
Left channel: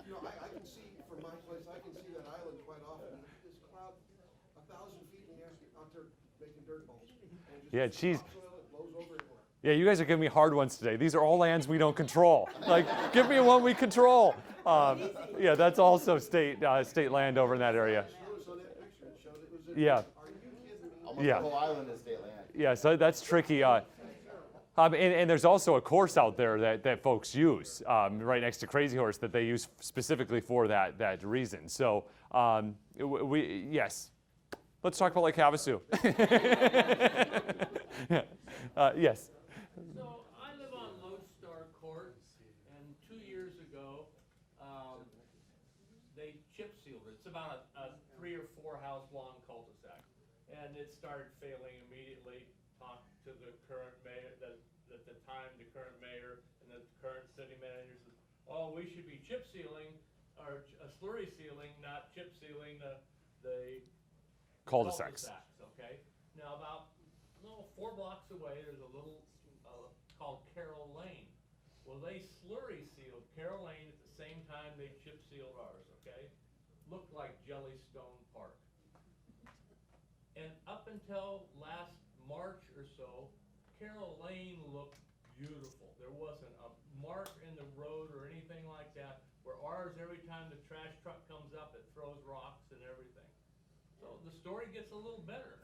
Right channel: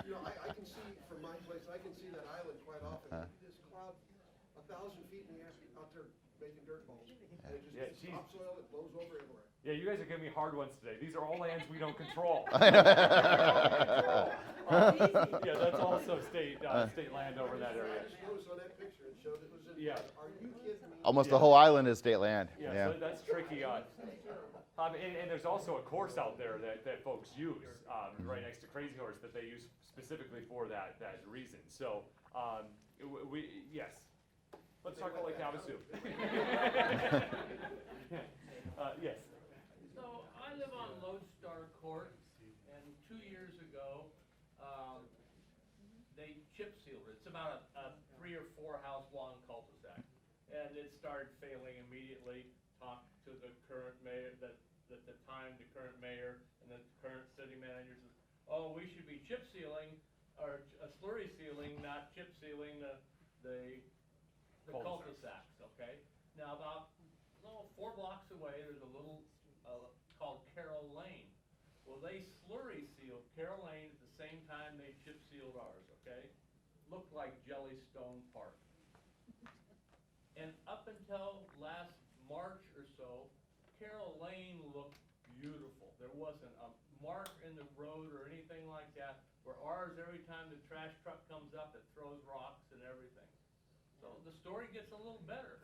You know, I can see from my place, I can see that island quite often. This cloud 1,000 feet in the air out there making dirt balls. And it just Yeah, gets geez. topsoil, it blows over everywhere. Yeah, you guys are giving me hard ones today. These are all lands we don't control. Like, give me one we control. Yeah, that's also state land over in that area. I just noticed on that picture, it showed it was in. Yeah. Are you kidding me? Almost Yeah. the whole island is state land. Yeah, so that's tricky. And there's also a course out there that folks use right next to Crazy Horse that they use specifically for that reason. So yes, let's talk about Lake Havasu. Yes. So I live on Lodestar Court, and 2 years ago, they chip sealed it. It's about a 3 or 4 house long cul-de-sac, and it started failing immediately. Talked to the current mayor, at the time the current mayor and the current city manager says, "Oh, we should be chip sealing or slurry sealing, not chip sealing the Cul-de-sacs. Okay. Now about 4 blocks away, there's a little called Carroll Lane. Well, they slurry sealed Carroll Lane at the same time they chip sealed ours. Okay, looked like Jellystone Park. And up until last March or so, Carroll Lane looked beautiful. There wasn't a mark in the road or anything like that. Where ours, every time the trash truck comes up, it throws rocks and everything. So the story gets a little better.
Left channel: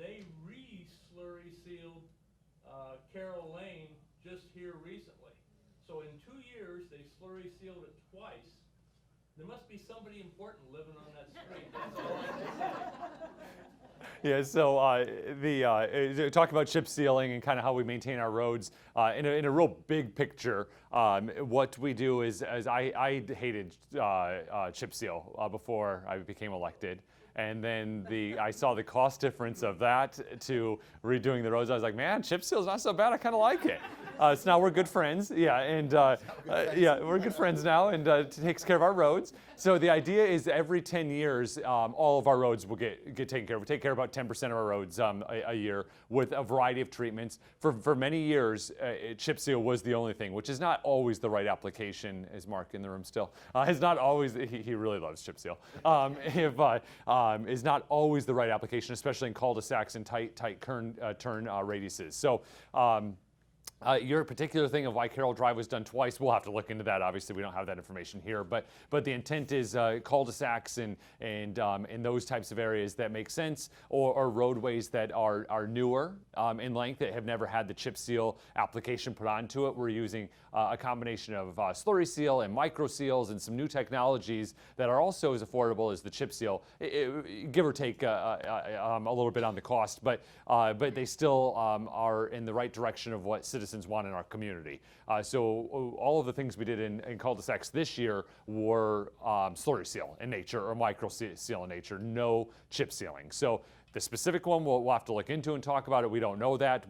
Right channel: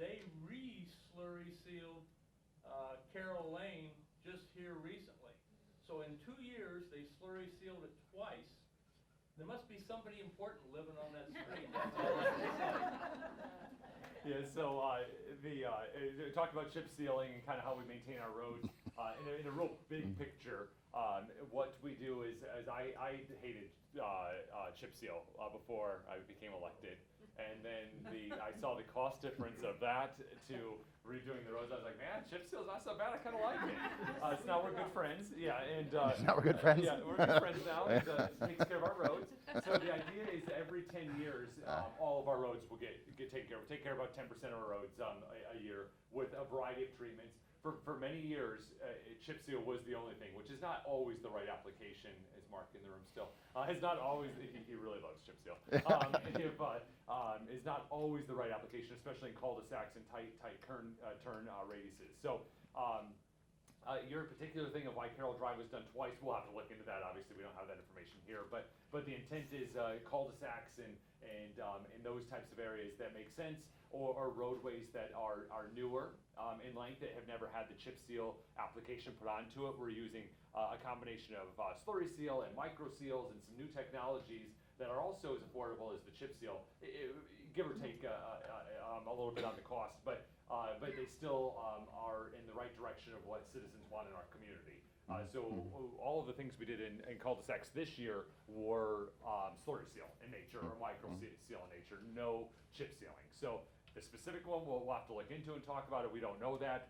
They re-slurry sealed Carroll Lane just here recently. So in 2 years, they slurry sealed it twice. There must be somebody important living on that street. That's all I can say. Yeah, so talk about chip sealing and kind of how we maintain our roads in a real big picture. What we do is I hated chip seal before I became elected. And then I saw the cost difference of that to redoing the roads. I was like, man, chip seal's not so bad. I kind of like it. So now we're good friends. Yeah, and yeah, we're good friends now, and it takes care of our roads. So the idea is every 10 years, all of our roads will get taken care of. We take care of about 10% of our roads a year with a variety of treatments. For many years, chip seal was the only thing, which is not always the right application. Is Mark in the room still? Is not always. He really loves chip seal. Is not always the right application, especially in cul-de-sacs and tight turn radiuses. So your particular thing of why Carroll Drive was done twice, we'll have to look into that. Obviously, we don't have that information here, but the intent is cul-de-sacs and those types of areas that make sense, or roadways that are newer in length that have never had the chip seal application put onto it. We're using a combination of slurry seal and micro seals and some new technologies that are also as affordable as the chip seal, give or take a little bit on the cost, but they still are in the right direction of what citizens want in our community. So all of the things we did in cul-de-sacs this year were slurry seal in nature or micro seal in nature, no chip sealing. So the specific one we'll have to look into and talk about it. We don't know that.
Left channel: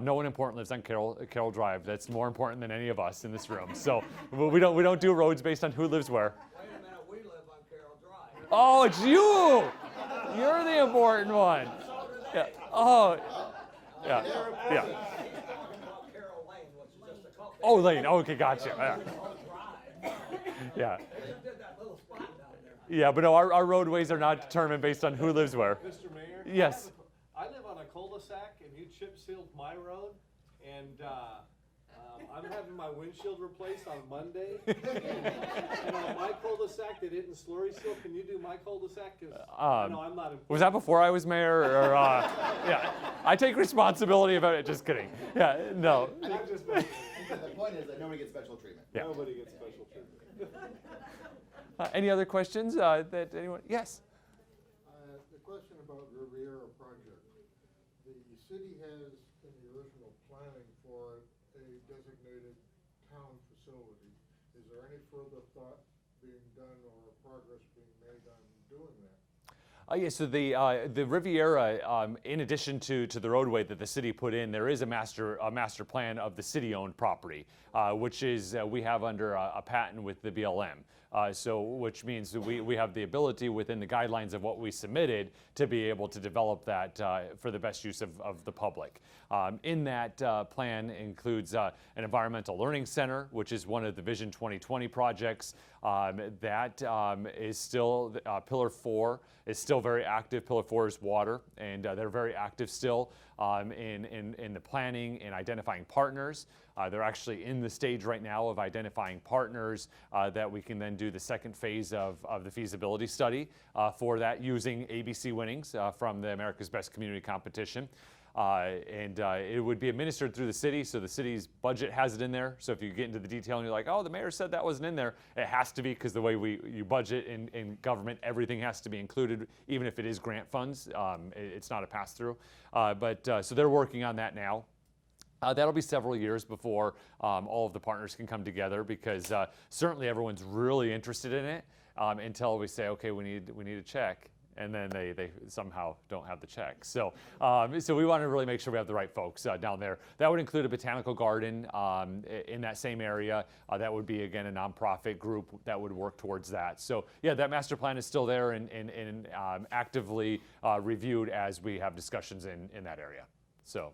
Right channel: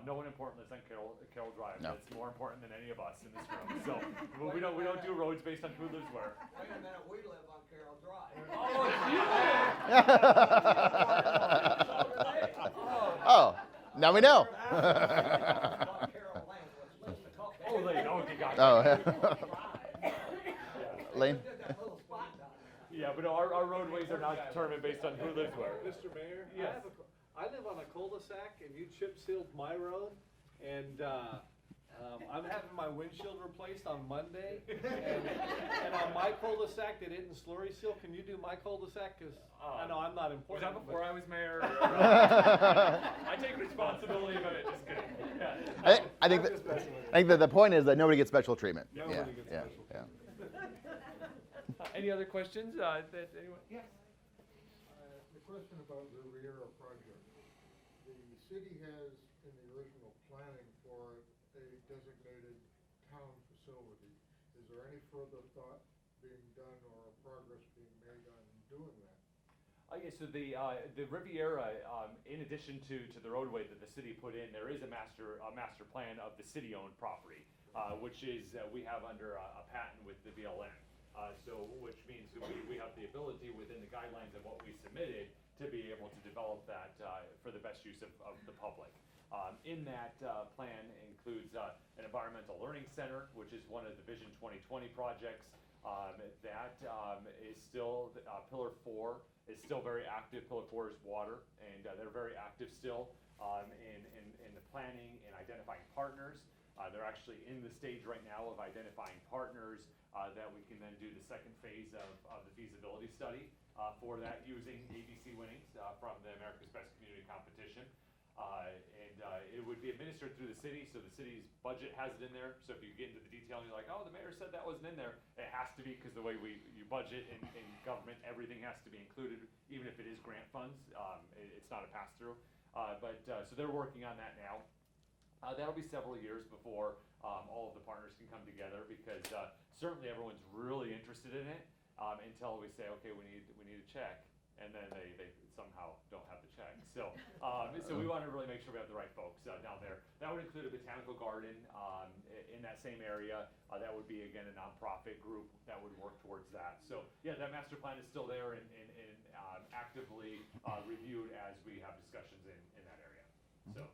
No one important lives on Carroll Drive. No. That's more important than any of us in this room. So we don't do roads based on who lives where. Wait a minute, we live on Carroll Drive. Oh, it's you! You're the important one. Yeah. Oh, now we know. Yeah. Oh, Lane. Okay, gotcha. Oh. Yeah. Lane? Yeah, but no, our roadways are not determined based on who lives where. Mr. Mayor? Yes. I live on a cul-de-sac, and you chip sealed my road, and I'm having my windshield replaced on Monday, and on my cul-de-sac, they didn't slurry seal. Can you do my cul-de-sac? 'Cause no, I'm not important. Was that before I was mayor? Or, yeah. I take responsibility about it. Just kidding. Yeah, no. I think that the point is that nobody gets special treatment. Yeah. Nobody gets special treatment. Any other questions that anyone? Yes. The question about the Riviera project. The city has, in the original planning for it, a designated town facility. Is there any further thought being done or progress being made on doing that? Yeah, so the Riviera, in addition to the roadway that the city put in, there is a master plan of the city-owned property, which is we have under a patent with the BLM. So, which means that we have the ability within the guidelines of what we submitted to be able to develop that for the best use of the public. In that plan includes an environmental learning center, which is one of the Vision 2020 projects. That is still, Pillar 4 is still very active. Pillar 4 is water, and they're very active still in the planning and identifying partners. They're actually in the stage right now of identifying partners that we can then do the second phase of the feasibility study for that using ABC winnings from the America's Best Community Competition. And it would be administered through the city, so the city's budget has it in there. So if you get into the detail and you're like, oh, the mayor said that wasn't in there, it has to be, because the way you budget in government, everything has to be included, even if it is grant funds. It's not a pass-through. So they're working on that now. That'll be several years before all of the partners can come together, because certainly everyone's really interested in it until we say, okay, we need a check, and then they somehow don't have the check. So so we want to really make sure we have the right folks down there. That would include a botanical garden in that same area. That would be, again, a nonprofit group that would work towards that. So yeah, that master plan is still there and actively reviewed as we have discussions in that area. So.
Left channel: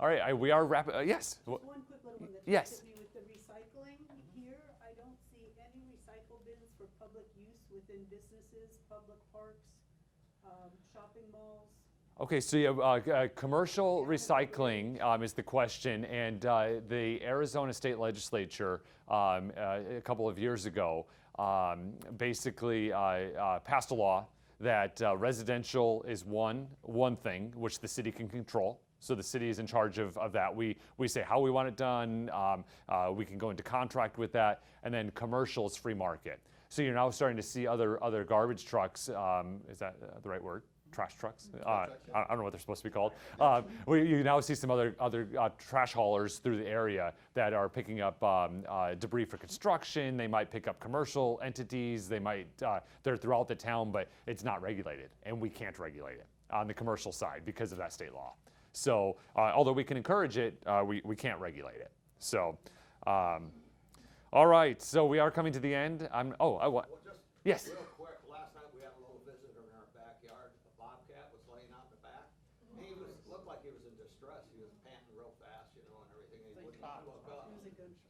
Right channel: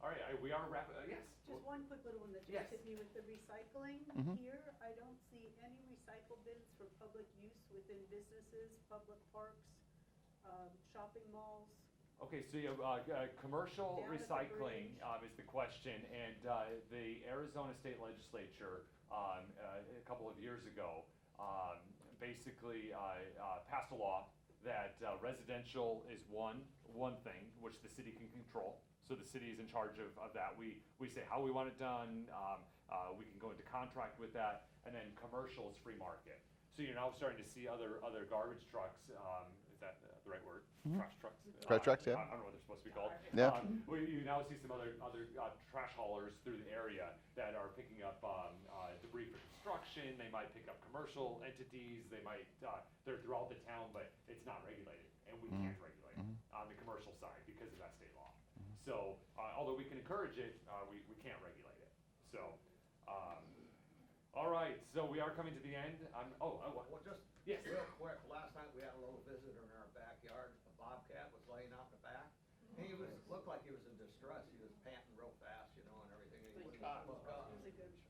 All right, we are wrapping. Yes. Just one quick little one that Yes. just hit me with the recycling. Here, I don't see any recycle bins for public use within businesses, public parks, shopping malls. Okay, so yeah, commercial recycling is the question, and the Arizona State Legislature a couple of years ago basically passed a law that residential is one thing which the city can control. So the city is in charge of that. We say how we want it done. We can go into contract with that, and then commercial is free market. So you're now starting to see other garbage trucks. Is that the right word? Trash trucks. Trash trucks, yeah. I don't know what they're supposed to be called. Yeah. You now see some other trash haulers through the area that are picking up debris for construction. They might pick up commercial entities. They're throughout the town, but it's not regulated, and we can't regulate it on the commercial side because of that state law. So although we can encourage it, we can't regulate it. So, all right. So we are coming to the end. Well, just yes. real quick, last night we had a little visitor in our backyard. A bobcat was laying out in the back. He looked like he was in distress. He was panting real fast, and everything. And he would not look up.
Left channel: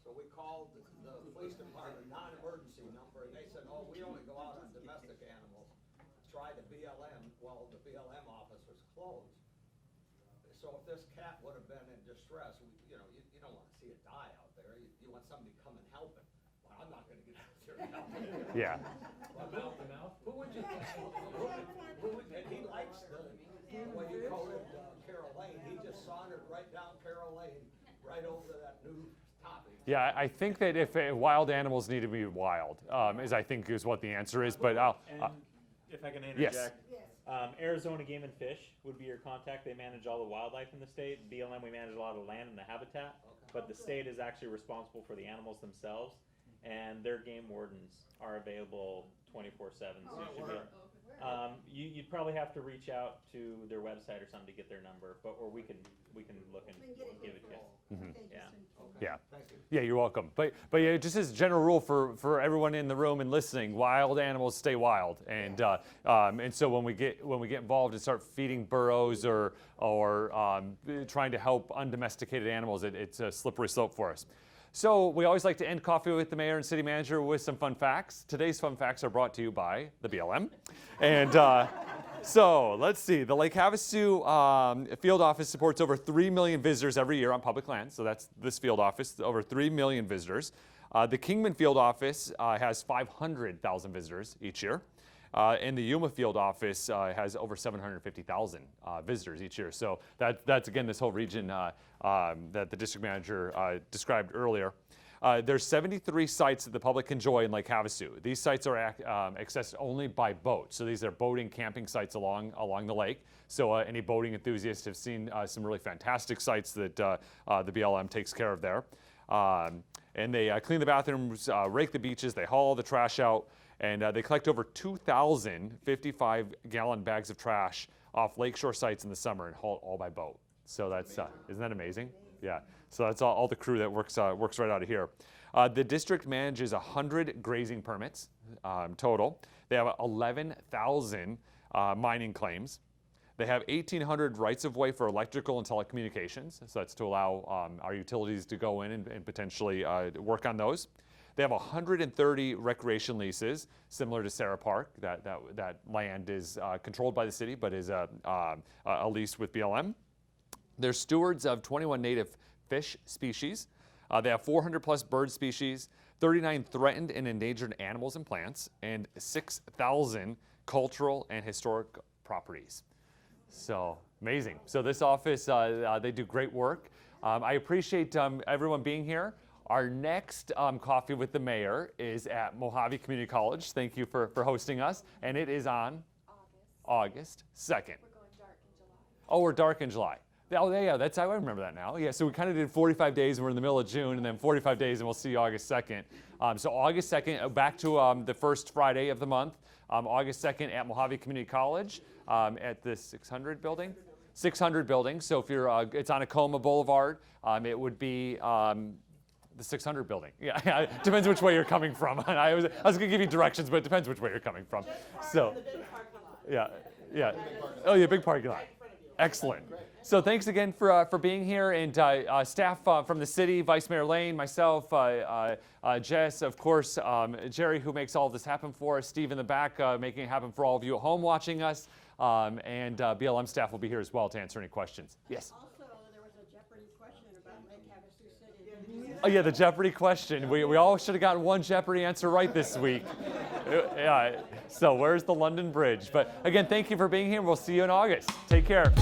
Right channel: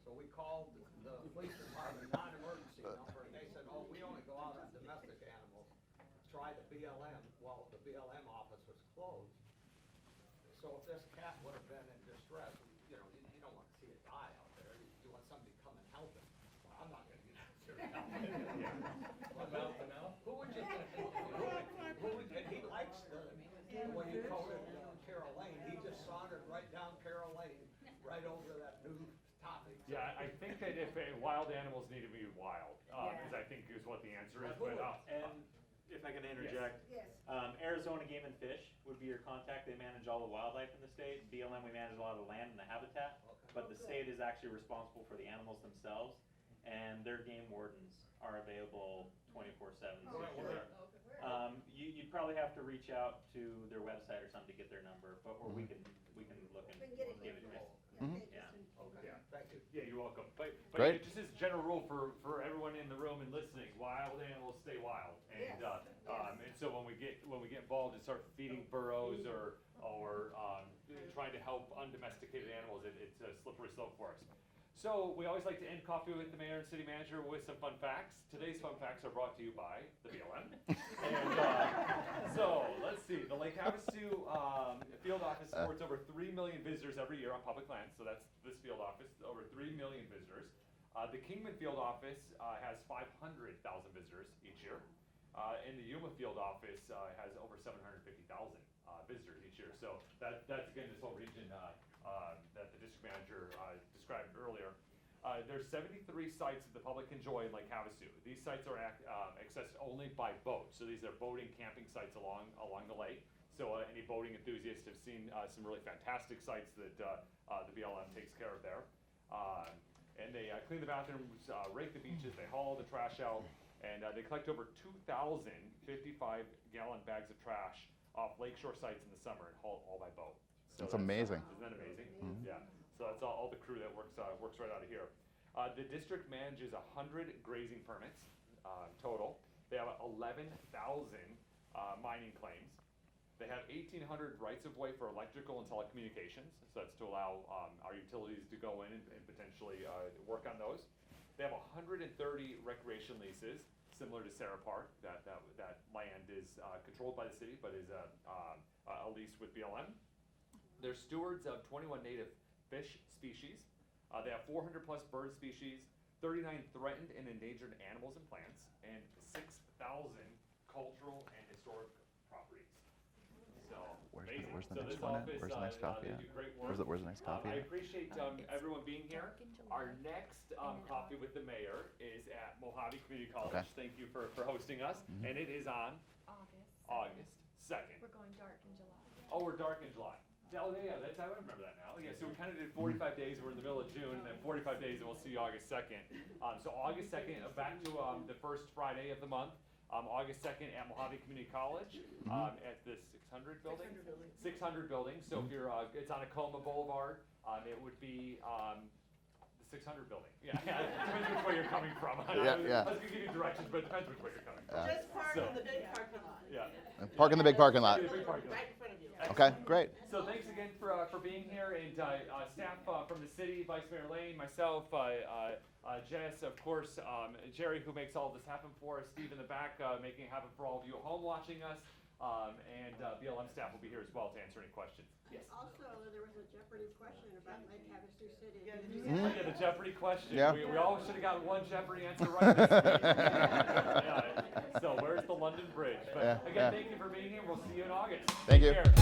So we called the police department, non-emergency number, and they said, oh, we only go out on domestic animals. Try the BLM. Well, the BLM office was closed. So if this cat would have been in distress, you don't want to see it die out there. You want somebody to come and help it. Well, I'm not going to get out there and help it. Yeah. Mouth to mouth? Who would you? And he likes what you call it, Carol Lane. He just sauntered right down Carol Lane, right over that new topic. Yeah, I think that if wild animals need to be wild, is what the answer is. But if I can yes. interject. Arizona Game and Fish would be your contact. They manage all the wildlife in the state. BLM, we manage a lot of the land and the habitat, but the state is actually responsible for the animals themselves, and their game wardens are available 24/7. You'd probably have to reach out to their website or something to get their number, but or we can look and give it to you. Yeah. Yeah, you're welcome. But yeah, just as a general rule for everyone in the room and listening, wild animals stay wild, and so when we get involved and start feeding burros or trying to help undomesticated animals, it's a slippery slope for us. So we always like to end Coffee with the Mayor and City Manager with some fun facts. Today's fun facts are brought to you by the BLM. And so let's see. The Lake Havasu field office supports over 3 million visitors every year on public land. So that's this field office, over 3 million visitors. The Kingman field office has 500,000 visitors each year. And the Yuma field office has over 750,000 visitors each year. So that's again, this whole region that the district manager described earlier. There's 73 sites that the public can enjoy in Lake Havasu. These sites are accessed only by boat. So these are boating, camping sites along the lake. So any boating enthusiasts have seen some really fantastic sites that the BLM takes care of there. And they clean the bathrooms, rake the beaches, they haul the trash out, and they collect over 2,000 55-gallon bags of trash off lakeshore sites in the summer and haul all by boat. So that's amazing. Isn't that amazing? Mm-hmm. Yeah. So that's all the crew that works right out of here. The district manages 100 grazing permits total. They have 11,000 mining claims. They have 1,800 rights-of-way for electrical and telecommunications. So that's to allow our utilities to go in and potentially work on those. They have 130 recreation leases, similar to Sarah Park. That land is controlled by the city, but is a lease with BLM. They're stewards of 21 native fish species. They have 400 plus bird species, 39 threatened and endangered animals and plants, and 6,000 cultural and historic properties. So amazing. So this office, they do great work. I appreciate everyone being here. Our next Coffee with the Mayor is at Mojave Community College. Okay. Thank you for hosting us. And it is on August 2nd. We're going dark in July. Oh, we're dark in July. Oh, yeah, that's, I remember that now. Yeah, so we kind of did 45 days, and we're in the middle of June, and then 45 days, and we'll see you August 2nd. So August 2nd, back to the first Friday of the month, August 2nd at Mojave Community College at the 600 building? 600 building. So if you're, it's on Acoma Boulevard, it would be the 600 building. Yeah, depends which way you're coming from. I was going to give you directions, but it depends which way you're coming from. So, yeah. Park in the big parking lot. Oh, yeah, big parking lot. Excellent. Okay, great. So thanks again for being here, and staff from the city, Vice Mayor Lane, myself, Jess, of course, Jerry, who makes all of this happen for us, Steve in the back, making it happen for all of you at home watching us, and BLM staff will be here as well to answer any questions. Yes? Also, there was a Jeopardy question about Lake Havasu City. Oh yeah, the Jeopardy question. Yep. We all should have gotten one Jeopardy answer right this week. Yeah. So where's the London Bridge? But again, thank you for being here. We'll see you in August. Take care.